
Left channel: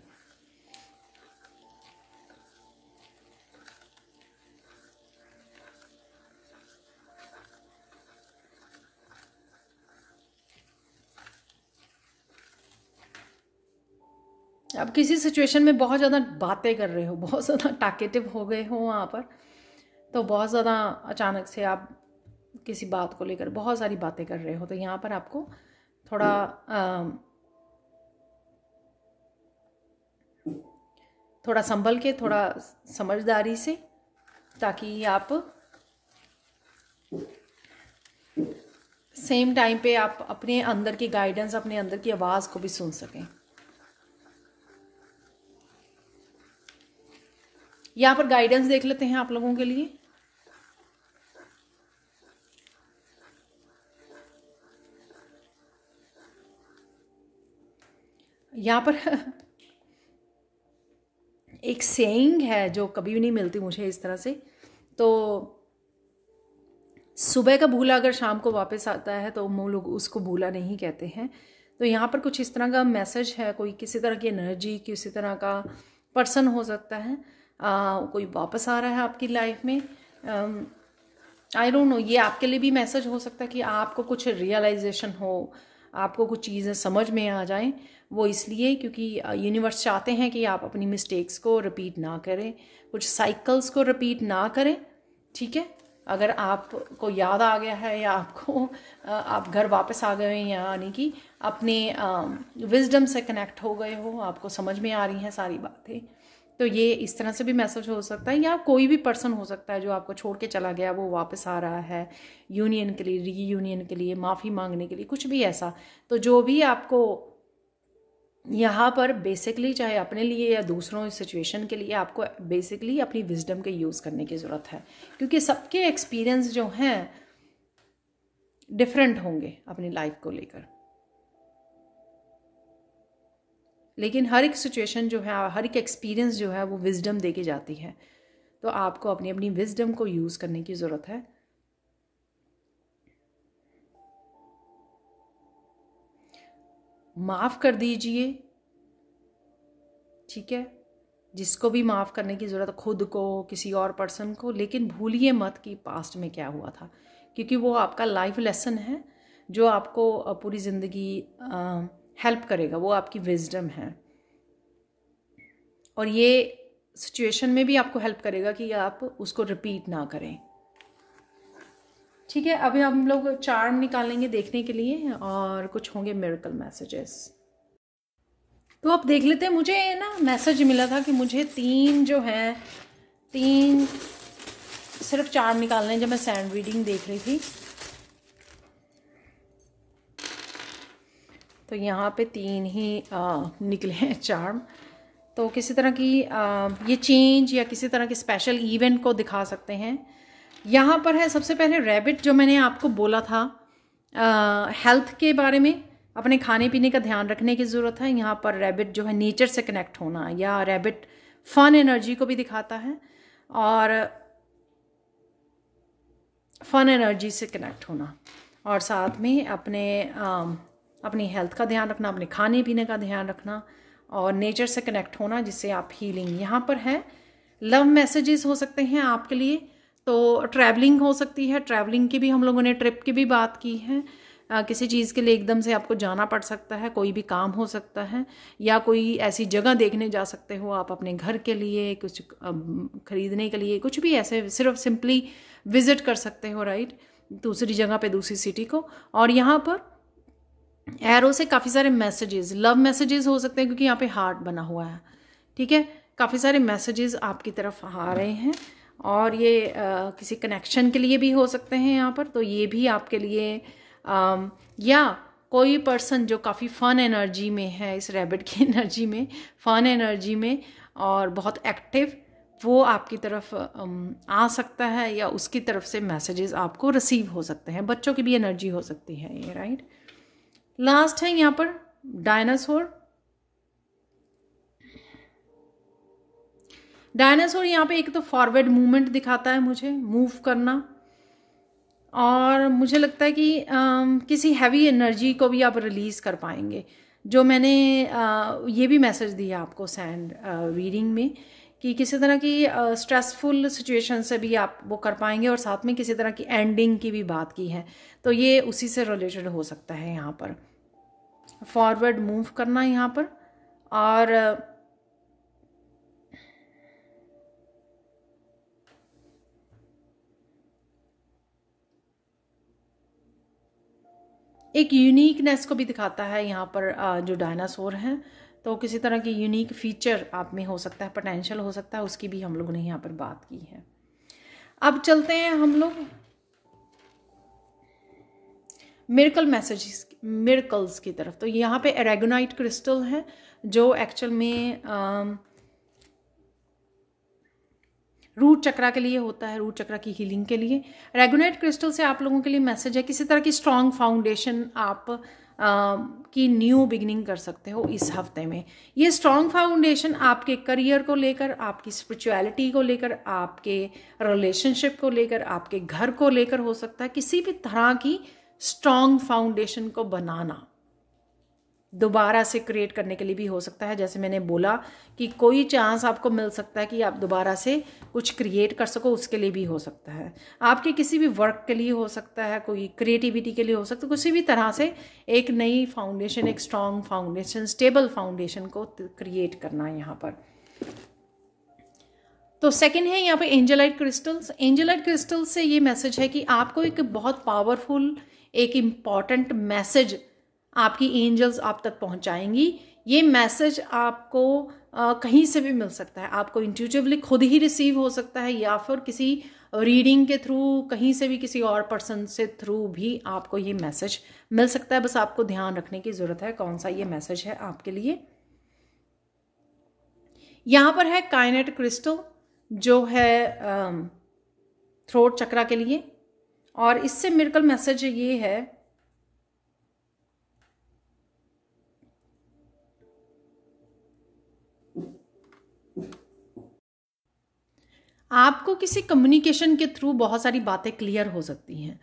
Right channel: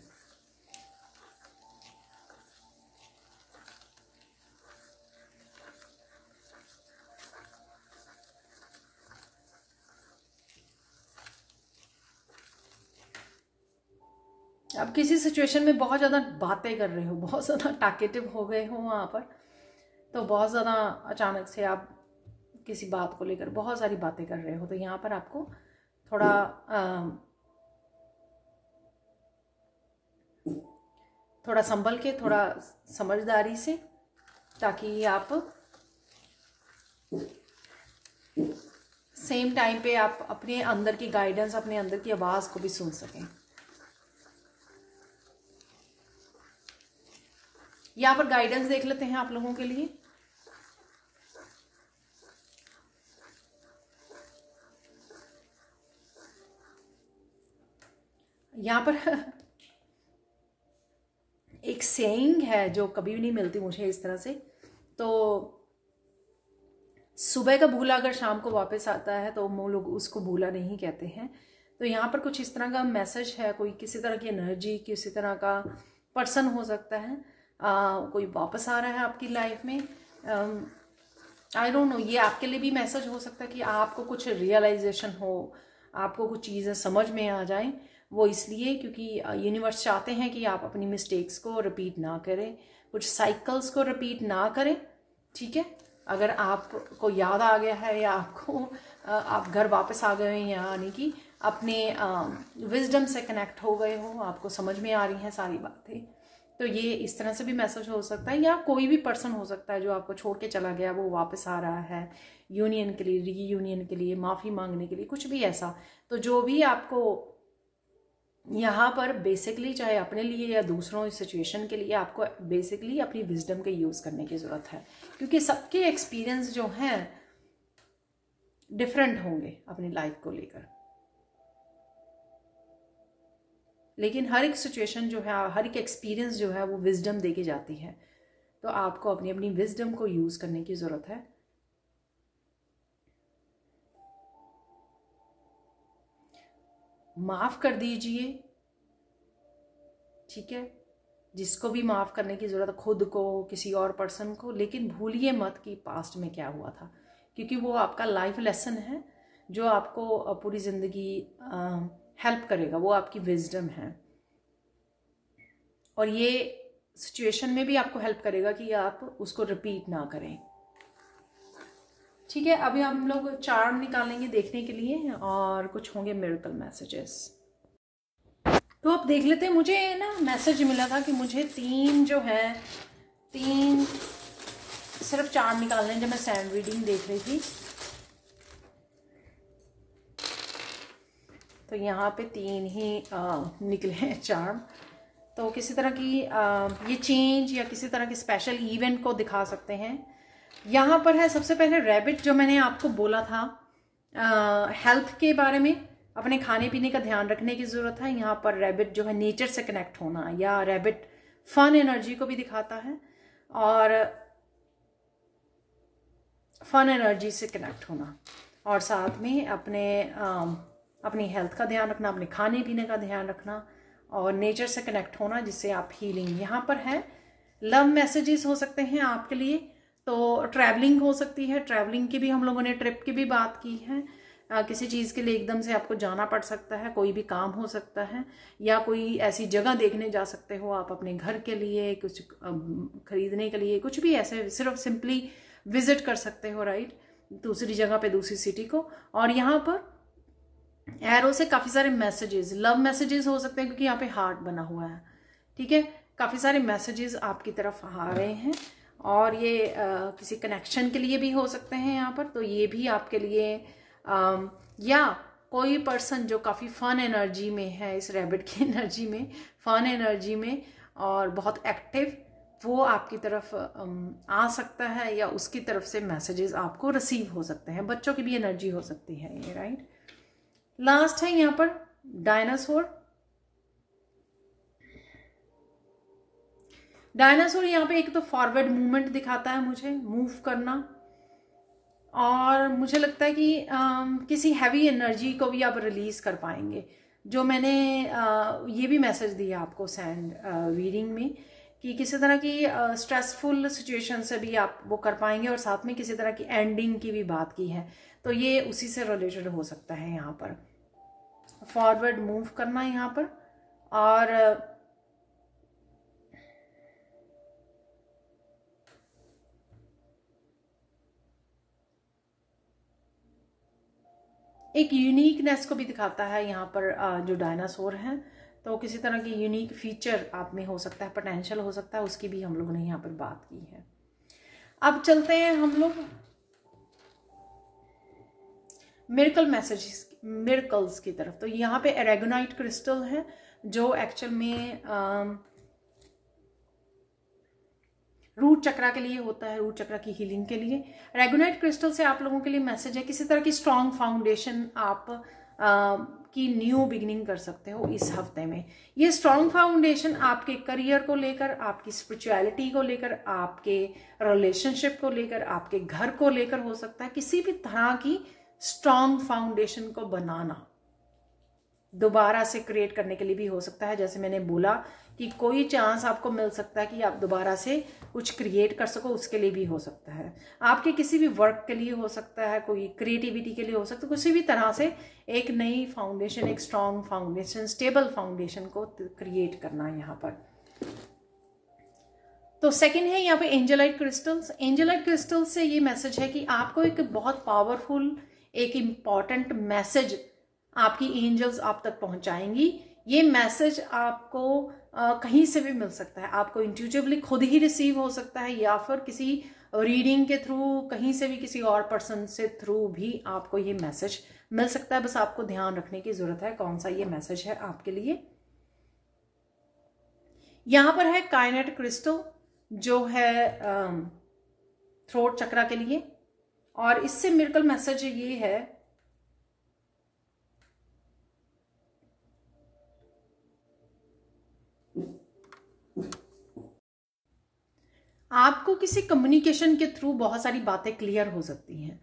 अब किसी सिचुएशन में बहुत ज़्यादा बातें कर रहे हो, बहुत ज़्यादा टॉकेटिव हो गए हो वहाँ पर, तो बहुत ज़्यादा अचानक से आप किसी बात को लेकर बहुत सारी बातें कर रहे हो, तो यहाँ पर आपको थोड़ा संभल के, थोड़ा समझदारी से, ताकि आप सेम टाइम पे आप अपने अंदर की गाइडेंस, अपने अंदर की आवाज़ को भी सुन सकें। यहाँ पर गाइडेंस देख लेते हैं आप लोगों के लिए। यहाँ पर एक सेइंग है जो कभी भी नहीं मिलती मुझे इस तरह से, तो सुबह का भूला अगर शाम को वापस आता है तो वो लोग उसको भूला नहीं कहते हैं। तो यहाँ पर कुछ इस तरह का मैसेज है, कोई किसी तरह की एनर्जी, किसी तरह का पर्सन हो सकता है, कोई वापस आ रहा है आपकी लाइफ में। आई डोंट नो, ये आपके लिए भी मैसेज हो सकता है कि आपको कुछ रियलाइजेशन हो, आपको कुछ चीज़ें समझ में आ जाएं। वो इसलिए क्योंकि यूनिवर्स चाहते हैं कि आप अपनी मिस्टेक्स को रिपीट ना करें, कुछ साइकिल्स को रिपीट ना करें। ठीक है, अगर आपको याद आ गया है या आपको आप घर वापस आ गए हैं, यानी कि अपने विजडम से कनेक्ट हो गए हो, आपको समझ में आ रही हैं सारी बातें, तो ये इस तरह से भी मैसेज हो सकता है। या कोई भी पर्सन हो सकता है जो आपको छोड़ के चला गया, वो वापस आ रहा है यूनियन के लिए, रीयूनियन के लिए, माफ़ी मांगने के लिए, कुछ भी ऐसा। तो जो भी आपको यहाँ पर बेसिकली, चाहे अपने लिए या दूसरों सिचुएशन के लिए, आपको बेसिकली अपनी विजडम का यूज़ करने की ज़रूरत है, क्योंकि सबके एक्सपीरियंस जो हैं डिफरेंट होंगे अपनी लाइफ को लेकर। लेकिन हर एक सिचुएशन जो है, हर एक एक्सपीरियंस जो है, वो विजडम दे के जाती है। तो आपको अपनी अपनी विजडम को यूज़ करने की ज़रूरत है। माफ़ कर दीजिए, ठीक है, जिसको भी माफ़ करने की ज़रूरत, खुद को, किसी और पर्सन को, लेकिन भूलिए मत कि पास्ट में क्या हुआ था, क्योंकि वो आपका लाइफ लेसन है जो आपको पूरी ज़िंदगी हेल्प करेगा। वो आपकी विजडम है और ये सिचुएशन में भी आपको हेल्प करेगा कि आप उसको रिपीट ना करें। ठीक है, अभी हम लोग चार्म निकालेंगे देखने के लिए और कुछ होंगे मिरेकल मैसेजेस। तो आप देख लेते हैं, मुझे ना मैसेज मिला था कि मुझे 3 जो है, 3 सिर्फ चार्म निकालने, जब मैं सैंड रीडिंग देख रही थी तो यहाँ पे 3 ही निकले हैं चार्म। तो किसी तरह की ये चेंज या किसी तरह के स्पेशल इवेंट को दिखा सकते हैं। यहाँ पर है सबसे पहले रैबिट, जो मैंने आपको बोला था हेल्थ के बारे में, अपने खाने पीने का ध्यान रखने की ज़रूरत है। यहाँ पर रैबिट जो है नेचर से कनेक्ट होना, या रैबिट फन एनर्जी को भी दिखाता है और फन एनर्जी से कनेक्ट होना, और साथ में अपनी हेल्थ का ध्यान रखना, अपने खाने पीने का ध्यान रखना और नेचर से कनेक्ट होना, जिससे आप हीलिंग। यहाँ पर है लव मैसेजेस हो सकते हैं आपके लिए, तो ट्रैवलिंग हो सकती है। ट्रैवलिंग की भी हम लोगों ने ट्रिप की भी बात की है। किसी चीज़ के लिए एकदम से आपको जाना पड़ सकता है, कोई भी काम हो सकता है, या कोई ऐसी जगह देखने जा सकते हो आप अपने घर के लिए, कुछ खरीदने के लिए, कुछ भी ऐसे सिर्फ सिंपली विजिट कर सकते हो, राइट, दूसरी जगह पे, दूसरी सिटी को। और यहाँ पर एरो से काफ़ी सारे मैसेजेस, लव मैसेजेस हो सकते हैं, क्योंकि यहाँ पे हार्ट बना हुआ है। ठीक है, काफ़ी सारे मैसेजेस आपकी तरफ आ रहे हैं और ये किसी कनेक्शन के लिए भी हो सकते हैं यहाँ पर। तो ये भी आपके लिए या कोई पर्सन जो काफ़ी फन एनर्जी में है, इस रैबिट की एनर्जी में, फन एनर्जी में और बहुत एक्टिव, वो आपकी तरफ आ सकता है, या उसकी तरफ से मैसेजेस आपको रिसीव हो सकते हैं। बच्चों की भी एनर्जी हो सकती है ये, राइट। लास्ट है यहाँ पर डायनासोर। डायनासोर यहाँ पे एक तो फॉरवर्ड मूवमेंट दिखाता है मुझे, मूव करना, और मुझे लगता है कि किसी हैवी एनर्जी को भी आप रिलीज कर पाएंगे। जो मैंने ये भी मैसेज दिया आपको सैंड रीडिंग में, कि किसी तरह की स्ट्रेसफुल सिचुएशन से भी आप वो कर पाएंगे, और साथ में किसी तरह की एंडिंग की भी बात की है, तो ये उसी से रिलेटेड हो सकता है। यहाँ पर फॉरवर्ड मूव करना यहाँ पर, और एक यूनिकनेस को भी दिखाता है यहाँ पर जो डायनासोर हैं। तो किसी तरह की यूनिक फीचर आप में हो सकता है, पोटेंशियल हो सकता है, उसकी भी हम लोगों ने यहाँ पर बात की है। अब चलते हैं हम लोग मिरेकल मैसेजेस, मिरेकल्स की तरफ। तो यहाँ पे एरेगोनाइट क्रिस्टल है, जो एक्चुअल में रूट चक्रा के लिए होता है, रूट चक्रा की हीलिंग के लिए। एरेगोनाइट क्रिस्टल से आप लोगों के लिए मैसेज है, किसी तरह की स्ट्रॉन्ग फाउंडेशन आप की न्यू बिगिनिंग कर सकते हो इस हफ्ते में। ये स्ट्रॉन्ग फाउंडेशन आपके करियर को लेकर, आपकी स्पिरिचुअलिटी को लेकर, आपके रिलेशनशिप को लेकर, आपके घर को लेकर हो सकता है। किसी भी तरह की स्ट्रॉन्ग फाउंडेशन को बनाना, दोबारा से क्रिएट करने के लिए भी हो सकता है। जैसे मैंने बोला कि कोई चांस आपको मिल सकता है कि आप दोबारा से कुछ क्रिएट कर सको, उसके लिए भी हो सकता है। आपके किसी भी वर्क के लिए हो सकता है, कोई क्रिएटिविटी के लिए हो सकता है, किसी भी तरह से एक नई फाउंडेशन, एक स्ट्रॉन्ग फाउंडेशन, स्टेबल फाउंडेशन को क्रिएट करना है यहाँ पर। तो सेकंड है यहाँ पे एंजेलाइट क्रिस्टल्स। एंजेलाइट क्रिस्टल्स से ये मैसेज है कि आपको एक बहुत पावरफुल, एक इम्पॉर्टेंट मैसेज आपकी एंजल्स आप तक पहुंचाएंगी। ये मैसेज आपको कहीं से भी मिल सकता है, आपको इंट्यूटिवली खुद ही रिसीव हो सकता है, या फिर किसी रीडिंग के थ्रू, कहीं से भी किसी और पर्सन से थ्रू भी आपको ये मैसेज मिल सकता है। बस आपको ध्यान रखने की जरूरत है कौन सा ये मैसेज है आपके लिए। यहाँ पर है काइनेट क्रिस्टल, जो है थ्रोट चक्रा के लिए, और इससे मिरेकल मैसेज ये है आपको किसी कम्युनिकेशन के थ्रू बहुत सारी बातें क्लियर हो सकती हैं।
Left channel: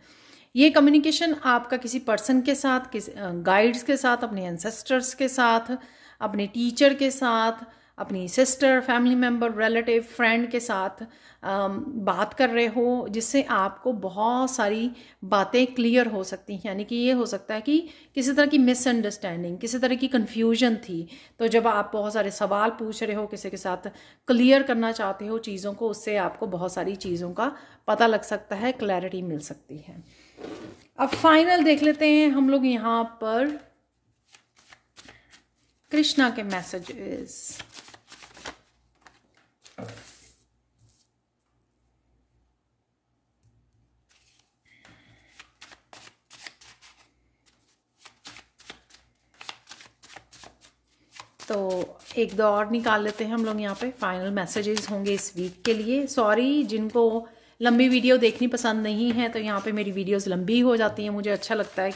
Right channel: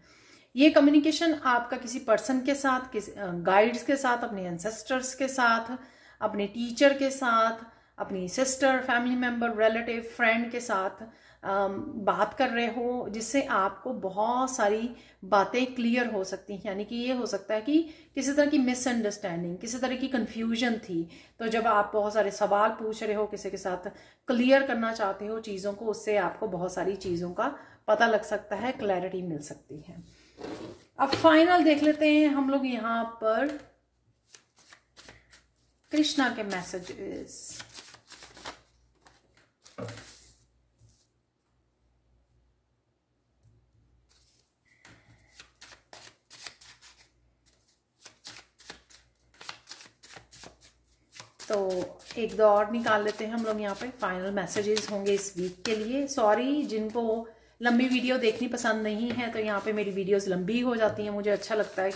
ये कम्युनिकेशन आपका किसी पर्सन के साथ, किसी गाइड्स के साथ, अपने एंसेस्टर्स के साथ, अपने टीचर के साथ, अपनी sister, family member, relative, friend के साथ बात कर रहे हो, जिससे आपको बहुत सारी बातें क्लियर हो सकती हैं। यानी कि ये हो सकता है कि किसी तरह की मिसअंडरस्टैंडिंग, किसी तरह की कंफ्यूजन थी, तो जब आप बहुत सारे सवाल पूछ रहे हो, किसी के साथ क्लियर करना चाहते हो चीज़ों को, उससे आपको बहुत सारी चीज़ों का पता लग सकता है, क्लैरिटी मिल सकती है। अब फाइनल देख लेते हैं हम लोग यहाँ पर कृष्णा के मैसेजेस। तो एक दो और निकाल लेते हैं हम लोग यहाँ पे। फाइनल मैसेजेस होंगे इस वीक के लिए। सॉरी जिनको लंबी वीडियो देखनी पसंद नहीं है, तो यहाँ पे मेरी वीडियोस लंबी हो जाती हैं। मुझे अच्छा लगता है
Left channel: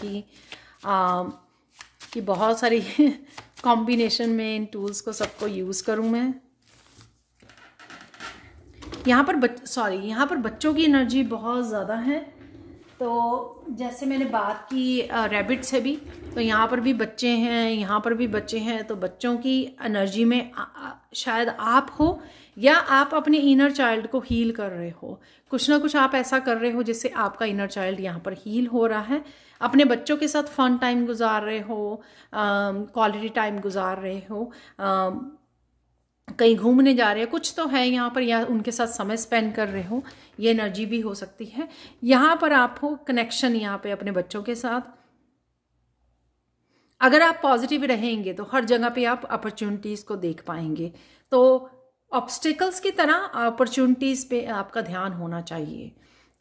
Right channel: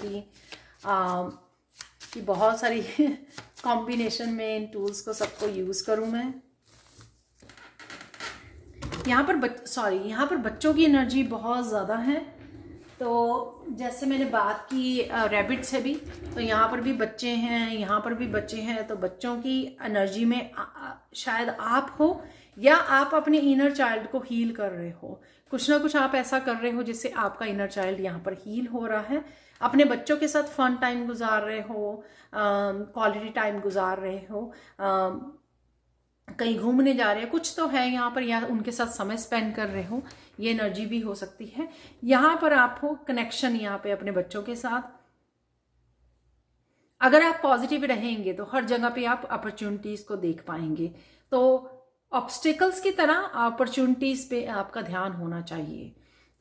कि बहुत सारी कॉम्बिनेशन में इन टूल्स को सबको यूज़ करूँ मैं। यहाँ पर यहाँ पर बच्चों की एनर्जी बहुत ज़्यादा है। तो जैसे मैंने बात की रैबिट से भी, तो यहाँ पर भी बच्चे हैं, यहाँ पर भी बच्चे हैं। तो बच्चों की एनर्जी में शायद आप हो, या आप अपने इनर चाइल्ड को हील कर रहे हो। कुछ ना कुछ आप ऐसा कर रहे हो जिससे आपका इनर चाइल्ड यहाँ पर हील हो रहा है। अपने बच्चों के साथ फन टाइम गुजार रहे हो, क्वालिटी टाइम गुजार रहे हो, कहीं घूमने जा रहे हैं, कुछ तो है यहाँ पर, या उनके साथ समय स्पेंड कर रहे हो, ये एनर्जी भी हो सकती है। यहाँ पर आप हो कनेक्शन यहाँ पे अपने बच्चों के साथ। अगर आप पॉजिटिव रहेंगे तो हर जगह पे आप अपॉर्चुनिटीज को देख पाएंगे। तो ऑब्स्टिकल्स की तरह अपॉर्चुनिटीज पे आपका ध्यान होना चाहिए।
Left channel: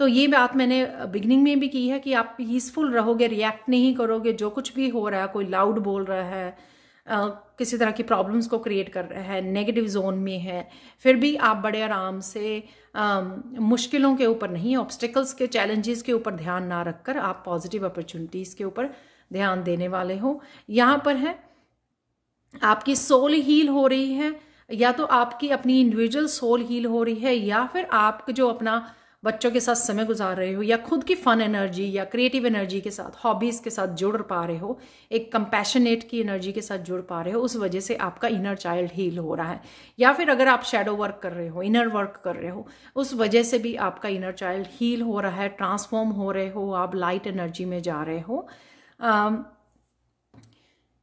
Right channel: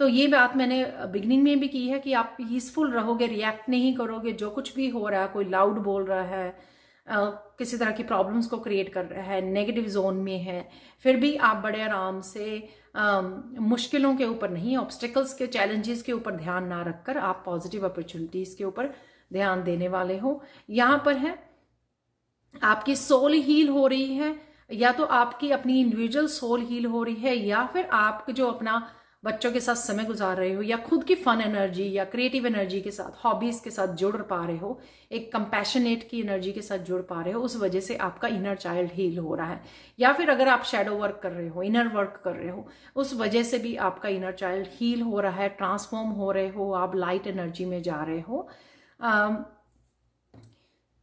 तो ये बात मैंने बिगिनिंग में भी की है कि आप पीसफुल रहोगे, रिएक्ट नहीं करोगे जो कुछ भी हो रहा है। कोई लाउड बोल रहा है, किसी तरह की प्रॉब्लम्स को क्रिएट कर रहा है, नेगेटिव जोन में है, फिर भी आप बड़े आराम से मुश्किलों के ऊपर नहीं, ऑब्स्टिकल्स के, चैलेंजेस के ऊपर ध्यान ना रखकर आप पॉजिटिव अपॉर्चुनिटीज के ऊपर ध्यान देने वाले हो। यहाँ पर है आपकी सोल हील हो रही है, या तो आपकी अपनी इंडिविजुअल सोल हील हो रही है, या फिर आप जो अपना बच्चों के साथ समय गुजार रहे हो, या खुद की फन एनर्जी या क्रिएटिव एनर्जी के साथ, हॉबीज के साथ जुड़ पा रहे हो, एक कंपैशनेट की एनर्जी के साथ जुड़ पा रहे हो, उस वजह से आपका इनर चाइल्ड हील हो रहा है। या फिर अगर आप शैडो वर्क कर रहे हो, इनर वर्क कर रहे हो, उस वजह से भी आपका इनर चाइल्ड हील हो रहा है, ट्रांसफॉर्म हो रहे हो, आप लाइट एनर्जी में जा रहे हो।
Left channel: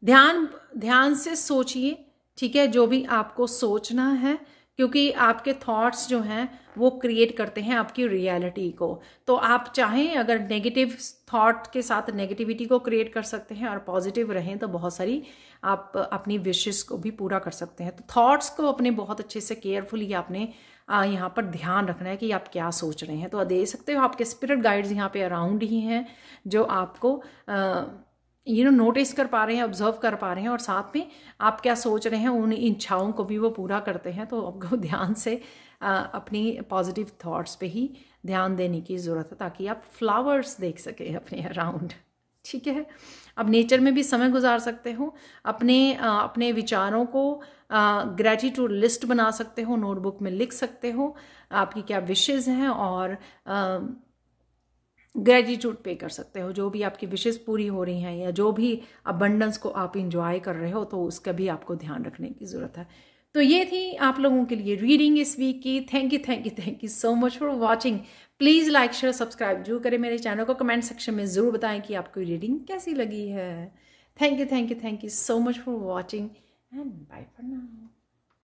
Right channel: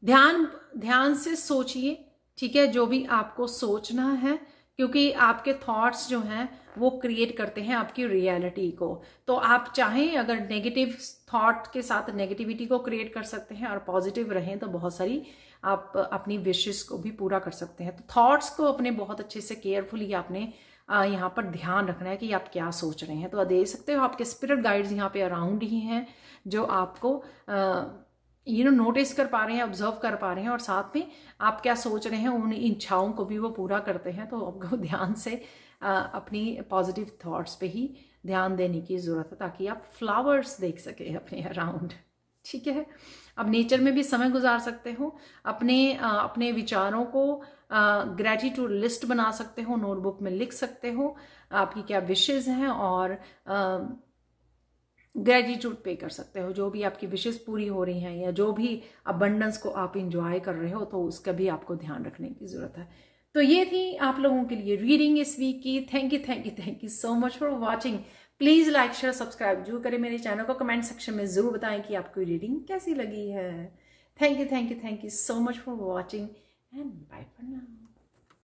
ध्यान से सोचिए, ठीक है, जो भी आपको सोचना है, क्योंकि आपके थॉट्स जो हैं वो क्रिएट करते हैं आपकी रियलिटी को। तो आप चाहें अगर नेगेटिव थॉट के साथ नेगेटिविटी को क्रिएट कर सकते हैं, और पॉजिटिव रहें तो बहुत सारी आप अपनी विशेस को भी पूरा कर सकते हैं। तो थॉट्स को अपने बहुत अच्छे से केयरफुली आपने यहाँ पर ध्यान रखना है कि आप क्या सोच रहे हैं। तो दे सकते हो आपके स्पिरिट गाइड्स यहाँ पे अराउंड ही हैं, जो आपको नोटिस कर पा रहे हैं, ऑब्जर्व कर पा रहे हैं, और साथ में आप क्या सोच रहे हैं उन इच्छाओं को भी वो पूरा करते हैं। तो आपको ध्यान से अपनी पॉजिटिव थॉट्स पे ही ध्यान देने की ज़रूरत है, ताकि आप फ्लावर्स देख सके अपने अराउंड, ठीक है। अब नेचर में भी समय गुजार सकते हो, अपने विचारों को ग्रेटिट्यूड लिस्ट बना सकते हो, नोटबुक में लिख सकते हो आपकी क्या विशेज़ हैं, और ग्रेटिट्यूड पे कर सकते हो। जो भी आपकी विशेस पूरी हो रही हैं या जो भी अबंडेंस को आप इंजॉय कर रहे हो, तो उसका भी आपको ध्यान रखने की ज़रूरत है। तो ये थी आप लोगों के लिए रीडिंग इस वीक की। Thank you so much for watching. Please like share subscribe जरूर करें मेरे चैनल को। कमेंट सेक्शन में ज़रूर बताएं कि आपको रीडिंग कैसी लगी है। Thank you so much for watching and bye for now.